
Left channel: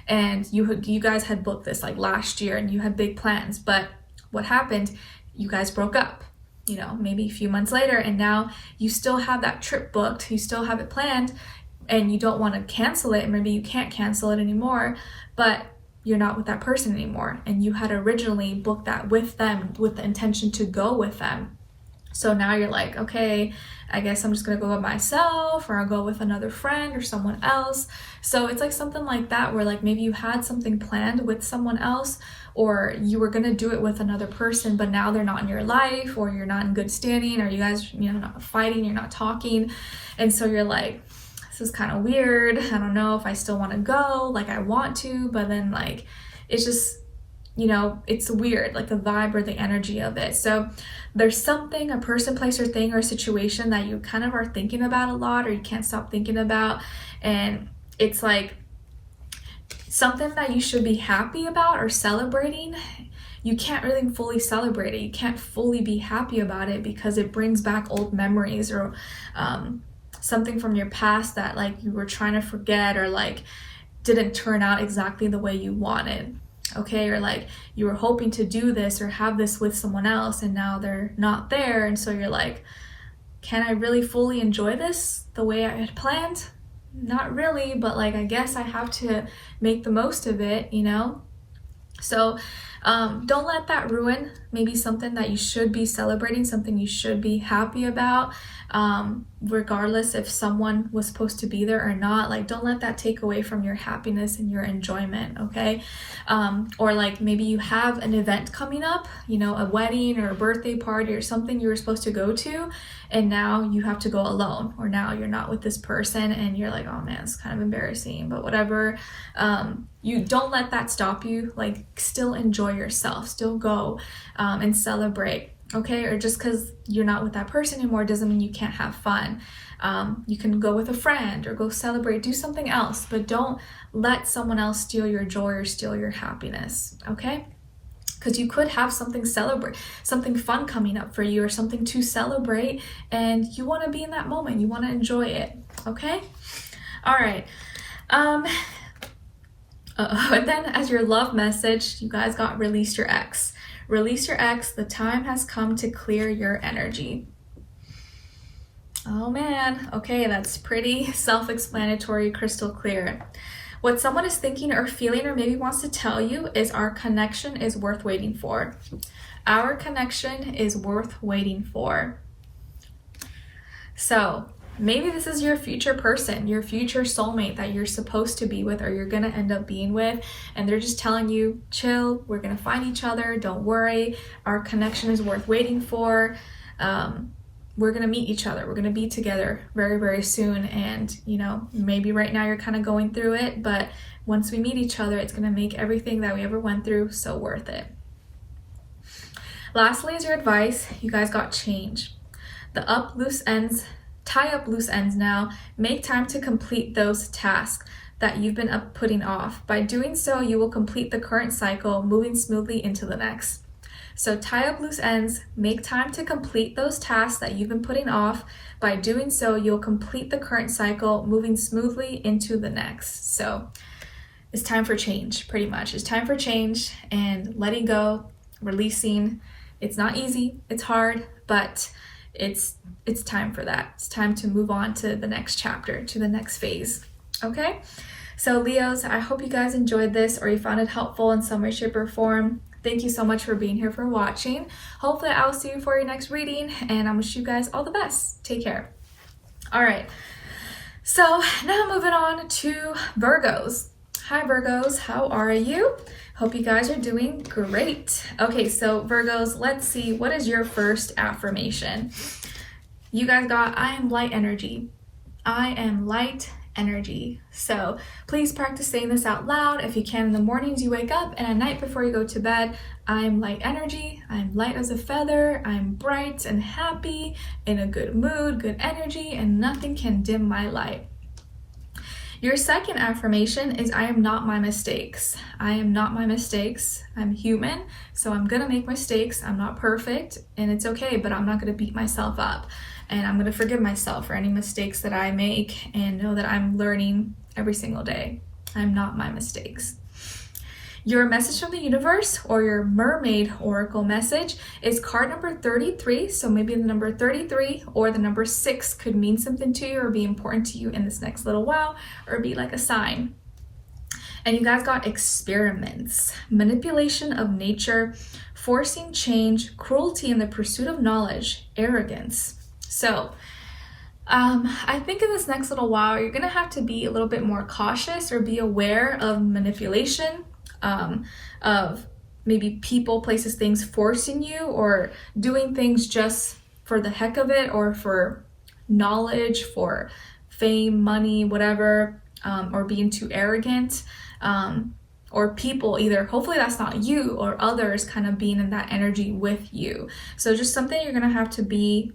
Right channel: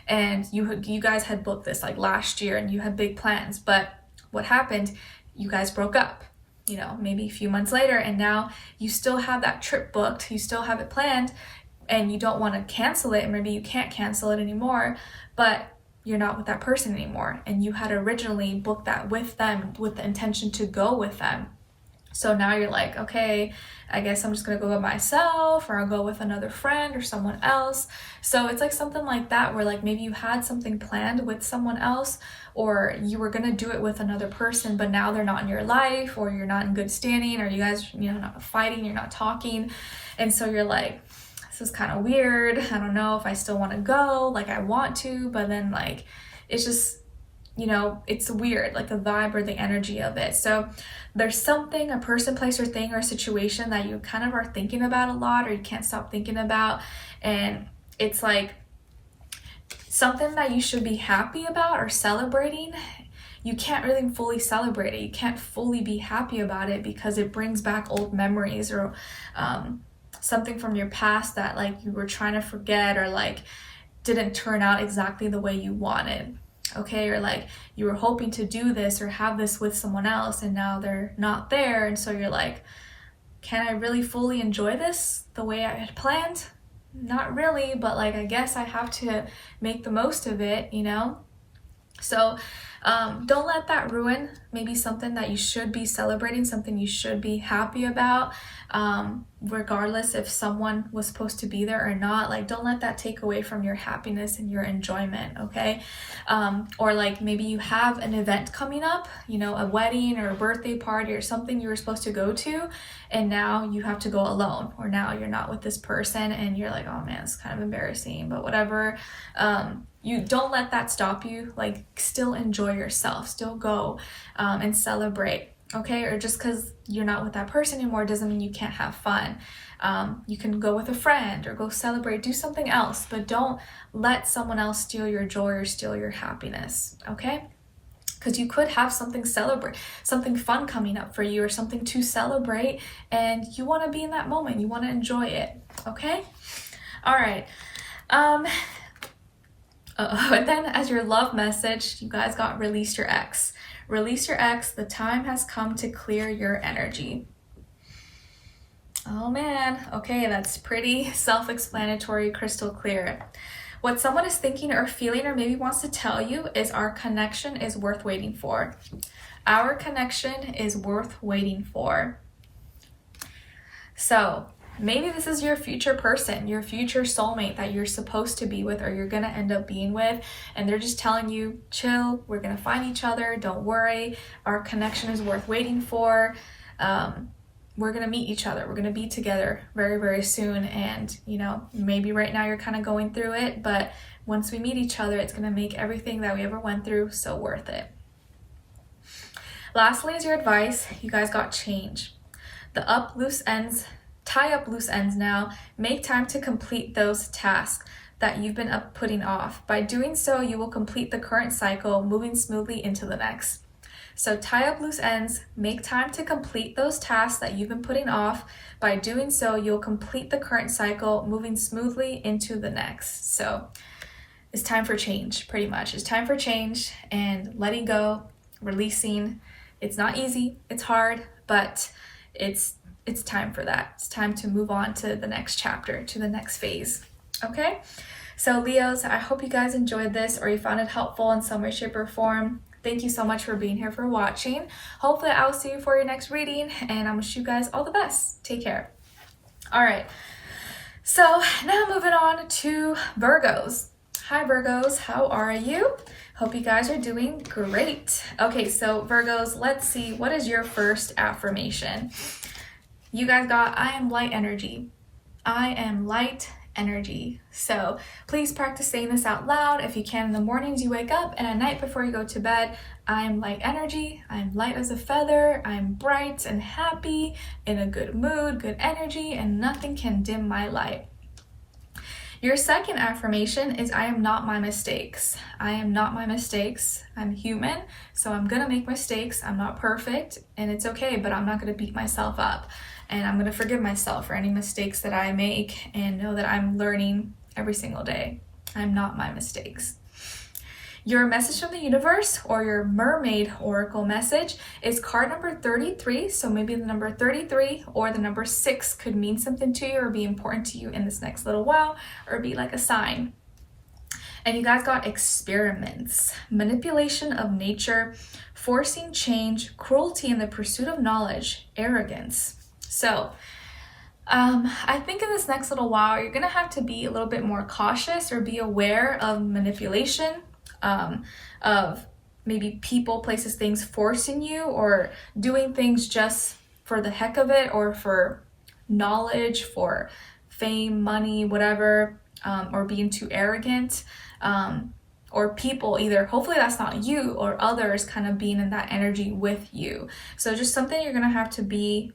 and you guys had booked this like last year, and you had big plans, but what happened? You guys broke up, maybe a few months later, and now you still have that trip booked, you still have it planned, and you don't want to cancel it, and maybe you can't cancel it anymore, but you're not with that person anymore, and you had originally booked that with them with the intention to go with them. So now you're like, okay, I guess I'm just gonna go by myself, or I'll go with another friend or someone else. So it's like something like that, where like maybe you had something planned with someone else, or you were gonna do it with another person, but now they're not in your life, or you're not in good standing, or you guys, not fighting, you're not talking. And so you're like, this is kind of weird. I don't know if I still want to go, like I want to, but then like, it's just, it's weird, like the vibe or the energy of it. So there's something, a person, place, or thing, or a situation that you kind of are thinking about a lot, or you can't stop thinking about. And it's like something that you should be happy about or celebrating. You can't really fully celebrate it. You can't fully be happy about it, because it brings back old memories, or something from your past that like you were trying to forget, or like didn't turn out exactly the way you wanted. Okay, or like you were hoping to do this or have this with someone else, and now they're not there, and so you're like, can I really fully enjoy this the way I had planned? Not really, but like I guess I have to make the most of it, So don't let that ruin maybe something that you should be celebrating, something you should be happy about, regardless if someone was supposed to be there or not. Like, don't let that take away from your happiness and your enjoyment, okay? Or like maybe you have an event coming up, a wedding or a birthday party or something you were supposed to go to, and now you have to go alone, or now you're not with this person, and you're like, oh man, it's kind of embarrassing, but whatever. You don't let that stop you. Like, still enjoy yourself, still go and celebrate, okay? Or just because you're not with that person anymore doesn't mean you can't have fun. You can go with a friend, or go celebrate, do something else, but don't let someone else steal your joy or steal your happiness, okay? Because you could have something fun coming up for you, or something to celebrate, and you want to be in that moment, you want to enjoy it, okay? All right. And then as your love message, you guys got release your ex. Release your ex. The time has come to clear your energy. Oh man. Okay, that's pretty self-explanatory, crystal clear. What someone is thinking or feeling, or maybe wants to tell you, is our connection is worth waiting for. Our connection is worth waiting for. So maybe this is your future person, your future soulmate that you're supposed to be with or you're gonna end up being with, and they're just telling you, chill, we're gonna find each other, don't worry, our connection is worth waiting for. We're gonna meet each other, we're gonna be together very, very soon. And you know, maybe right now you're kind of going through it, but once we meet each other, it's gonna make everything that we ever went through so worth it. Lastly is your advice. You guys got change. The up loose ends, tie up loose ends now. Make time to complete those tasks that you've been putting off. By doing so, you will complete the current cycle, moving smoothly into the next. So tie up loose ends, make time to complete those tasks that you've been putting off. By doing so, you'll complete the current cycle, moving smoothly into the next. So it's time for change, pretty much. It's time for change and letting go, releasing. It's not easy, it's hard, but it's time for that. It's time to move on to the next chapter, to the next phase. Okay? So Leos, I hope you guys enjoyed this or you found it helpful in some way, shape, or form. Thank you so much for being here, for watching. Hopefully I'll see you for your next reading, and I wish you guys all the best. Take care. All right. So now moving on to Virgos. Hi Virgos, how are you? Hope you guys are doing great. Okay, so Virgos, let's see, what is your first affirmation? You guys got, I am light energy. I am light energy. So please practice saying this out loud if you can in the mornings you wake up and at night before you go to bed. I am light energy. I'm light as a feather. I'm bright and happy, in a good mood, good energy, and nothing can dim my light. Your second affirmation is I am not my mistakes. I am not my mistakes. I'm human, so I'm gonna make mistakes. I'm not perfect, and it's okay, but I'm not gonna beat myself up. And I'm gonna forgive myself for any mistakes that I make and know that I'm learning every single day. I'm not my mistakes. Your message from the universe, or your mermaid oracle message, is card number 33. So maybe the number 33 or the number 6 could mean something to you or be important to you in this next little while, or be like a sign. And you guys got experiments, manipulation of nature, forcing change, cruelty in the pursuit of knowledge, arrogance. So I think in this next little while, you're gonna have to be a little bit more cautious or be aware of manipulation, of maybe people, places, things forcing you or doing things just for the heck of it, or for knowledge, for fame, money, whatever, or being too arrogant, or people either, hopefully that's not you, or others kind of being in that energy with you. So just something you're gonna have to be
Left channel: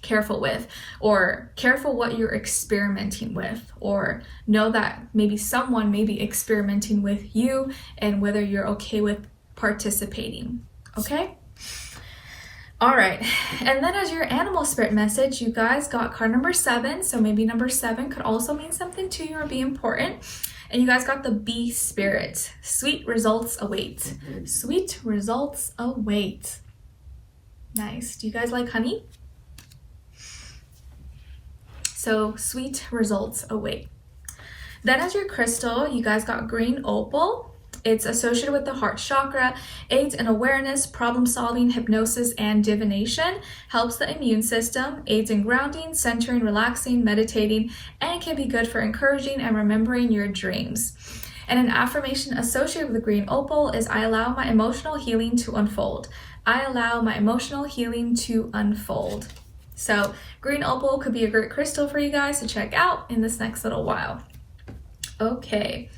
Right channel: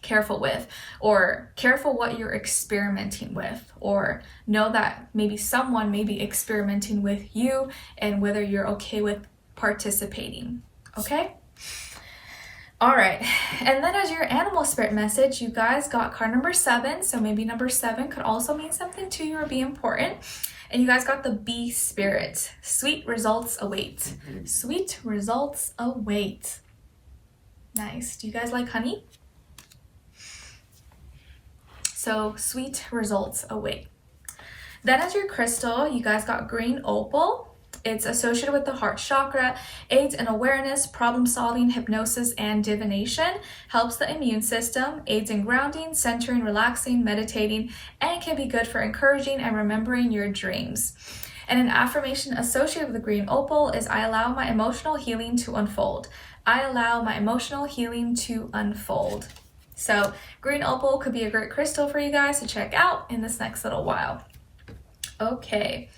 careful with, or careful what you're experimenting with, or know that maybe someone may be experimenting with you and whether you're okay with participating. Okay? All right. And then as your animal spirit message, you guys got card number 7. So maybe number 7 could also mean something to you or be important. And you guys got the bee spirit. Sweet results await. Sweet results await. Nice. Do you guys like honey? So sweet results await. Then as your crystal, you guys got green opal. It's associated with the heart chakra, aids in awareness, problem solving, hypnosis, and divination, helps the immune system, aids in grounding, centering, relaxing, meditating, and can be good for encouraging and remembering your dreams. And an affirmation associated with the green opal is I allow my emotional healing to unfold. I allow my emotional healing to unfold. So green opal could be a great crystal for you guys to check out in this next little while. Okay.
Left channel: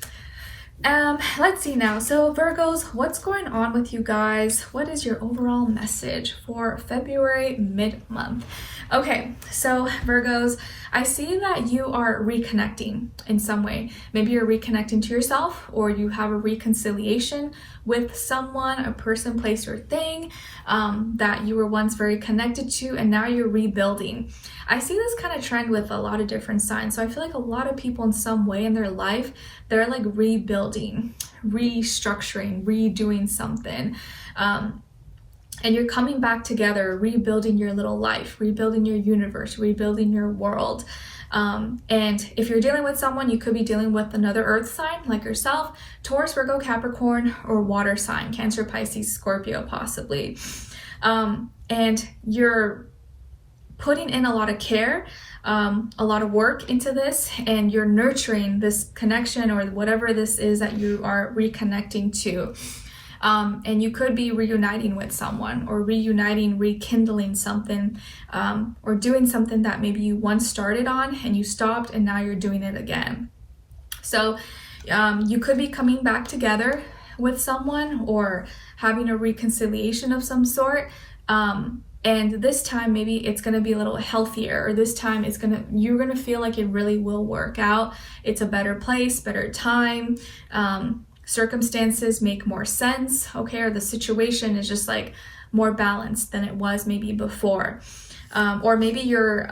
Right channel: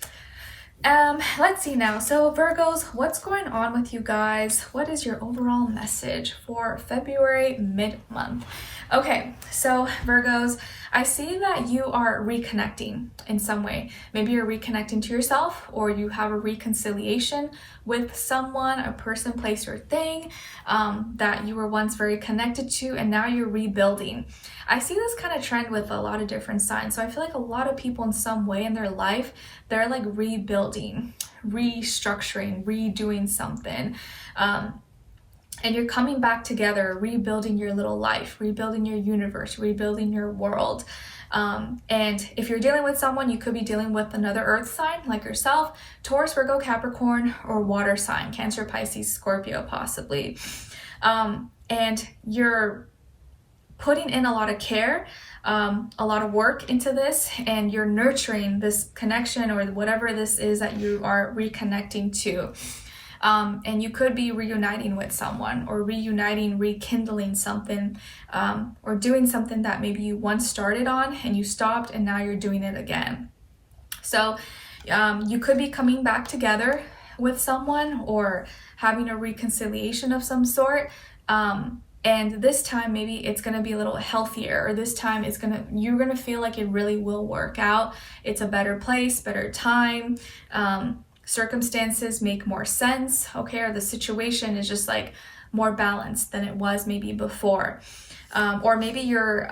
Let's see now. So Virgos, what's going on with you guys? What is your overall message for February mid-month? Okay, so Virgos, I see that you are reconnecting in some way. Maybe you're reconnecting to yourself, or you have a reconciliation with someone, a person, place, or thing that you were once very connected to, and now you're rebuilding. I see this kind of trend with a lot of different signs. So I feel like a lot of people in some way in their life, they're like rebuilding, restructuring, redoing something. And you're coming back together, rebuilding your little life, rebuilding your universe, rebuilding your world. And if you're dealing with someone, you could be dealing with another earth sign like yourself, Taurus, Virgo, Capricorn, or water sign, Cancer, Pisces, Scorpio, possibly. And you're putting in a lot of care, a lot of work into this, and you're nurturing this connection or whatever this is that you are reconnecting to. And you could be reuniting with someone, or rekindling something, or doing something that maybe you once started on and you stopped and now you're doing it again. So you could be coming back together with someone or having a reconciliation of some sort. And this time maybe it's going to be a little healthier, or this time you're going to feel like it really will work out. It's a better place, better time. Circumstances make more sense, okay? Or the situation is just like more balanced than it was maybe before. Or maybe you're,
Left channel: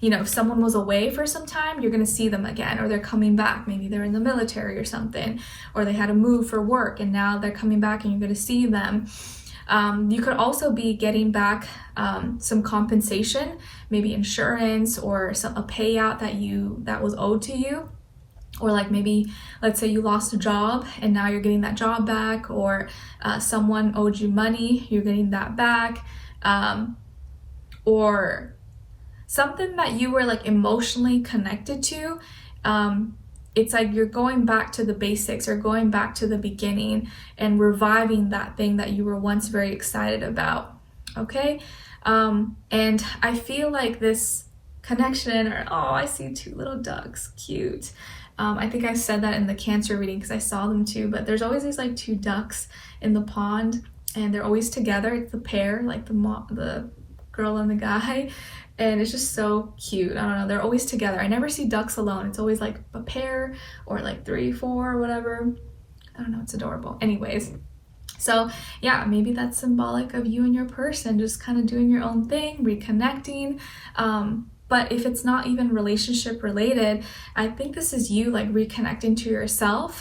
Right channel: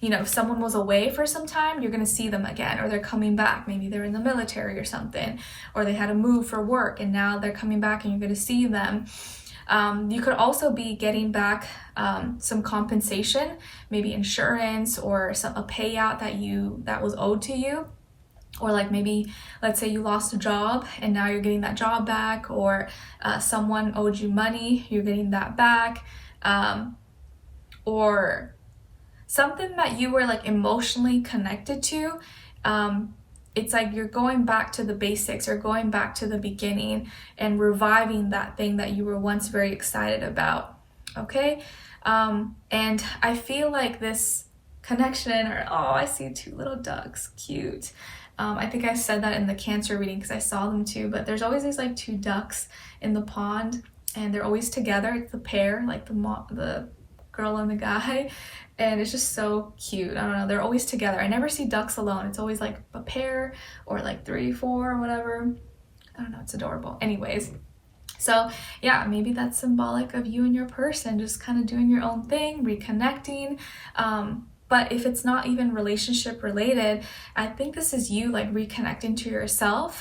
if someone was away for some time, you're gonna see them again, or they're coming back. Maybe they're in the military or something, or they had to move for work and now they're coming back and you're gonna see them. You could also be getting back some compensation, maybe insurance or a payout that was owed to you. Or like maybe, let's say you lost a job and now you're getting that job back, or someone owed you money, you're getting that back, or something that you were like emotionally connected to. It's like you're going back to the basics, or going back to the beginning and reviving that thing that you were once very excited about, okay? And I feel like this connection, or, oh, I see 2 little ducks, cute. I think I said that in the Cancer reading because I saw them too, but there's always these like 2 ducks in the pond and they're always together. It's the pair, like the girl and the guy, and it's just so cute. I don't know, they're always together. I never see ducks alone. It's always like a pair or like 3, 4, or whatever. I don't know, it's adorable. Anyways, so yeah, maybe that's symbolic of you and your person just kind of doing your own thing, reconnecting. But if it's not even relationship related, I think this is you like reconnecting to yourself,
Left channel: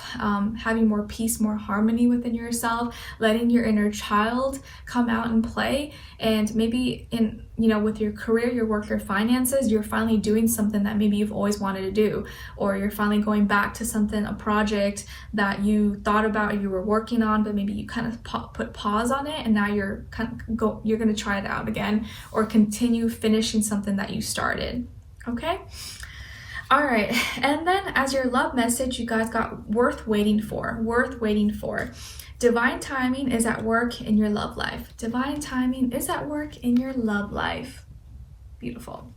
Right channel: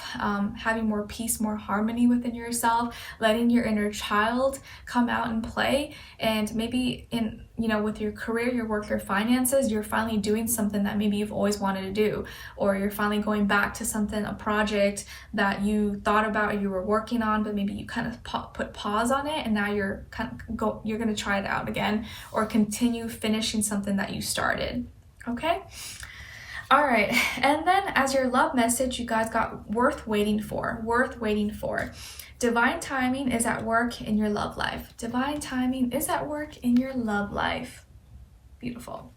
having more peace, more harmony within yourself, letting your inner child come out and play. And maybe with your career, your work, your finances, you're finally doing something that maybe you've always wanted to do, or you're finally going back to something, a project that you thought about, you were working on, but maybe you kind of put pause on it, and now you're you're going to try it out again, or continue finishing something that you started. Okay. All right. And then as your love message, you guys got worth waiting for. Divine timing is at work in your love life. Divine timing is at work in your love life. Beautiful.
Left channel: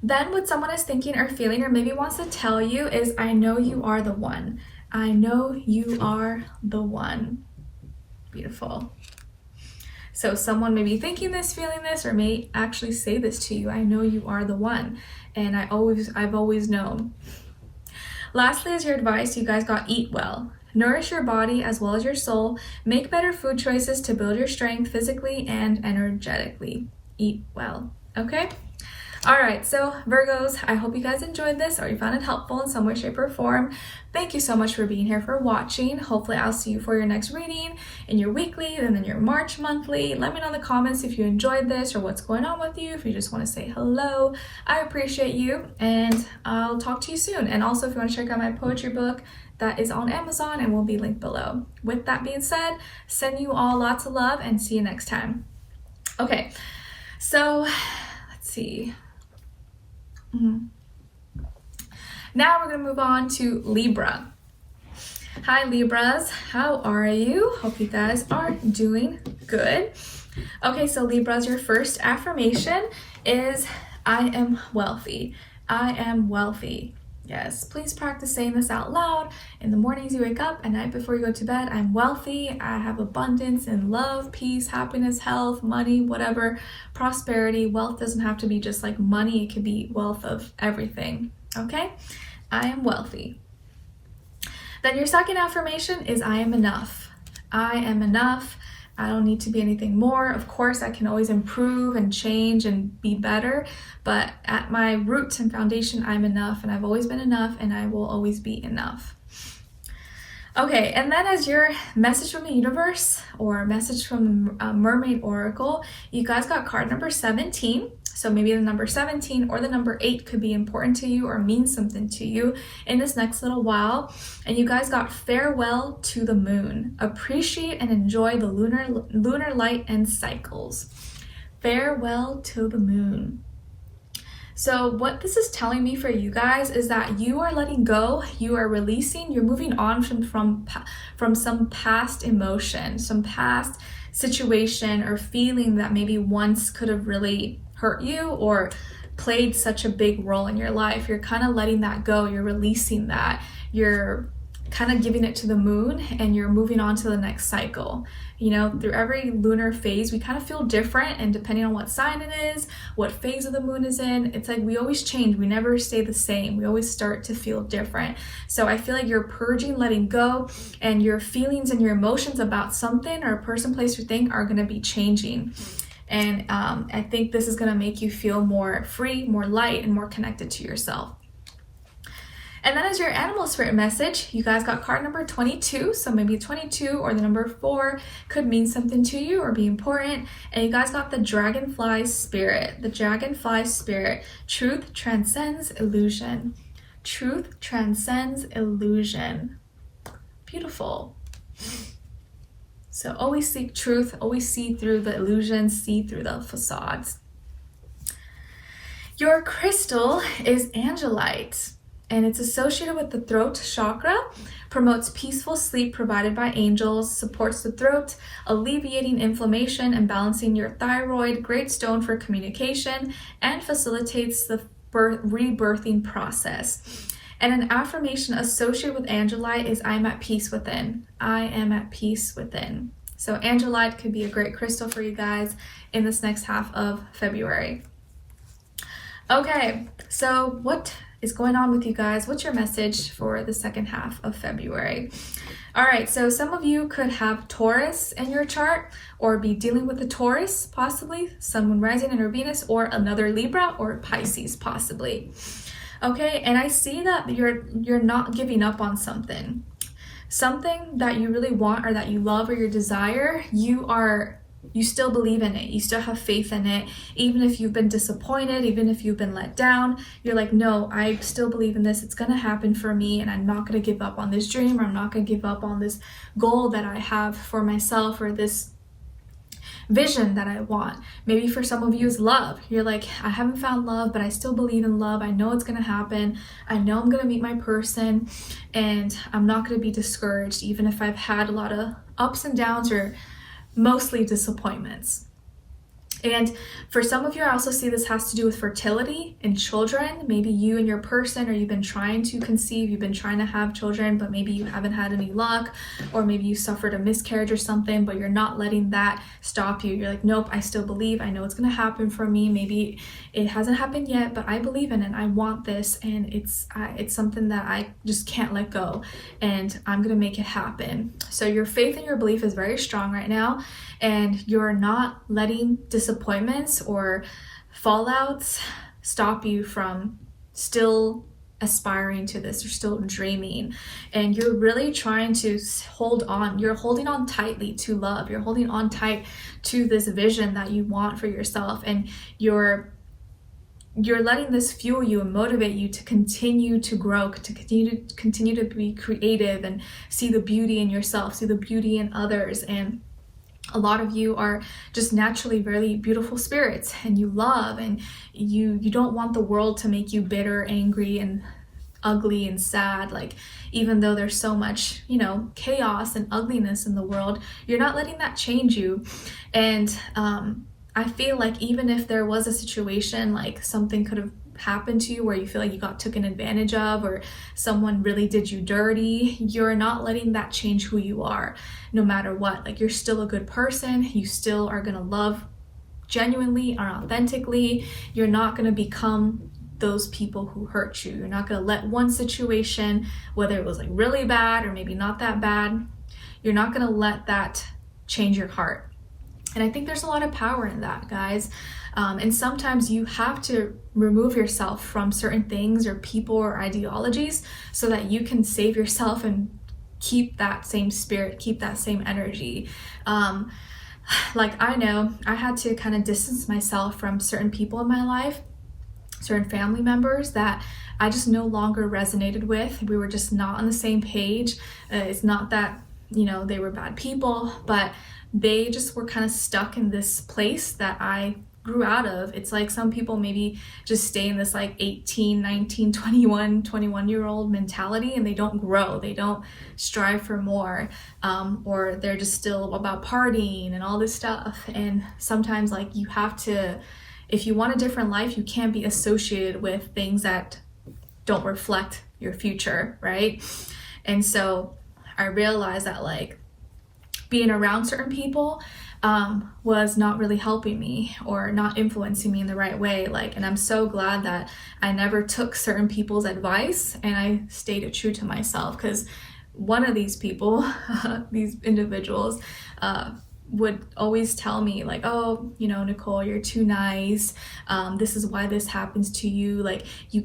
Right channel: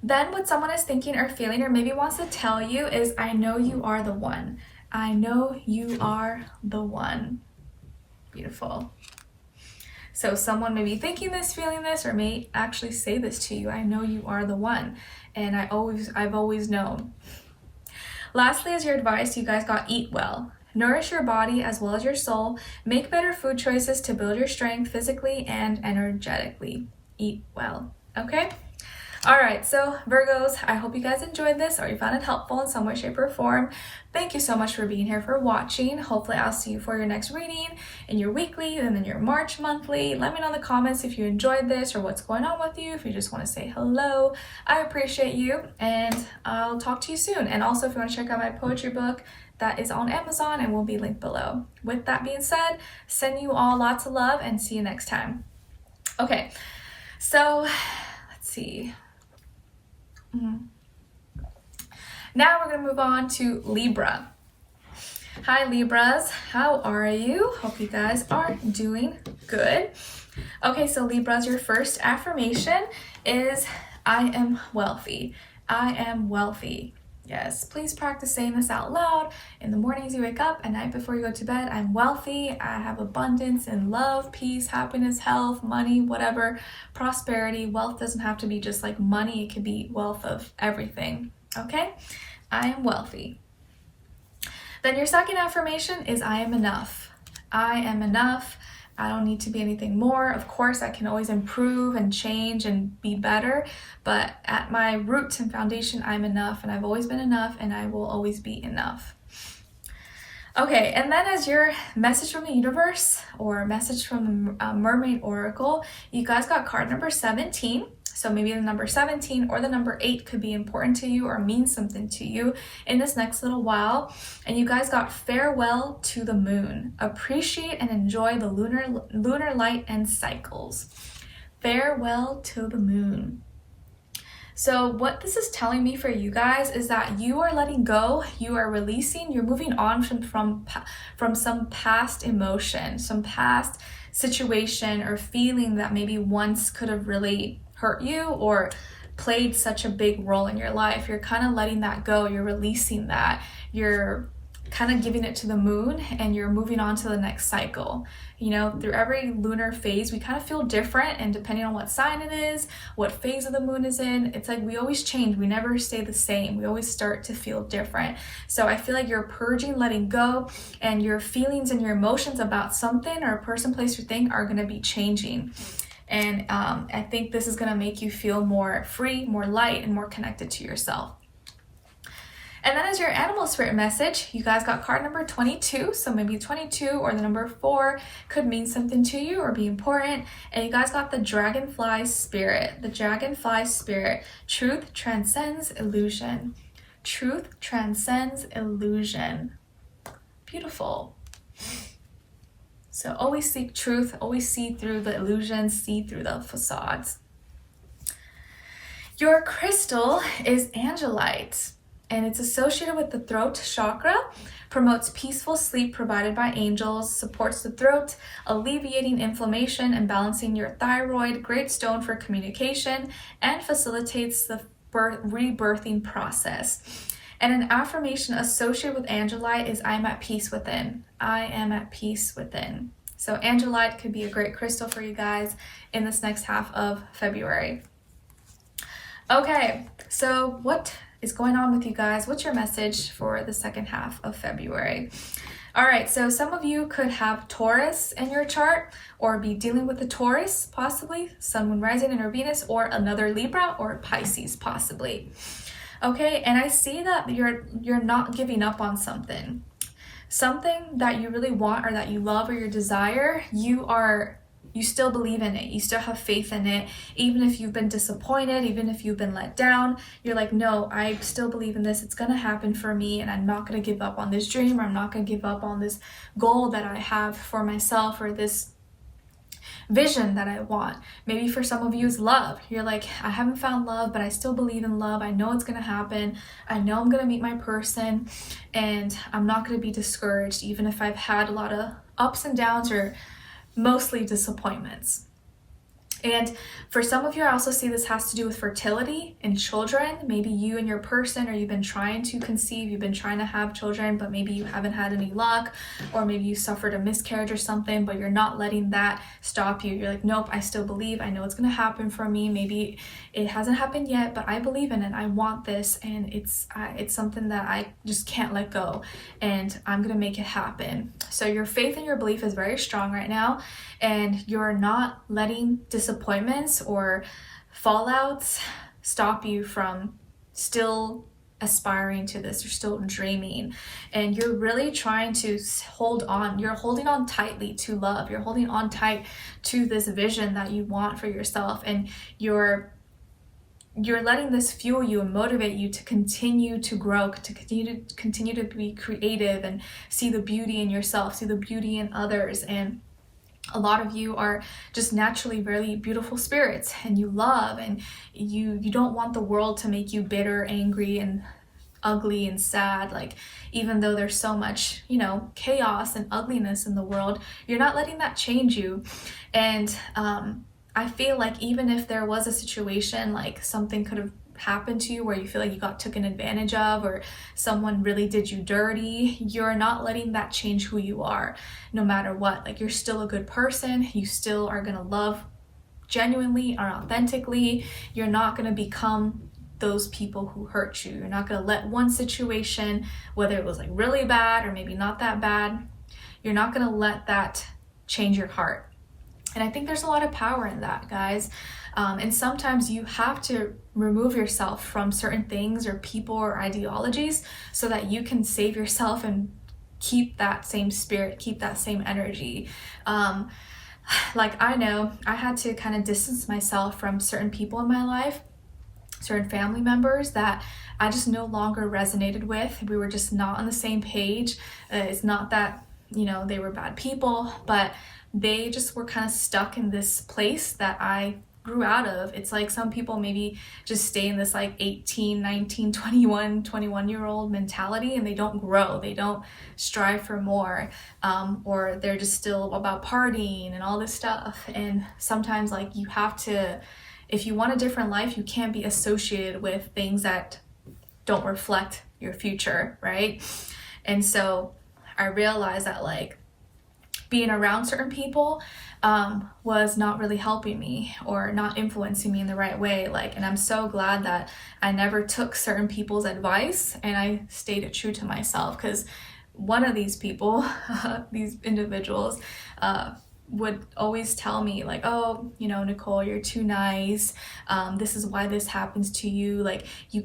Then what someone is thinking or feeling, or maybe wants to tell you, is, I know you are the one. I know you are the one. Beautiful. So someone may be thinking this, feeling this, or may actually say this to you. I know you are the one. And I've always known. Lastly, as your advice, you guys got eat well. Nourish your body as well as your soul. Make better food choices to build your strength physically and energetically. Eat well. Okay? All right, so Virgos, I hope you guys enjoyed this, or you found it helpful in some way, shape, or form. Thank you so much for being here, for watching. Hopefully I'll see you for your next reading, in your weekly, and then your March monthly. Let me know in the comments if you enjoyed this or what's going on with you. If you just want to say hello, I appreciate you, and I'll talk to you soon. And also, if you want to check out my poetry book, that is on Amazon and will be linked below. With that being said, send you all lots of love and see you next time. Okay, so let's see. Now we're going to move on to Libra. Hi Libras, how are you? Hope you guys are doing good. Okay, so Libras, your first affirmation is, I am wealthy. I am wealthy. Yes, please practice saying this out loud in the mornings you wake up, at night before you go to bed. I'm wealthy. I have abundance and love, peace, happiness, health, money, whatever, prosperity. Wealth doesn't have to be just like money. It could be wealth of everything. Okay? I am wealthy. Then your second affirmation is, I am enough. I am enough. I don't need to be anything more. Of course, I can always improve and change and be better, but at my roots and foundation, I'm enough, and I've always been enough, and I will always be enough. Okay, and then as your message from the universe, or message from the Mermaid Oracle, you guys got card number 17. So maybe the number 17 or the number 8 could be important to you or mean something to you in this next little while. And you guys got farewell to the moon. Appreciate and enjoy the lunar light and cycles. Farewell to the moon. So what this is telling me for you guys is that you are letting go, you are releasing, you're moving on from some past emotion, some past situation or feeling that maybe once could have really hurt you or played such a big role in your life. You're kind of letting that go, you're releasing that, you're kind of giving it to the moon, and you're moving on to the next cycle. You know, through every lunar phase, we kind of feel different, and depending on what sign it is, what phase of the moon is in, it's like we always change. We never stay the same. We always start to feel different. So I feel like you're purging, letting go, and your feelings and your emotions about something or a person, place, or thing are going to be changing. And I think this is going to make you feel more free, more light, and more connected to yourself. And that is your animal spirit message. You guys got card number 22. So maybe 22 or the number 4 could mean something to you or be important. And you guys got the dragonfly spirit. The dragonfly spirit. Truth transcends illusion. Truth transcends illusion. Beautiful. So always seek truth. Always see through the illusions. See through the facades. Your crystal is angelite, and it's associated with the throat chakra, promotes peaceful sleep provided by angels, supports the throat, alleviating inflammation and balancing your thyroid, great stone for communication, and facilitates the rebirthing process. And an affirmation associated with angelite is I am at peace within. I am at peace within. So angelite could be a great crystal for you guys in this next half of February. Okay, so what is going on with you guys? What's your message for the second half of February? All right, so some of you could have Taurus in your chart or be dealing with the Taurus, possibly, Sun, Moon, Rising, and or Venus, or another Libra or Pisces, possibly. Okay, and I see that you're not giving up on something. Something that you really want or that you love or your desire, you still believe in it. You still have faith in it. Even if you've been disappointed, even if you've been let down, you're like, no, I still believe in this. It's going to happen for me, and I'm not going to give up on this dream, or I'm not going to give up on this goal that I have for myself, or this vision that I want. Maybe for some of you is love. You're like, I haven't found love, but I still believe in love. I know it's going to happen. I know I'm going to meet my person, and I'm not going to be discouraged, even if I've had a lot of ups and downs or mostly disappointments. And for some of you, I also see this has to do with fertility and children. Maybe you and your person, or you've been trying to conceive, you've been trying to have children, but maybe you haven't had any luck, or maybe you suffered a miscarriage or something, but you're not letting that stop you. You're like, nope, I still believe. I know it's going to happen for me. Maybe it hasn't happened yet, but I believe in it. I want this, and it's something that I just can't let go, and I'm going to make it happen. So your faith and your belief is very strong right now, and you're not letting disappointments or fallouts stop you from still aspiring to this or still dreaming. And you're really trying to hold on. You're holding on tightly to love. You're holding on tight to this vision that you want for yourself, and you're letting this fuel you and motivate you to continue to grow, to continue to be creative and see the beauty in yourself, see the beauty in others. And a lot of you are just naturally really beautiful spirits, and you love, and you don't want the world to make you bitter, angry, and ugly and sad. Like, even though there's so much, chaos and ugliness in the world, you're not letting that change you. And I feel like even if there was a situation, like something could have happened to you where you feel like you got taken advantage of, or someone really did you dirty, you're not letting that change who you are, no matter what. Like, you're still a good person. You still are going to love genuinely or authentically. You're not going to become those people who hurt you. You're not going to let one situation, whether it was like really bad or maybe not that bad, you're not going to let that change your heart. And I think there's a lot of power in that, guys. And sometimes you have to remove yourself from certain things or people or ideologies so that you can save yourself and keep that same spirit, keep that same energy. Like, I know I had to kind of distance myself from certain people in my life, certain family members that I just no longer resonated with. We were just not on the same page. It's not that, they were bad people, but they just were kind of stuck in this place that I grew out of. It's like some people maybe just stay in this like 18, 19, 21-year-old mentality, and they don't grow, they don't strive for more, or they're just still about partying and all this stuff. And sometimes like you have to, if you want a different life, you can't be associated with things that don't reflect your future, right? And so I realized that like being around certain people was not really helping me or not influencing me in the right way. Like, and I'm so glad that I never took certain people's advice and I stayed true to myself, because one of these people, these individuals, would always tell me like, oh, you know, Nicole, you're too nice. This is why this happens to you. Like, you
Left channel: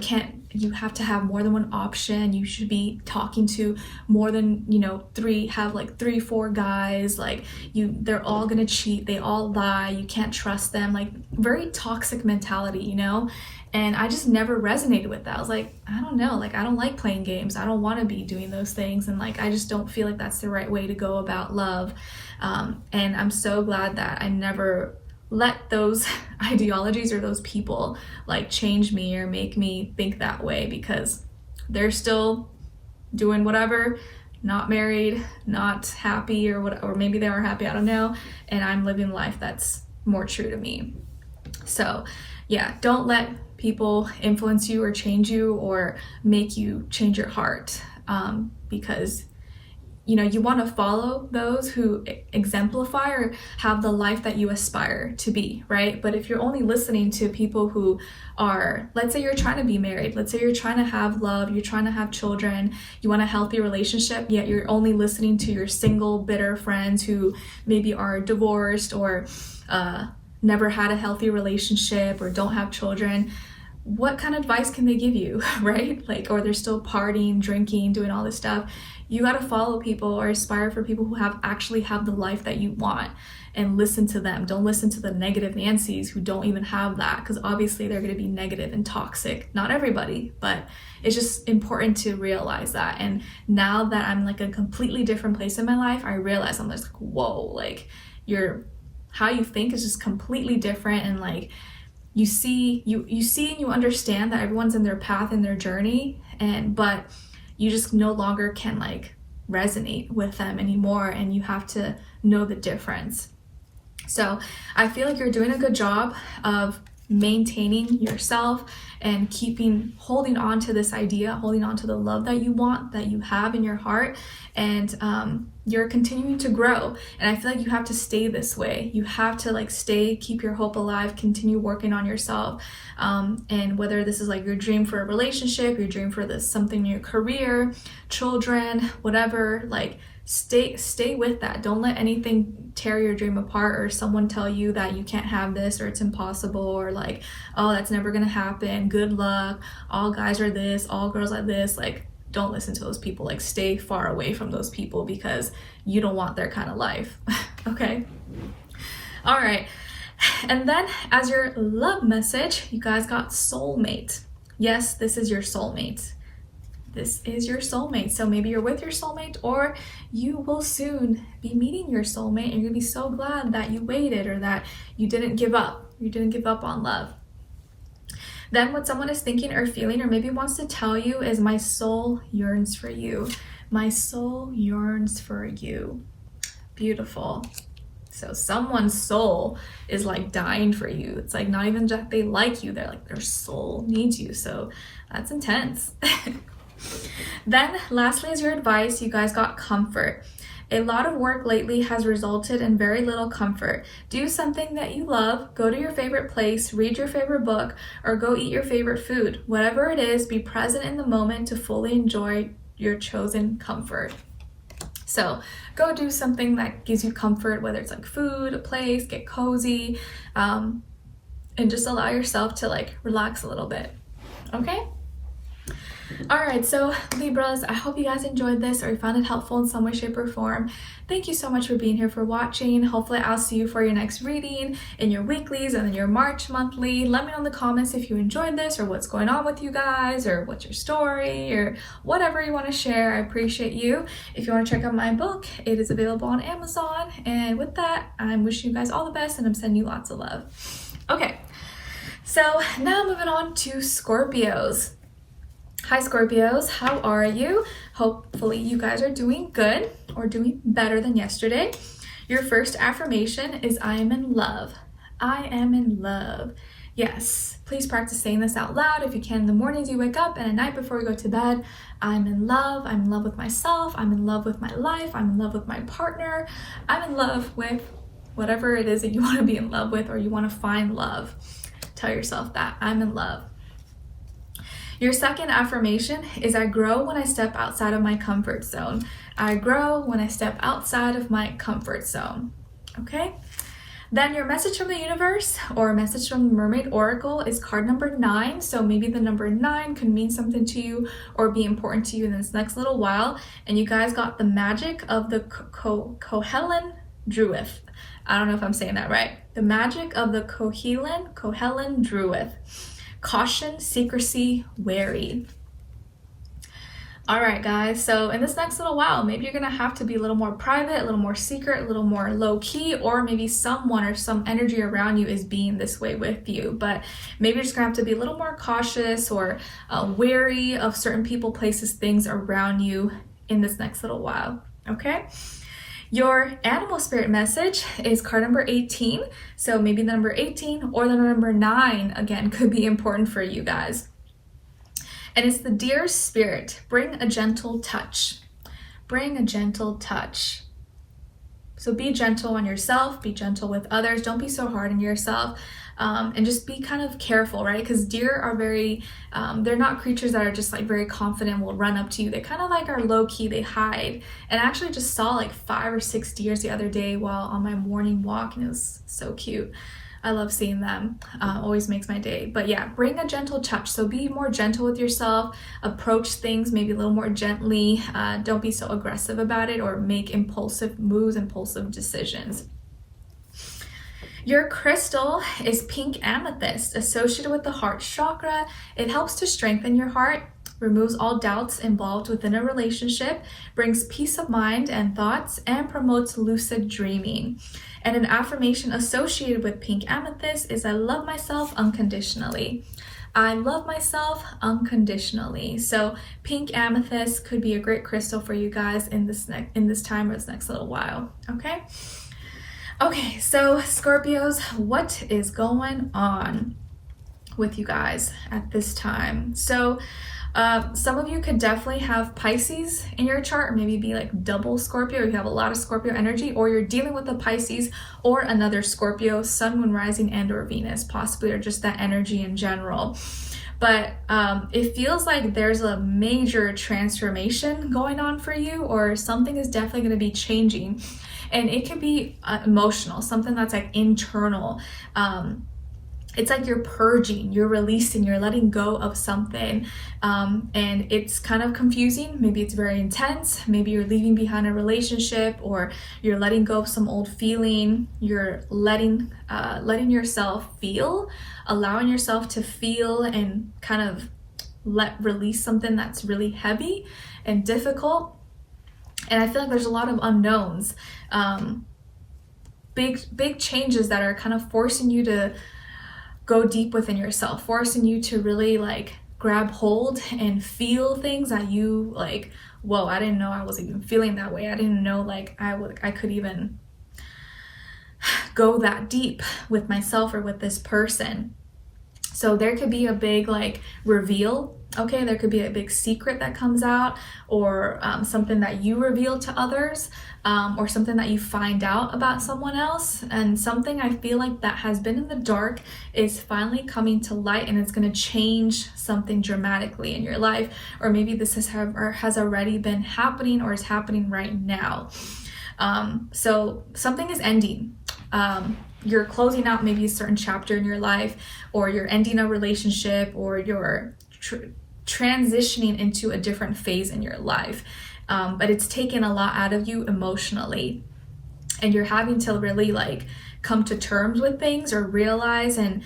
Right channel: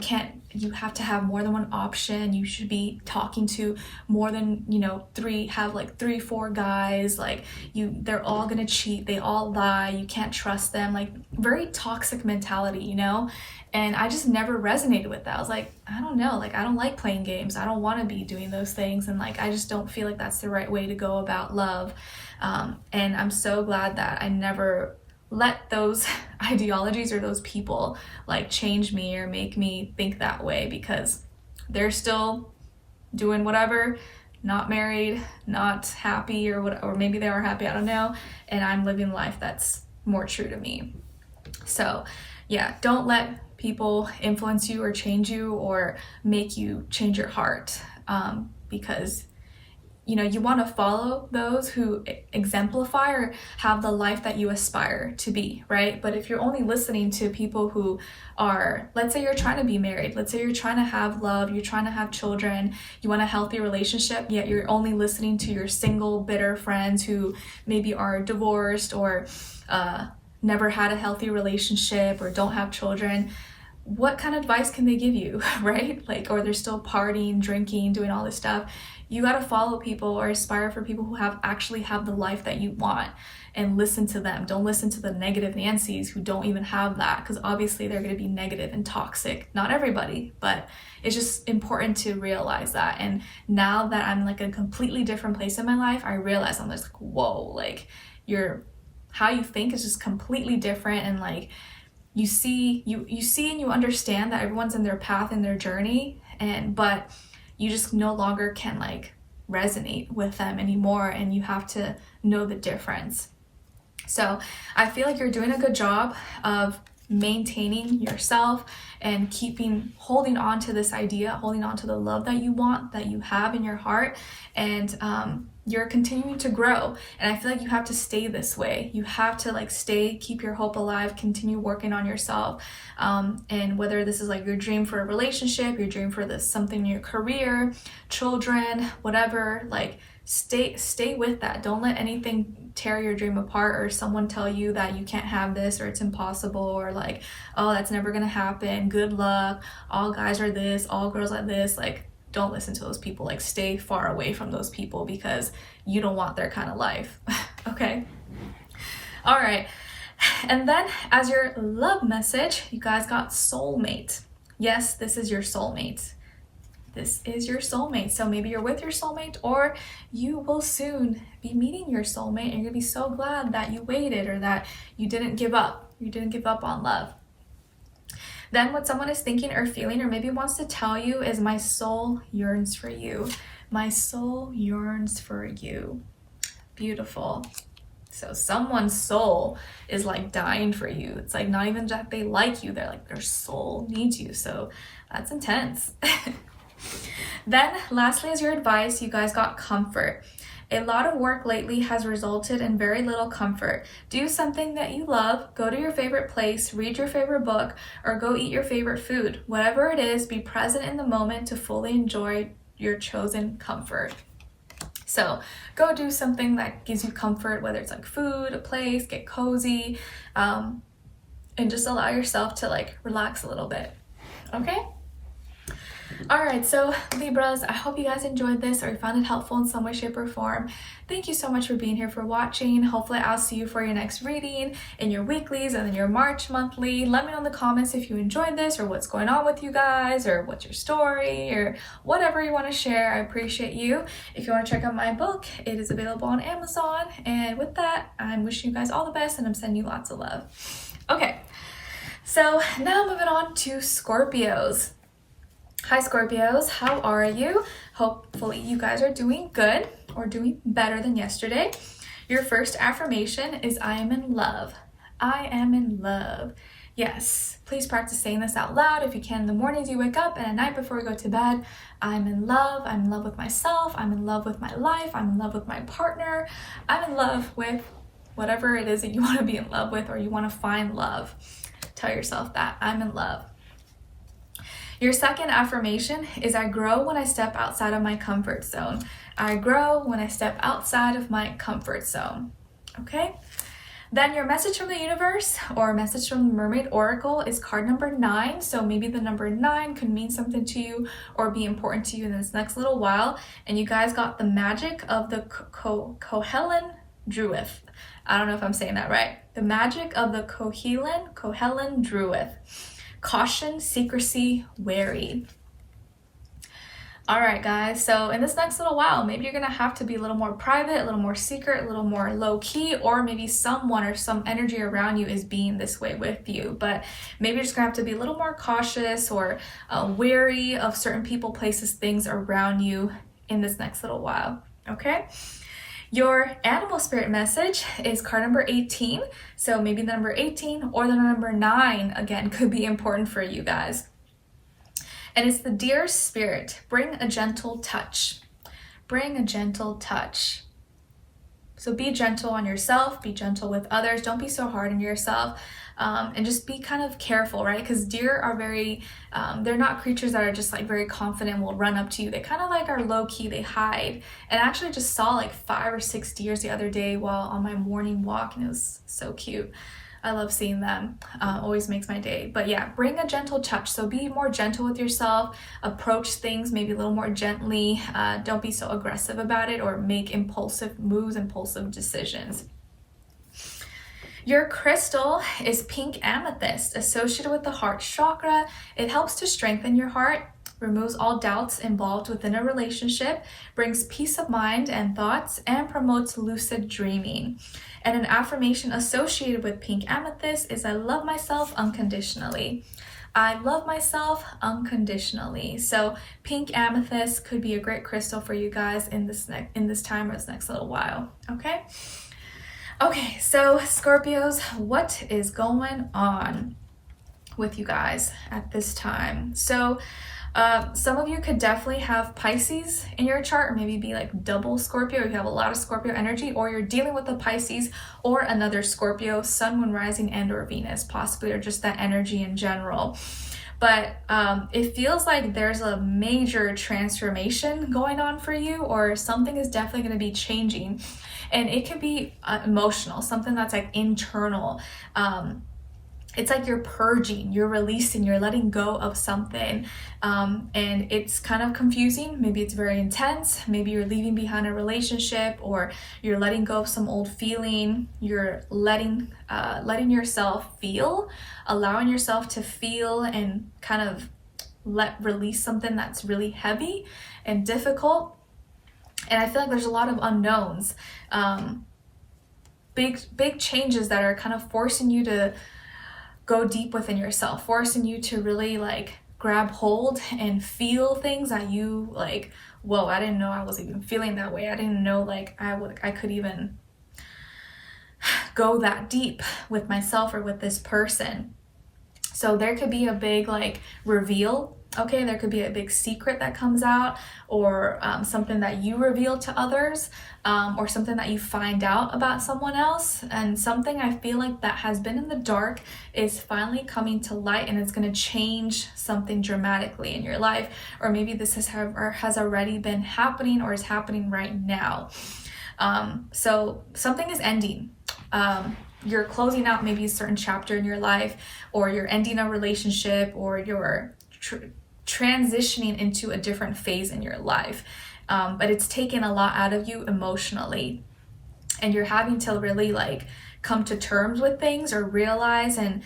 have to have more than one option. You should be talking to more than, you know, have like 3-4 guys. Like, they're all gonna cheat. They all lie. You can't trust them. Like, very toxic mentality, you know? And I just never resonated with that. I was like, I don't know, like, I don't like playing games. I don't want to be doing those things. And like, I just don't feel like that's the right way to go about love. And I'm so glad that I never let those ideologies or those people like change me or make me think that way, because they're still doing whatever, not married, not happy, or what, or maybe they are happy, I don't know. And I'm living life that's more true to me. So yeah, don't let people influence you or change you or make you change your heart, because you know, you want to follow those who exemplify or have the life that you aspire to be, right? But if you're only listening to people who are, let's say you're trying to be married, let's say you're trying to have love, you're trying to have children, you want a healthy relationship, yet you're only listening to your single, bitter friends who maybe are divorced or never had a healthy relationship or don't have children, what kind of advice can they give you, right? Like, or they're still partying, drinking, doing all this stuff. You got to follow people or aspire for people who actually have the life that you want, and listen to them. Don't listen to the negative Nancys who don't even have that, because obviously they're going to be negative and toxic. Not everybody, but it's just important to realize that. And now that I'm like a completely different place in my life, I realize I'm just like, whoa, like how you think is just completely different. And like, you see and you understand that everyone's in their path and their journey, but you just no longer can like resonate with them anymore, and you have to know the difference. So I feel like you're doing a good job of maintaining yourself and holding on to this idea, holding on to the love that you want, that you have in your heart, and you're continuing to grow. And I feel like you have to stay this way. You have to like keep your hope alive, continue working on yourself. And whether this is like your dream for a relationship, your dream for something in your career, children, whatever, like stay with that. Don't let anything tear your dream apart, or someone tell you that you can't have this, or it's impossible, or like, oh, that's never gonna happen, good luck, all guys are this, all girls are this. Like, don't listen to those people. Like, stay far away from those people, because you don't want their kind of life. Okay, all right. And then as your love message, you guys got soulmate. Yes, this is your soulmate. This is your soulmate. So maybe you're with your soulmate, or you will soon be meeting your soulmate, and you're gonna be so glad that you waited, or that you didn't give up. You didn't give up on love. Then what someone is thinking or feeling, or maybe wants to tell you, is my soul yearns for you. My soul yearns for you. Beautiful. So someone's soul is like dying for you. It's like not even that they like you, they're like, their soul needs you. So that's intense. Then lastly, as your advice, you guys got comfort. A lot of work lately has resulted in very little comfort. Do something that you love, go to your favorite place, read your favorite book, or go eat your favorite food. Whatever it is, be present in the moment to fully enjoy your chosen comfort. So go do something that gives you comfort, whether it's like food, a place, get cozy, and just allow yourself to like relax a little bit. Okay? All right, so Libras, I hope you guys enjoyed this or you found it helpful in some way, shape, or form. Thank you so much for being here, for watching. Hopefully I'll see you for your next reading in your weeklies and then your March monthly. Let me know in the comments if you enjoyed this, or what's going on with you guys, or what's your story, or whatever you want to share. I appreciate you. If you want to check out my book, it is available on Amazon. And with that, I'm wishing you guys all the best, and I'm sending you lots of love. Okay, so now moving on to Scorpios. Hi Scorpios, how are you? Hopefully you guys are doing good or doing better than yesterday. Your first affirmation is I am in love. I am in love. Yes, please practice saying this out loud if you can in the mornings you wake up and at night before you go to bed. I'm in love. I'm in love with myself. I'm in love with my life. I'm in love with my partner. I'm in love with whatever it is that you want to be in love with or you want to find love. Tell yourself that. I'm in love. Your second affirmation is I grow when I step outside of my comfort zone. I grow when I step outside of my comfort zone. Okay? Then your message from the universe or message from the Mermaid Oracle is card number 9. So maybe the number 9 could mean something to you or be important to you in this next little while. And you guys got the magic of the Kohelin Druith. I don't know if I'm saying that right. The magic of the Kohelin Druith. Caution, secrecy, wary. All right, guys, so in this next little while, maybe you're gonna have to be a little more private, a little more secret, a little more low-key, or maybe someone or some energy around you is being this way with you. But maybe you're just gonna have to be a little more cautious or wary of certain people, places, things around you in this next little while, okay? Your animal spirit message is card number 18. So maybe the number 18 or the number 9, again, could be important for you guys. And it's the Dear Spirit, bring a gentle touch. Bring a gentle touch. So be gentle on yourself, be gentle with others. Don't be so hard on yourself. And just be kind of careful, right? Because deer are very, they're not creatures that are just like very confident, will run up to you. They kind of like are low key, they hide. And I actually just saw like 5 or 6 deers the other day while on my morning walk, and it was so cute. I love seeing them. Always makes my day. But yeah, bring a gentle touch. So be more gentle with yourself. Approach things maybe a little more gently. Don't be so aggressive about it or make impulsive moves, impulsive decisions. Your crystal is pink amethyst, associated with the heart chakra. It helps to strengthen your heart, removes all doubts involved within a relationship, brings peace of mind and thoughts, and promotes lucid dreaming. And an affirmation associated with pink amethyst is I love myself unconditionally. I love myself unconditionally. So pink amethyst could be a great crystal for you guys in this time or this next little while, okay? Okay, so Scorpios, what is going on with you guys at this time? So some of you could definitely have Pisces in your chart, or maybe be like double Scorpio. You have a lot of Scorpio energy, or you're dealing with a Pisces or another Scorpio, Sun, Moon, Rising, and or Venus, possibly, or just that energy in general. But it feels like there's a major transformation going on for you, or something is definitely going to be changing. And it could be emotional, something that's like internal. It's like you're purging, you're releasing, you're letting go of something. And it's kind of confusing. Maybe it's very intense. Maybe you're leaving behind a relationship, or you're letting go of some old feeling. You're letting yourself feel, allowing yourself to feel and kind of release something that's really heavy and difficult. And I feel like there's a lot of unknowns, big changes that are kind of forcing you to go deep within yourself, forcing you to really like grab hold and feel things that you like, whoa, I didn't know I was even feeling that way. I didn't know like I could even go that deep with myself or with this person. So there could be a big like reveal. Okay, there could be a big secret that comes out, or something that you reveal to others, or something that you find out about someone else, and something I feel like that has been in the dark is finally coming to light, and it's going to change something dramatically in your life, or maybe this has already been happening or is happening right now. So something is ending. You're closing out maybe a certain chapter in your life, or you're ending a relationship, or you're transitioning into a different phase in your life. But it's taken a lot out of you emotionally, and you're having to really like come to terms with things or realize, and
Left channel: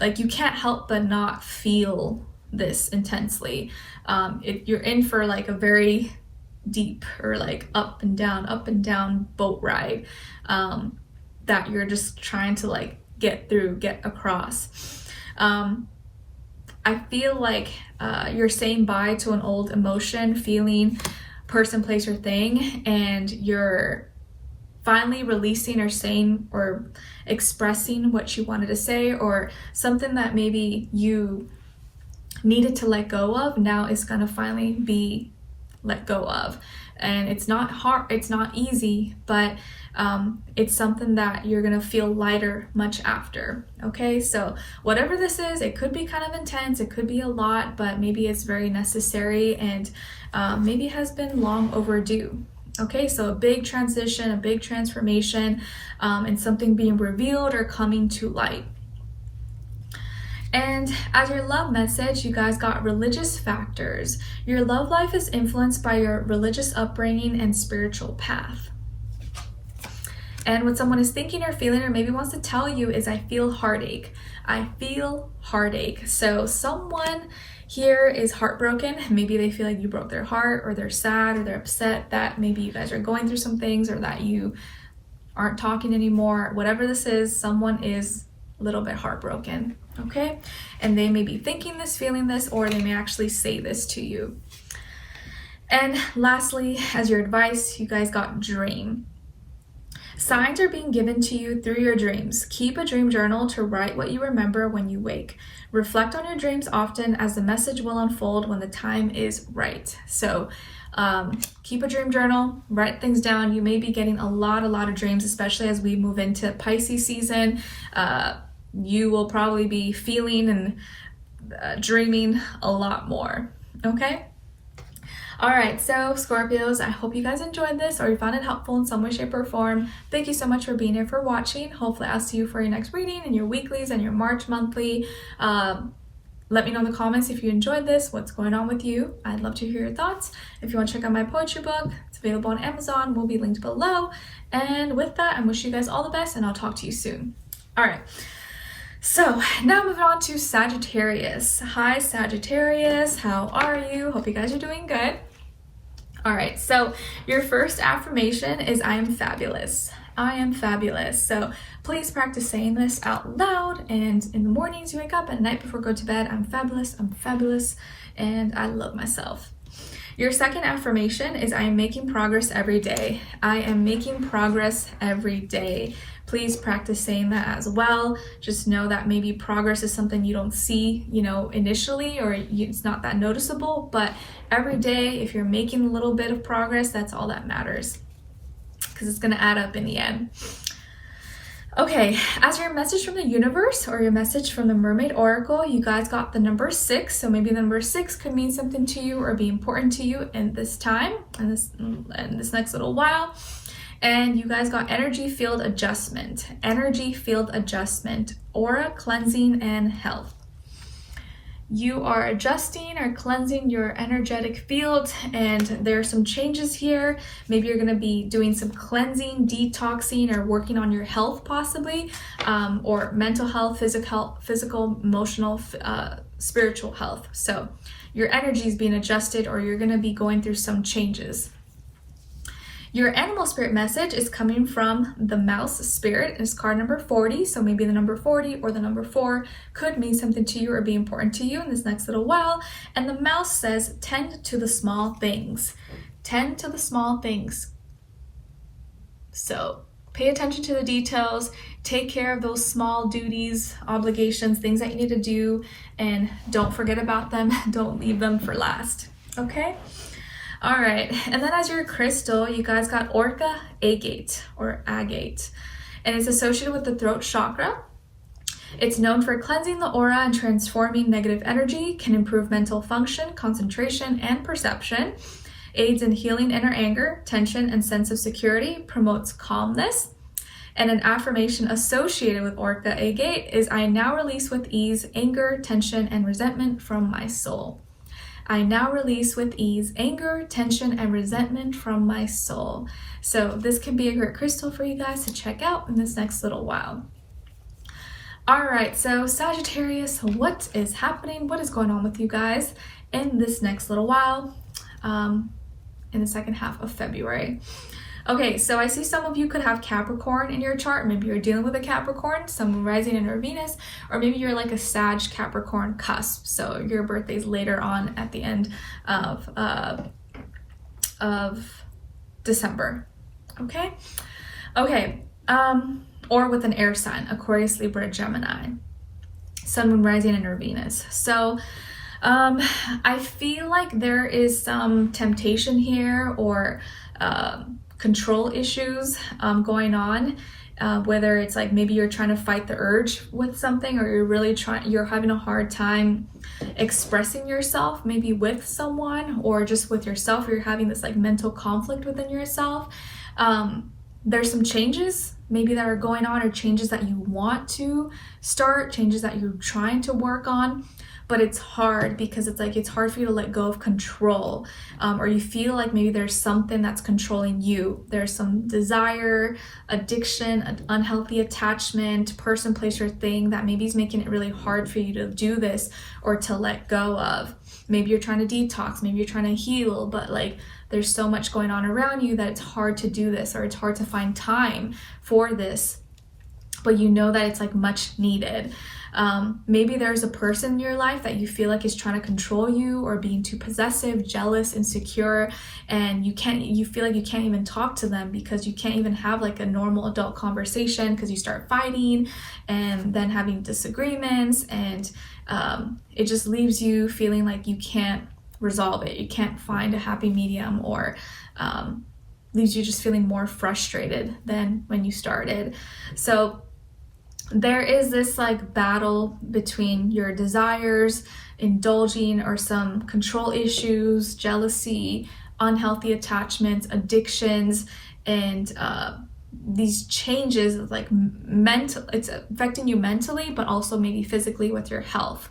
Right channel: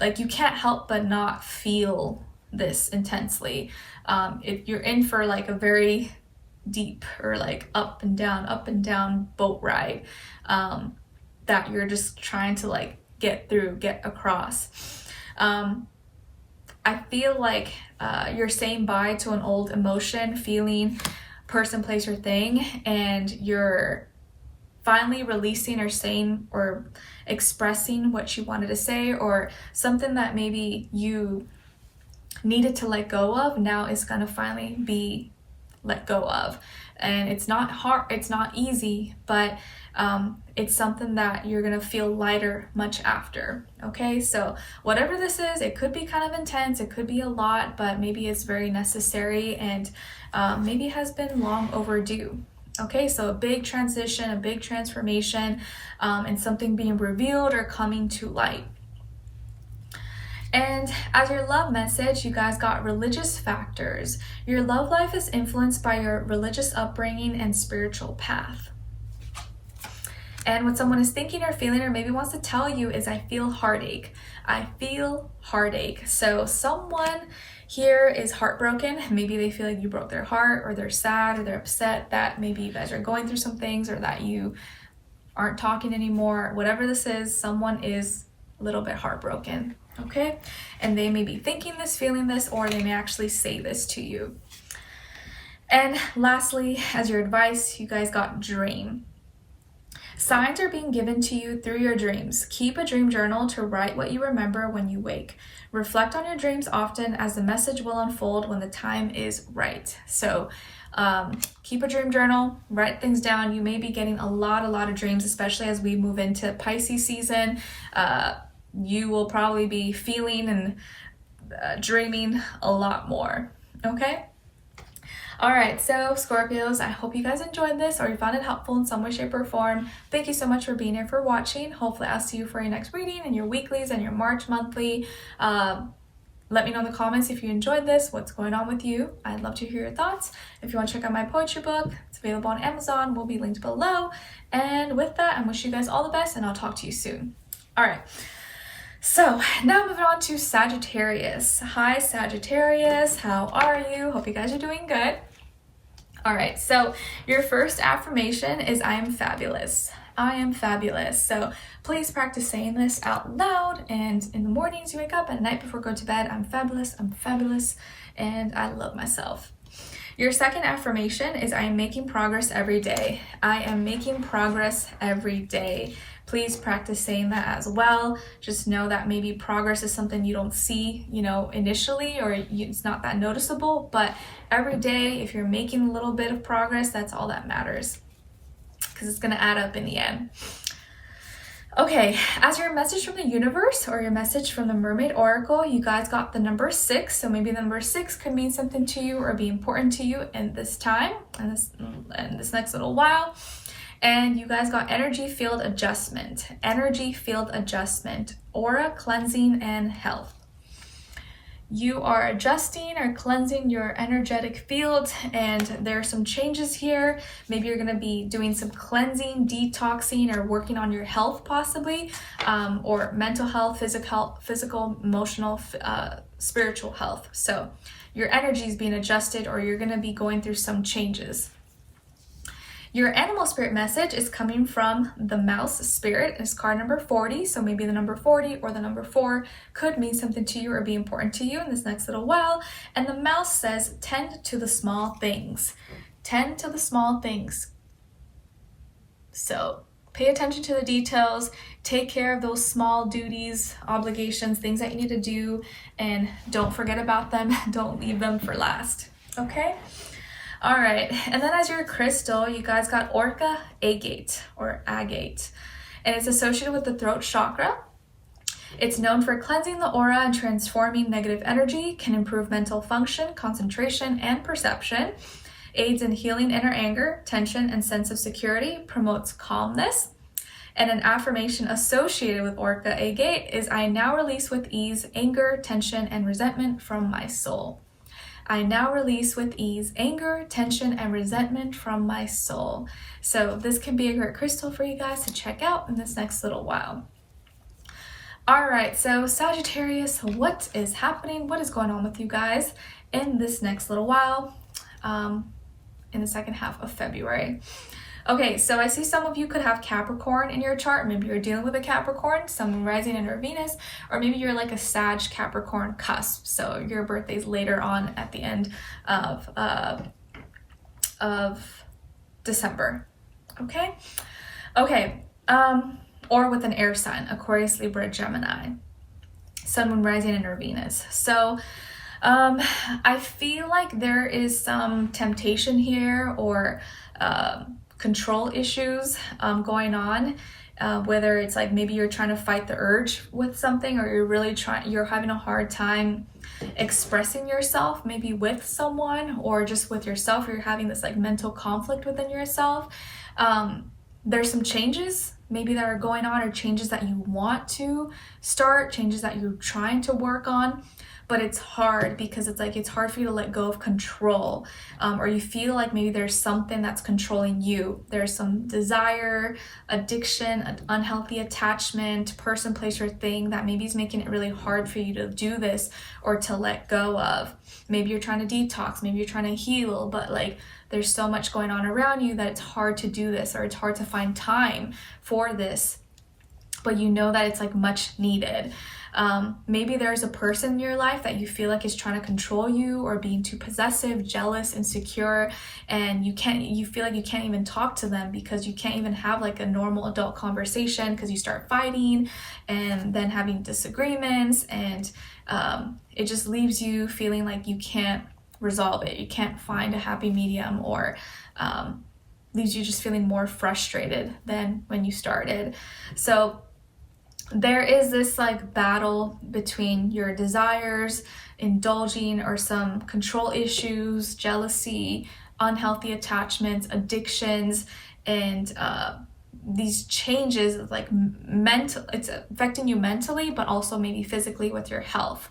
like you can't help but not feel this intensely. You're in for like a very deep or like up and down boat ride, that you're just trying to like get across. I feel like you're saying bye to an old emotion, feeling, person, place, or thing, and you're finally releasing or saying or expressing what you wanted to say, or something that maybe you needed to let go of now is gonna finally be let go of. And it's not hard, it's not easy, but it's something that you're gonna feel lighter much after. Okay, so whatever this is, it could be kind of intense, it could be a lot, but maybe it's very necessary, and maybe has been long overdue. Okay, so a big transition, a big transformation, and something being revealed or coming to light. And as your love message, you guys got religious factors. Your love life is influenced by your religious upbringing and spiritual path. And what someone is thinking or feeling or maybe wants to tell you is, I feel heartache. I feel heartache. So someone here is heartbroken. Maybe they feel like you broke their heart, or they're sad, or they're upset that maybe you guys are going through some things, or that you aren't talking anymore. Whatever this is, someone is a little bit heartbroken. Okay, and they may be thinking this, feeling this, or they may actually say this to you. And lastly, as your advice, you guys got dream. Signs are being given to you through your dreams. Keep a dream journal to write what you remember when you wake. Reflect on your dreams often, as the message will unfold when the time is right. So keep a dream journal, write things down. You may be getting a lot of dreams, especially as we move into Pisces season. You will probably be feeling and dreaming a lot more. Okay? All right, so Scorpios, I hope you guys enjoyed this, or you found it helpful in some way, shape, or form. Thank you so much for being here, for watching. Hopefully I'll see you for your next reading and your weeklies and your March monthly. Let me know in the comments if you enjoyed this, what's going on with you. I'd love to hear your thoughts. If you want to check out my poetry book, it's available on Amazon, will be linked below. And with that, I wish you guys all the best, and I'll talk to you soon. All right. So now moving on to Sagittarius. Hi Sagittarius, how are you? Hope you guys are doing good. All right, so your first affirmation is, I am fabulous. I am fabulous. So please practice saying this out loud, and in the mornings you wake up, at night before go to bed, I'm fabulous, and I love myself. Your second affirmation is, I am making progress every day. I am making progress every day. Please practice saying that as well. Just know that maybe progress is something you don't see, initially, or it's not that noticeable, but every day, if you're making a little bit of progress, that's all that matters, because it's gonna add up in the end. Okay, as your message from the universe, or your message from the Mermaid Oracle, you guys got the number 6. So maybe the number 6 could mean something to you or be important to you in this time, and this next little while. And you guys got energy field adjustment, aura cleansing, and health. You are adjusting or cleansing your energetic field, and there are some changes here. Maybe you're going to be doing some cleansing, detoxing, or working on your health possibly, or mental health, physical, emotional, spiritual health. So your energy is being adjusted, or you're going to be going through some changes. Your animal spirit message is coming from the mouse spirit. It's card number 40. So maybe the number 40 or the number 4 could mean something to you or be important to you in this next little while. And the mouse says, tend to the small things. Tend to the small things. So pay attention to the details. Take care of those small duties, obligations, things that you need to do. And don't forget about them. Don't leave them for last. Okay? All right, and then as your crystal, you guys got Orca Agate, or Agate, and it's associated with the throat chakra. It's known for cleansing the aura and transforming negative energy, can improve mental function, concentration, and perception, aids in healing inner anger, tension, and sense of security, promotes calmness. And an affirmation associated with Orca Agate is, I now release with ease anger, tension, and resentment from my soul. I now release with ease anger, tension, and resentment from my soul. So this can be a great crystal for you guys to check out in this next little while. All right, so Sagittarius, what is happening? What is going on with you guys in this next little while, in the second half of February? Okay, so I see some of you could have Capricorn in your chart. Maybe you're dealing with a Capricorn, Sun, rising, in your Venus, or maybe you're like a Sag Capricorn cusp. So your birthday's later on at the end of December. Okay, or with an air sign, Aquarius, Libra, Gemini, Sun, Moon, rising, in your Venus. So I feel like there is some temptation here, or control issues going on, whether it's like maybe you're trying to fight the urge with something, or you're having a hard time expressing yourself, maybe with someone or just with yourself, or you're having this like mental conflict within yourself. There's some changes maybe that are going on, or changes that you want to start, changes that you're trying to work on. But it's hard because it's hard for you to let go of control, or you feel like maybe there's something that's controlling you. There's some desire, addiction, an unhealthy attachment, person, place, or thing that maybe is making it really hard for you to do this or to let go of. Maybe you're trying to detox, maybe you're trying to heal, but like there's so much going on around you that it's hard to do this, or it's hard to find time for this, but you know that it's like much needed. Maybe there's a person in your life that you feel like is trying to control you, or being too possessive, jealous, insecure, and you feel like you can't even talk to them because you can't even have like a normal adult conversation, because you start fighting and then having disagreements, and it just leaves you feeling like you can't resolve it. You can't find a happy medium, or leaves you just feeling more frustrated than when you started. So there is this like battle between your desires, indulging, or some control issues, jealousy, unhealthy attachments, addictions, and these changes, like it's affecting you mentally, but also maybe physically with your health.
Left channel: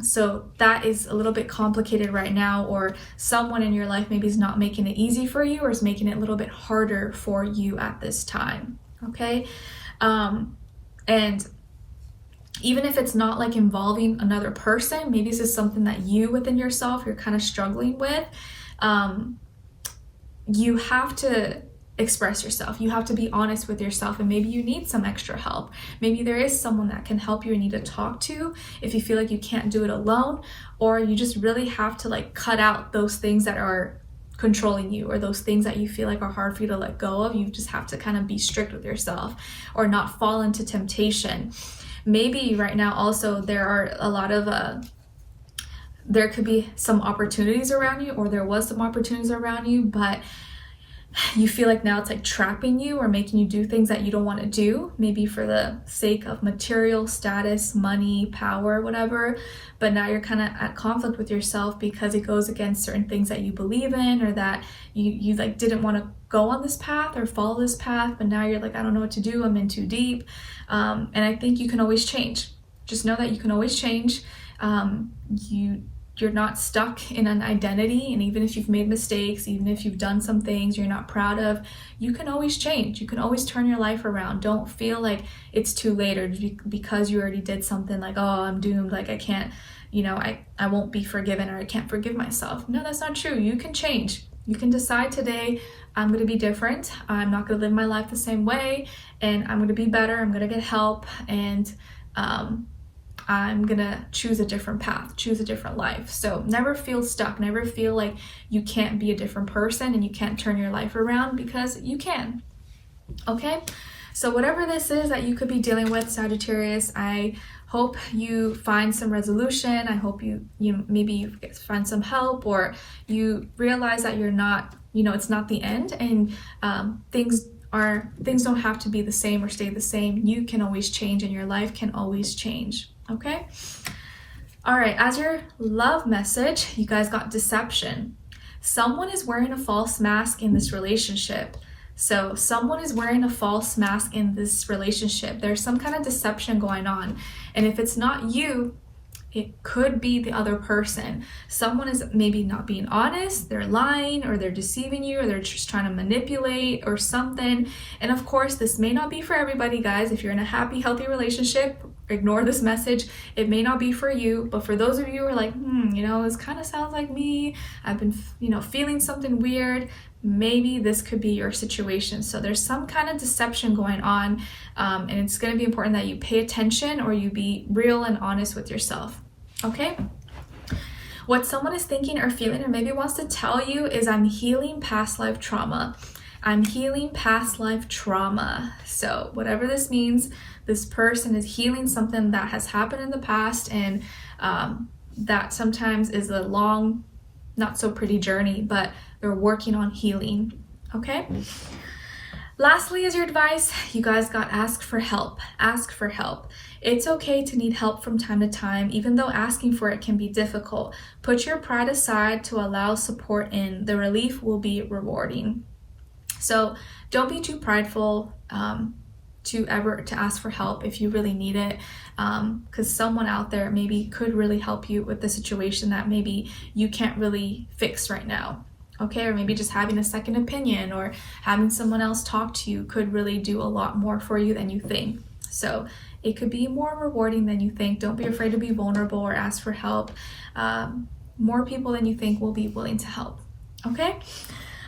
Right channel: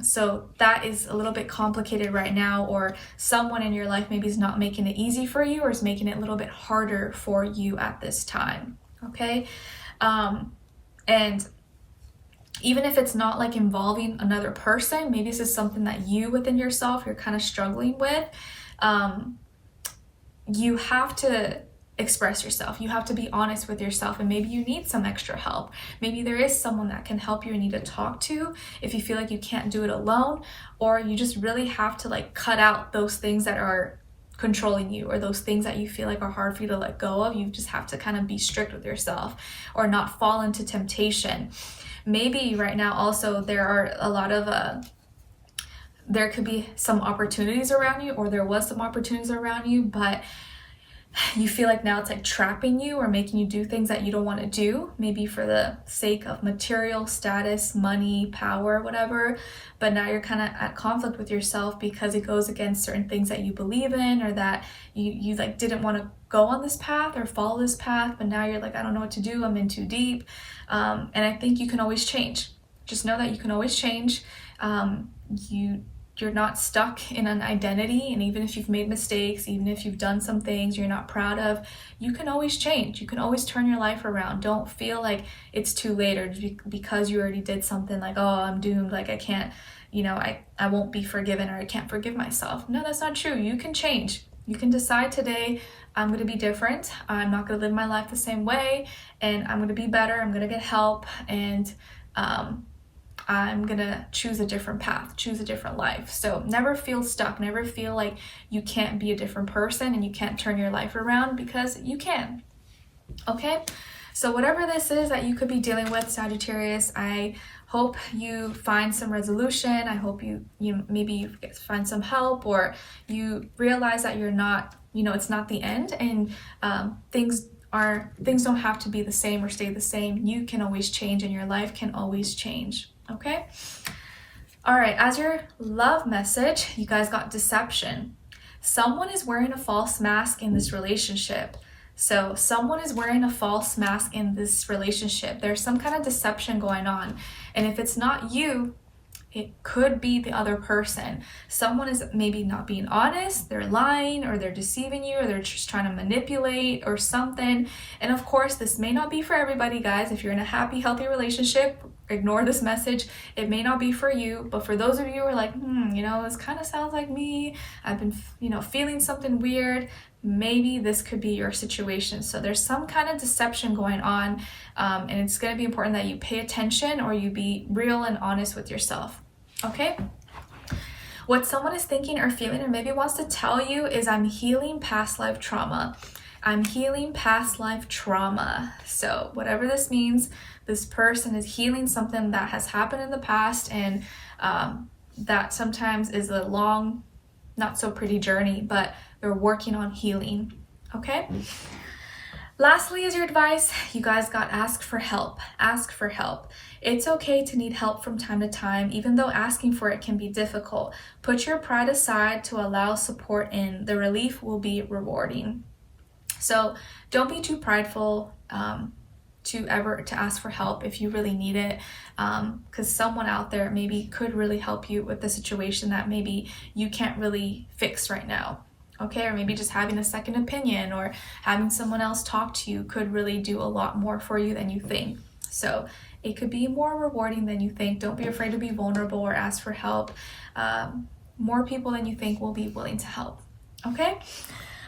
So that is a little bit complicated right now, or someone in your life maybe is not making it easy for you, or is making it a little bit harder for you at this time. Okay. And even if it's not like involving another person, maybe this is something that you within yourself, you're kind of struggling with. You have to express yourself. You have to be honest with yourself, and maybe you need some extra help. Maybe there is someone that can help you and need to talk to if you feel like you can't do it alone, or you just really have to like cut out those things that are controlling you, or those things that you feel like are hard for you to let go of. You just have to kind of be strict with yourself, or not fall into temptation. Maybe right now also there are a lot of there could be some opportunities around you, or there was some opportunities around you, but you feel like now it's like trapping you, or making you do things that you don't want to do, maybe for the sake of material status, money, power, whatever. But now you're kind of at conflict with yourself because it goes against certain things that you believe in, or that you like didn't want to go on this path or follow this path, but now you're like, I don't know what to do, I'm in too deep. And I think you can always change. Just know that you can always change. You're not stuck in an identity, and even if you've made mistakes, even if you've done some things you're not proud of, you can always change. You can always turn your life around. Don't feel like it's too late, or because you already did something like, oh, I'm doomed, like I can't, I won't be forgiven, or I can't forgive myself. No, that's not true. You can change. You can decide today, I'm going to be different. I'm not going to live my life the same way, and I'm going to be better. I'm going to get help, and I'm gonna choose a different path, choose a different life. So never feel stuck, never feel like you can't be a different person and you can't turn your life around, because you can. Okay, so whatever this is that you could be dealing with, Sagittarius, I hope you find some resolution. I hope you maybe find some help, or you realize that you're not, it's not the end, and things don't have to be the same or stay the same. You can always change, and your life can always change. Okay. All right. As your love message, you guys got deception. Someone is wearing a false mask in this relationship. So someone is wearing a false mask in this relationship. There's some kind of deception going on. And if it's not you, it could be the other person. Someone is maybe not being honest, they're lying, or they're deceiving you, or they're just trying to manipulate or something. And of course, this may not be for everybody, guys. If you're in a happy, healthy relationship, ignore this message. It may not be for you, but for those of you who are like, you know, this kind of sounds like me, I've been, you know, feeling something weird, maybe this could be your situation. So there's some kind of deception going on, and it's going to be important that you pay attention or you be real and honest with yourself. Okay? What someone is thinking or feeling or maybe wants to tell you is, I'm healing past life trauma. I'm healing past life trauma. So whatever this means, this person is healing something that has happened in the past, and that sometimes is a long, not so pretty journey, but they're working on healing. Okay? Lastly, is your advice, you guys got ask for help. Ask for help. It's okay to need help from time to time, even though asking for it can be difficult. Put your pride aside to allow support in. The relief will be rewarding. So don't be too prideful to ask for help if you really need it, because someone out there maybe could really help you with the situation that maybe you can't really fix right now. Okay, or maybe just having a second opinion or having someone else talk to you could really do a lot more for you than you think. So it could be more rewarding than you think. Don't be afraid to be vulnerable or ask for help. More people than you think will be willing to help. Okay?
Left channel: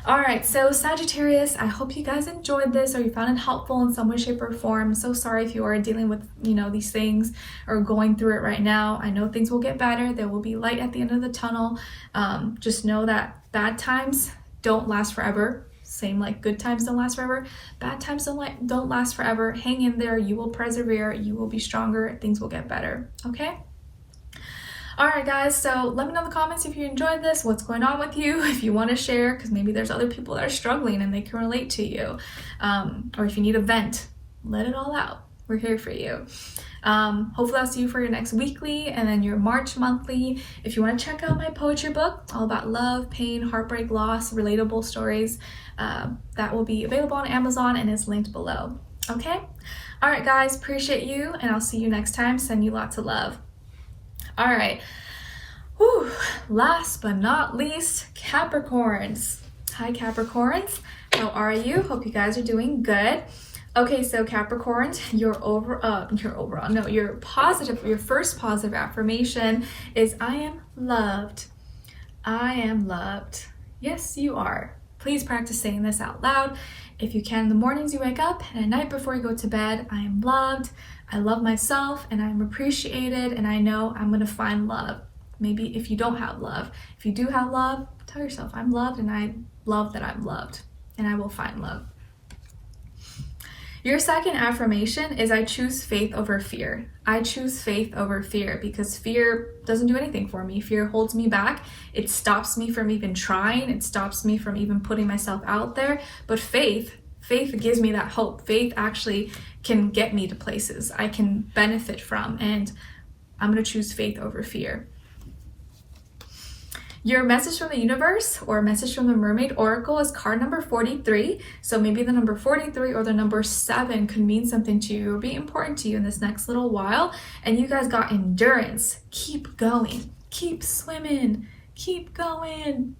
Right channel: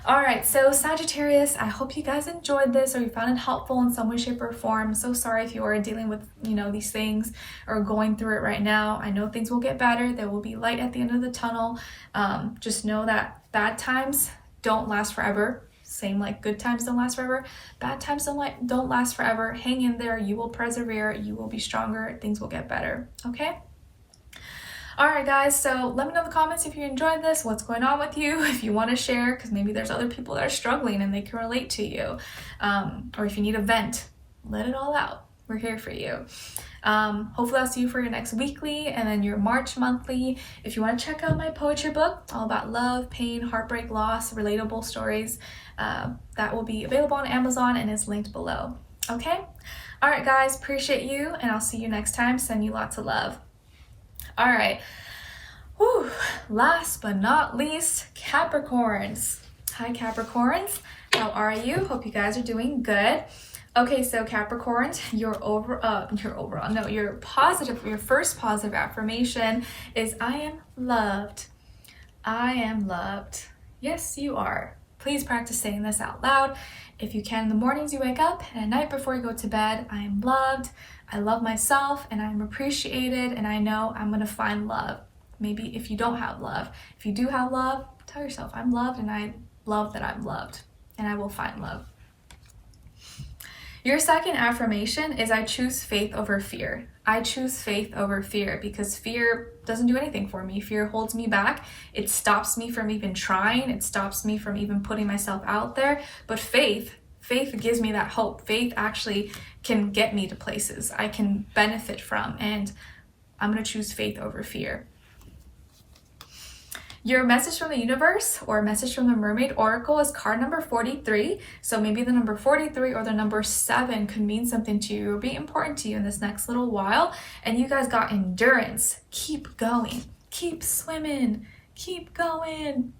All right, so Sagittarius, I hope you guys enjoyed this or you found it helpful in some way, shape, or form. I'm so sorry if you are dealing with, you know, these things or going through it right now. I know things will get better. There will be light at the end of the tunnel. Just know that bad times don't last forever. Same like good times don't last forever. Bad times don't last forever. Hang in there. You will persevere. You will be stronger. Things will get better. Okay? All right, guys, so let me know in the comments if you enjoyed this, what's going on with you, if you want to share, because maybe there's other people that are struggling and they can relate to you. Or if you need a vent, let it all out. We're here for you. Hopefully I'll see you for your next weekly and then your March monthly. If you want to check out my poetry book, all about love, pain, heartbreak, loss, relatable stories, that will be available on Amazon and is linked below. Okay? All right, guys, appreciate you, and I'll see you next time. Send you lots of love. All right, whew. Last but not least, Capricorns. Hi, Capricorns. How are you? Hope you guys are doing good. Okay, so Capricorns, your first positive affirmation is, I am loved. I am loved. Yes, you are. Please practice saying this out loud. If you can, in the mornings you wake up and at night before you go to bed, I am loved. I love myself and I'm appreciated, and I know I'm going to find love. Maybe if you don't have love. If you do have love, tell yourself, I'm loved and I love that I'm loved, and I will find love. Your second affirmation is, I choose faith over fear. I choose faith over fear because fear doesn't do anything for me. Fear holds me back. It stops me from even trying. It stops me from even putting myself out there. But faith gives me that hope. Faith actually can get me to places I can benefit from, and I'm going to choose faith over fear. Your message from the universe or message from the Mermaid Oracle is card number 43. So maybe the number 43 or the number 7 could mean something to you or be important to you in this next little while. And you guys got endurance. Keep going. Keep swimming. Keep going.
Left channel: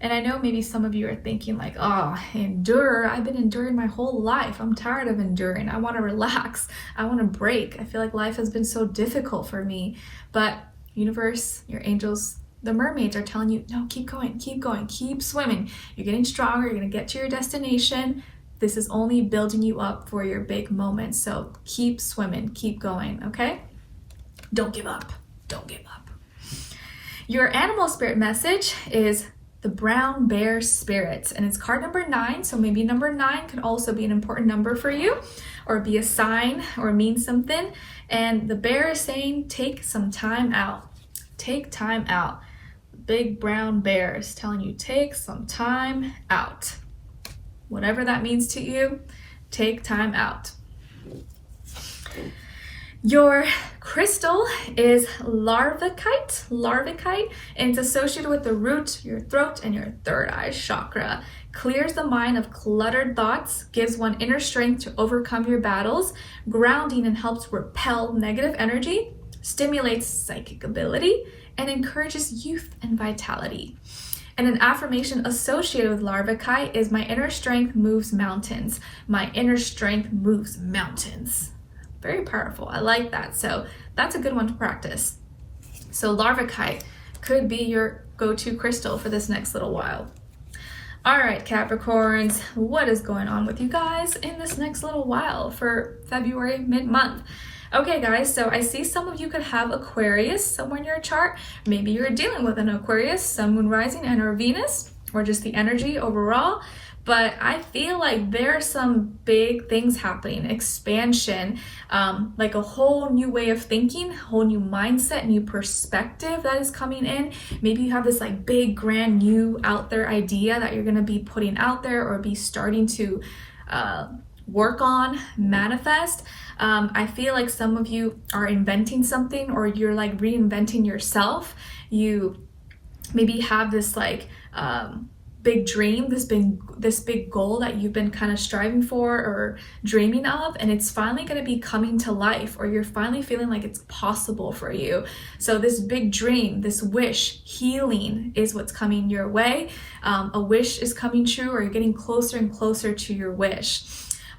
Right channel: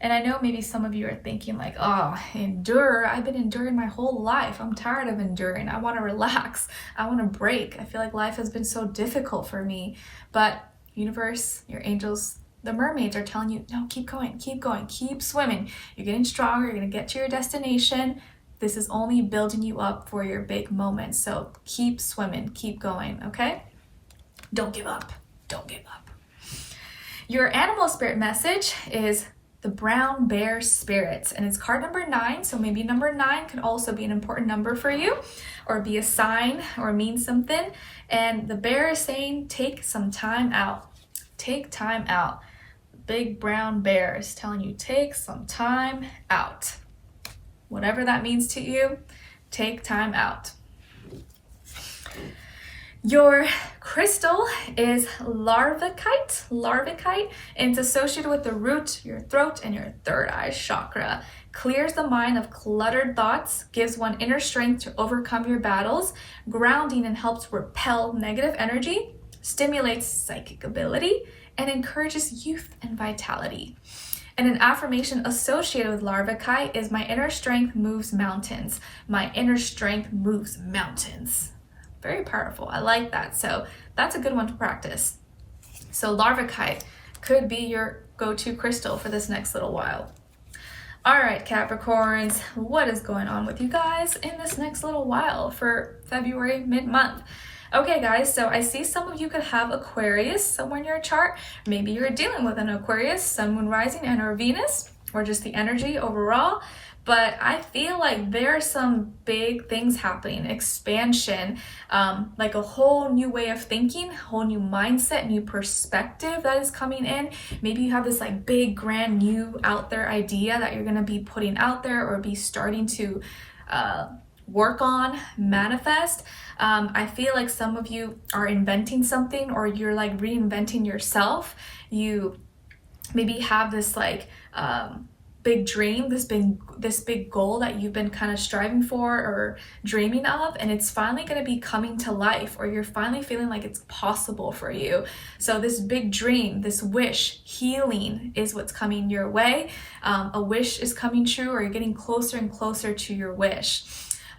And I know maybe some of you are thinking like, oh, endure. I've been enduring my whole life. I'm tired of enduring. I want to relax. I want to break. I feel like life has been so difficult for me. But universe, your angels, the mermaids are telling you, no, keep going, keep swimming. You're getting stronger. You're going to get to your destination. This is only building you up for your big moments. So keep swimming, keep going, okay? Don't give up. Don't give up. Your animal spirit message is the brown bear spirits, and it's card number 9. So maybe number 9 can also be an important number for you or be a sign or mean something. And the bear is saying, take some time out. Take time out. Big brown bear is telling you, take some time out. Whatever that means to you, take time out. Your crystal is larvikite, and it's associated with the root, your throat, and your third eye chakra. Clears the mind of cluttered thoughts, gives one inner strength to overcome your battles, grounding and helps repel negative energy, stimulates psychic ability, and encourages youth and vitality. And an affirmation associated with larvikite is, my inner strength moves mountains. My inner strength moves mountains. Very powerful. I like that. So that's a good one to practice. So larvikite could be your go-to crystal for this next little while. All right, Capricorns, what is going on with you guys in this next little while for February mid-month? Okay, guys, so I see some of you could have Aquarius somewhere in your chart. Maybe you're dealing with an Aquarius, Sun, Moon, Rising, and or Venus, or just the energy overall. But I feel like there are some big things happening, expansion, like a whole new way of thinking, whole new mindset, new perspective that is coming in. Maybe you have this like big, grand, new out there idea that you're gonna be putting out there or be starting to work on, manifest. I feel like some of you are inventing something, or you're like reinventing yourself. You maybe have this like big dream, this big goal that you've been kind of striving for or dreaming of, and it's finally going to be coming to life, or you're finally feeling like it's possible for you. So this big dream, this wish, healing is what's coming your way. A wish is coming true, or you're getting closer and closer to your wish.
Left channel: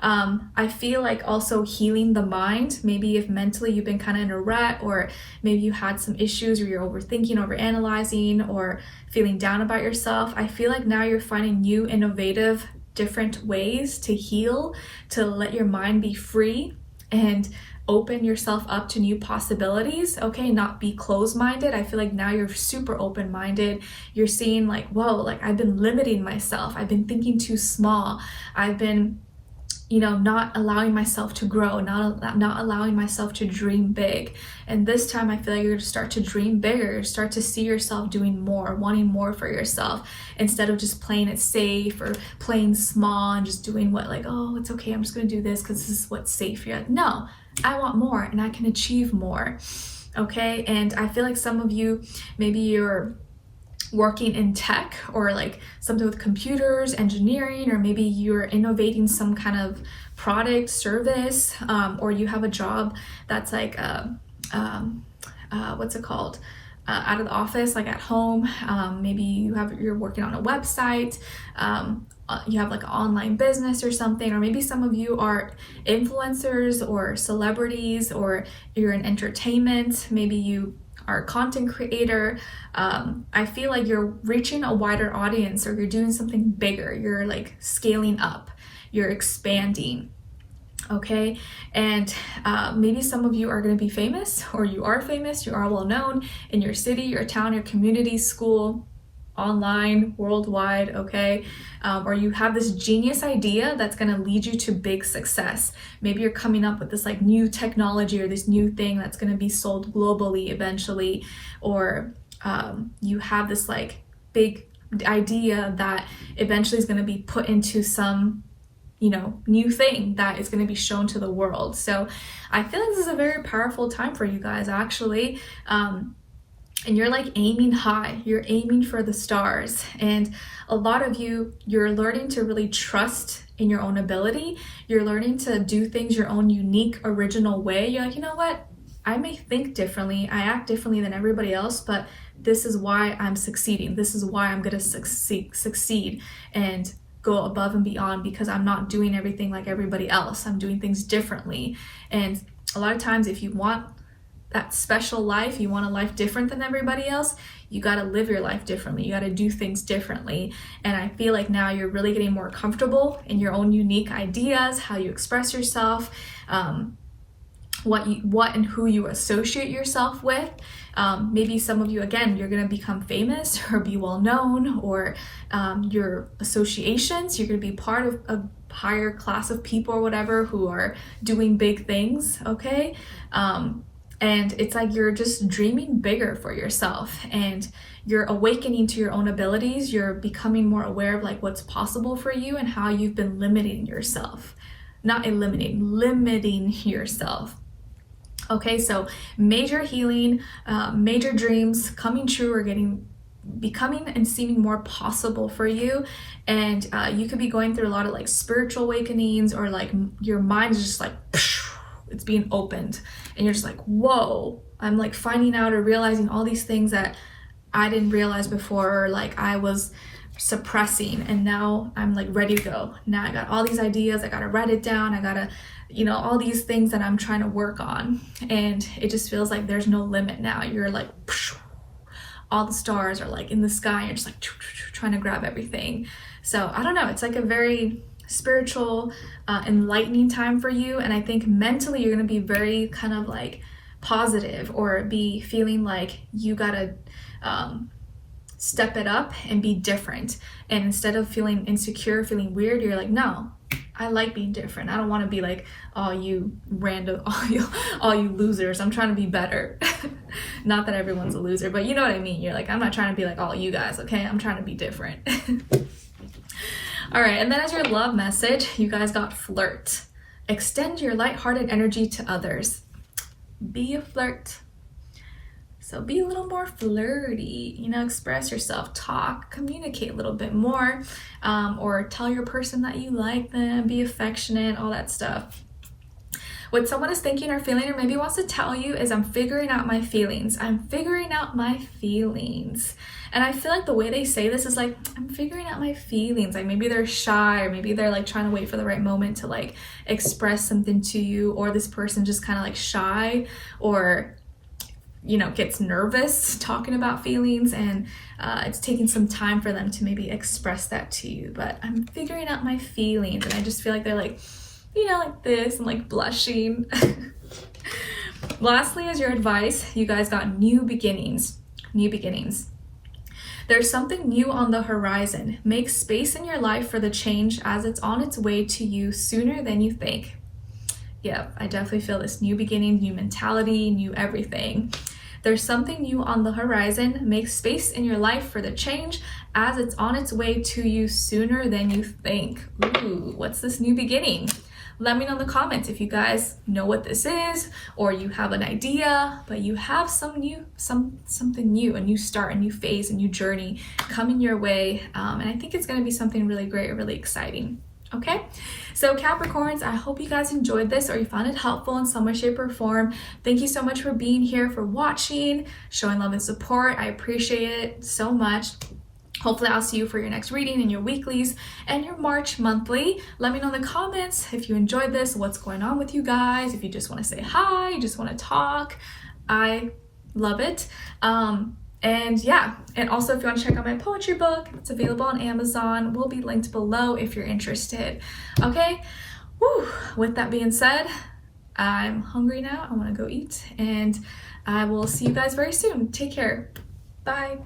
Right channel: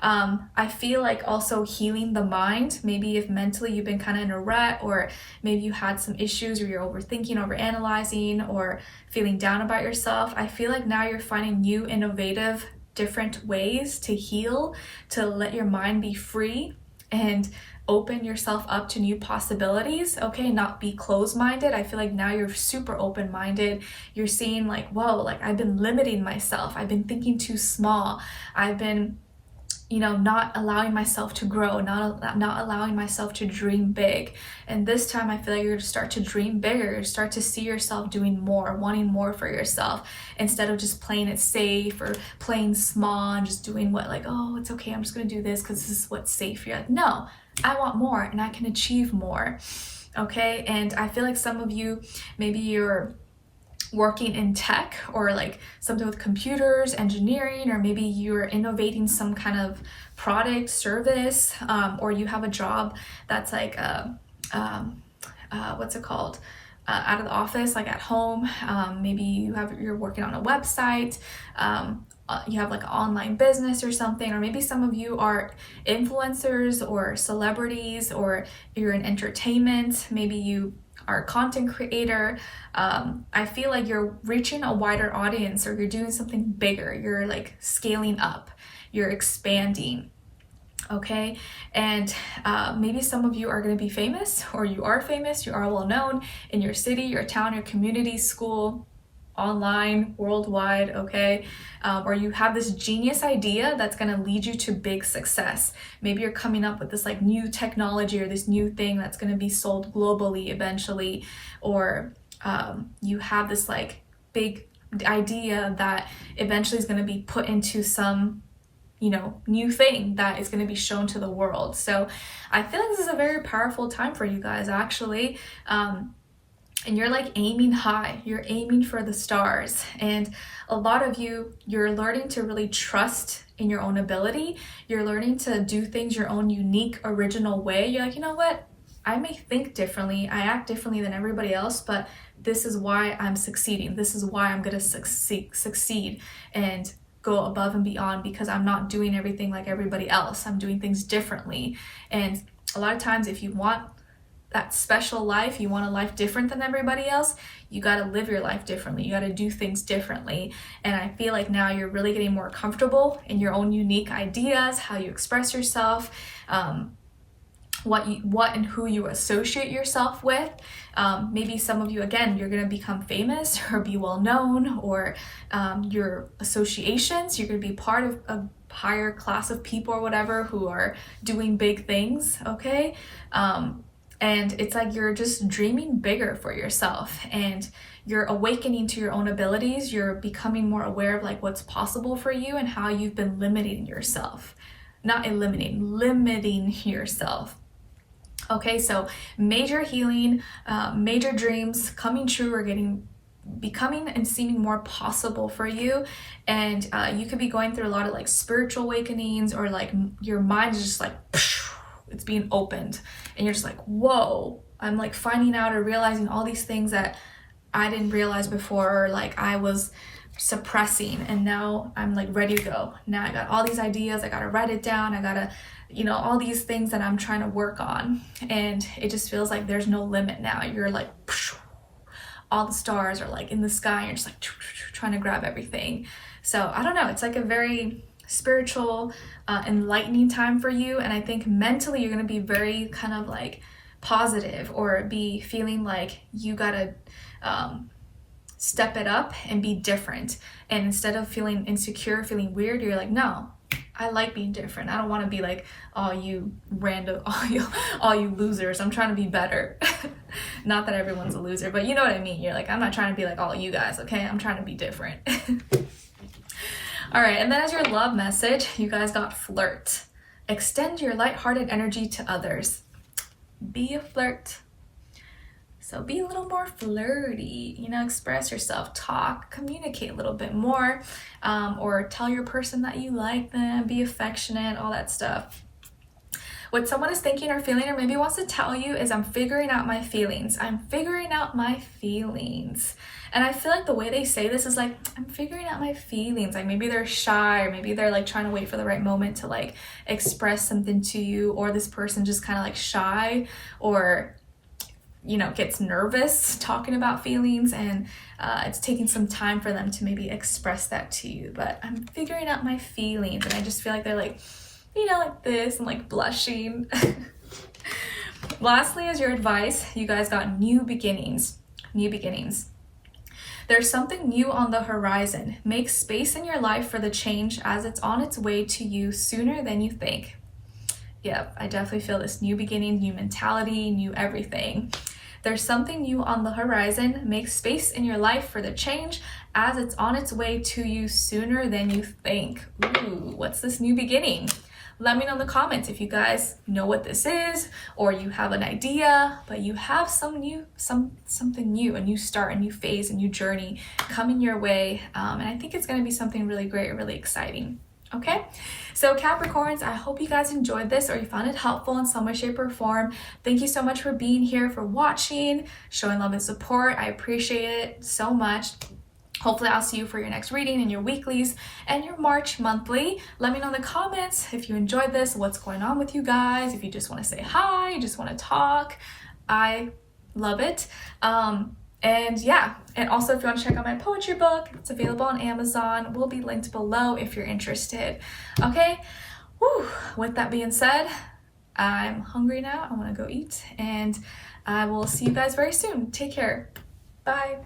I feel like also healing the mind. Maybe if mentally you've been kind of in a rut, or maybe you had some issues where you're overthinking, overanalyzing, or feeling down about yourself. I feel like now you're finding new, innovative, different ways to heal, to let your mind be free and open yourself up to new possibilities. Okay, not be closed-minded. I feel like now you're super open-minded. You're seeing like, whoa, like I've been limiting myself. I've been thinking too small. I've been, you know, not allowing myself to grow, not allowing myself to dream big. And this time I feel like you're going to start to dream bigger, start to see yourself doing more, wanting more for yourself, instead of just playing it safe or playing small and just doing what, like, oh, it's okay, I'm just going to do this because this is what's safe. You're like, no, I want more and I can achieve more. Okay, and I feel like some of you, maybe you're working in tech, or like something with computers, engineering, or maybe you're innovating some kind of product, service, or you have a job that's like what's it called, out of the office, like at home. Maybe you're working on a website, you have like an online business or something, or maybe some of you are influencers or celebrities, or you're in entertainment. Maybe you are a content creator. I feel like you're reaching a wider audience, or you're doing something bigger. You're like scaling up, you're expanding. Okay, and maybe some of you are going to be famous, or you are famous, you are well known in your city, your town, your community, school, online, worldwide. Okay, or you have this genius idea that's going to lead you to big success. Maybe you're coming up with this like new technology, or this new thing that's going to be sold globally eventually, or you have this like big idea that eventually is going to be put into some, you know, new thing that is going to be shown to the world. So I feel like this is a very powerful time for you guys, actually. And you're like aiming high, you're aiming for the stars. And a lot of you, you're learning to really trust in your own ability. You're learning to do things your own unique, original way. You're like, you know what? I may think differently, I act differently than everybody else, but this is why I'm succeeding. This is why I'm gonna succeed and go above and beyond, because I'm not doing everything like everybody else. I'm doing things differently. And a lot of times, if you want that special life, you want a life different than everybody else, you got to live your life differently. You got to do things differently. And I feel like now you're really getting more comfortable in your own unique ideas, how you express yourself, what and who you associate yourself with. Maybe some of you, again, you're going to become famous or be well known, or your associations, you're going to be part of a higher class of people or whatever who are doing big things. Okay. And it's like you're just dreaming bigger for yourself, and you're awakening to your own abilities. You're becoming more aware of like what's possible for you and how you've been limiting yourself. Not eliminating, limiting yourself. Okay, so major healing, major dreams coming true, or becoming and seeming more possible for you. And you could be going through a lot of like spiritual awakenings, or like your mind is just like it's being opened, and you're just like, whoa, I'm like finding out or realizing all these things that I didn't realize before, or like I was suppressing, and now I'm like ready to go. Now I got all these ideas, I gotta write it down, I gotta, you know, all these things that I'm trying to work on, and it just feels like there's no limit now. You're like, all the stars are like in the sky, and you're just like trying to grab everything. So I don't know, it's like a very spiritual, enlightening time for you, and I think mentally you're gonna be very kind of like positive, or be feeling like you gotta step it up and be different. And instead of feeling insecure, feeling weird, you're like, no, I like being different. I don't want to be like all you random, all you losers. I'm trying to be better. Not that everyone's a loser, but you know what I mean. You're like, I'm not trying to be like all you guys, okay? I'm trying to be different. All right, and then as your love message, you guys got flirt. Extend your lighthearted energy to others. Be a flirt. So be a little more flirty, you know, express yourself, talk, communicate a little bit more, or tell your person that you like them, be affectionate, all that stuff. What someone is thinking or feeling, or maybe wants to tell you, is I'm figuring out my feelings. I'm figuring out my feelings. And I feel like the way they say this is like, I'm figuring out my feelings. Like maybe they're shy, or maybe they're like trying to wait for the right moment to like express something to you, or this person just kind of like shy, or you know, gets nervous talking about feelings, and it's taking some time for them to maybe express that to you. But I'm figuring out my feelings, and I just feel like they're like, you know, like this, and like blushing. Lastly, as your advice, you guys got new beginnings. New beginnings. There's something new on the horizon. Make space in your life for the change, as it's on its way to you sooner than you think. Yeah, I definitely feel this new beginning, new mentality, new everything. There's something new on the horizon. Make space in your life for the change, as it's on its way to you sooner than you think. Ooh, what's this new beginning? Let me know in the comments if you guys know what this is, or you have an idea, but you have something new, a new start, a new phase, a new journey coming your way. And I think it's gonna be something really great, really exciting. Okay, so Capricorns, I hope you guys enjoyed this, or you found it helpful in some way, shape, or form. Thank you so much for being here, for watching, showing love and support. I appreciate it so much. Hopefully I'll see you for your next reading and your weeklies and your March monthly. Let me know in the comments if you enjoyed this, what's going on with you guys, if you just want to say hi, you just want to talk. I love it. And yeah, and also if you want to check out my poetry book, it's available on Amazon. Will be linked below if you're interested. Okay, woo. With that being said, I'm hungry now. I want to go eat, and I will see you guys very soon. Take care. Bye.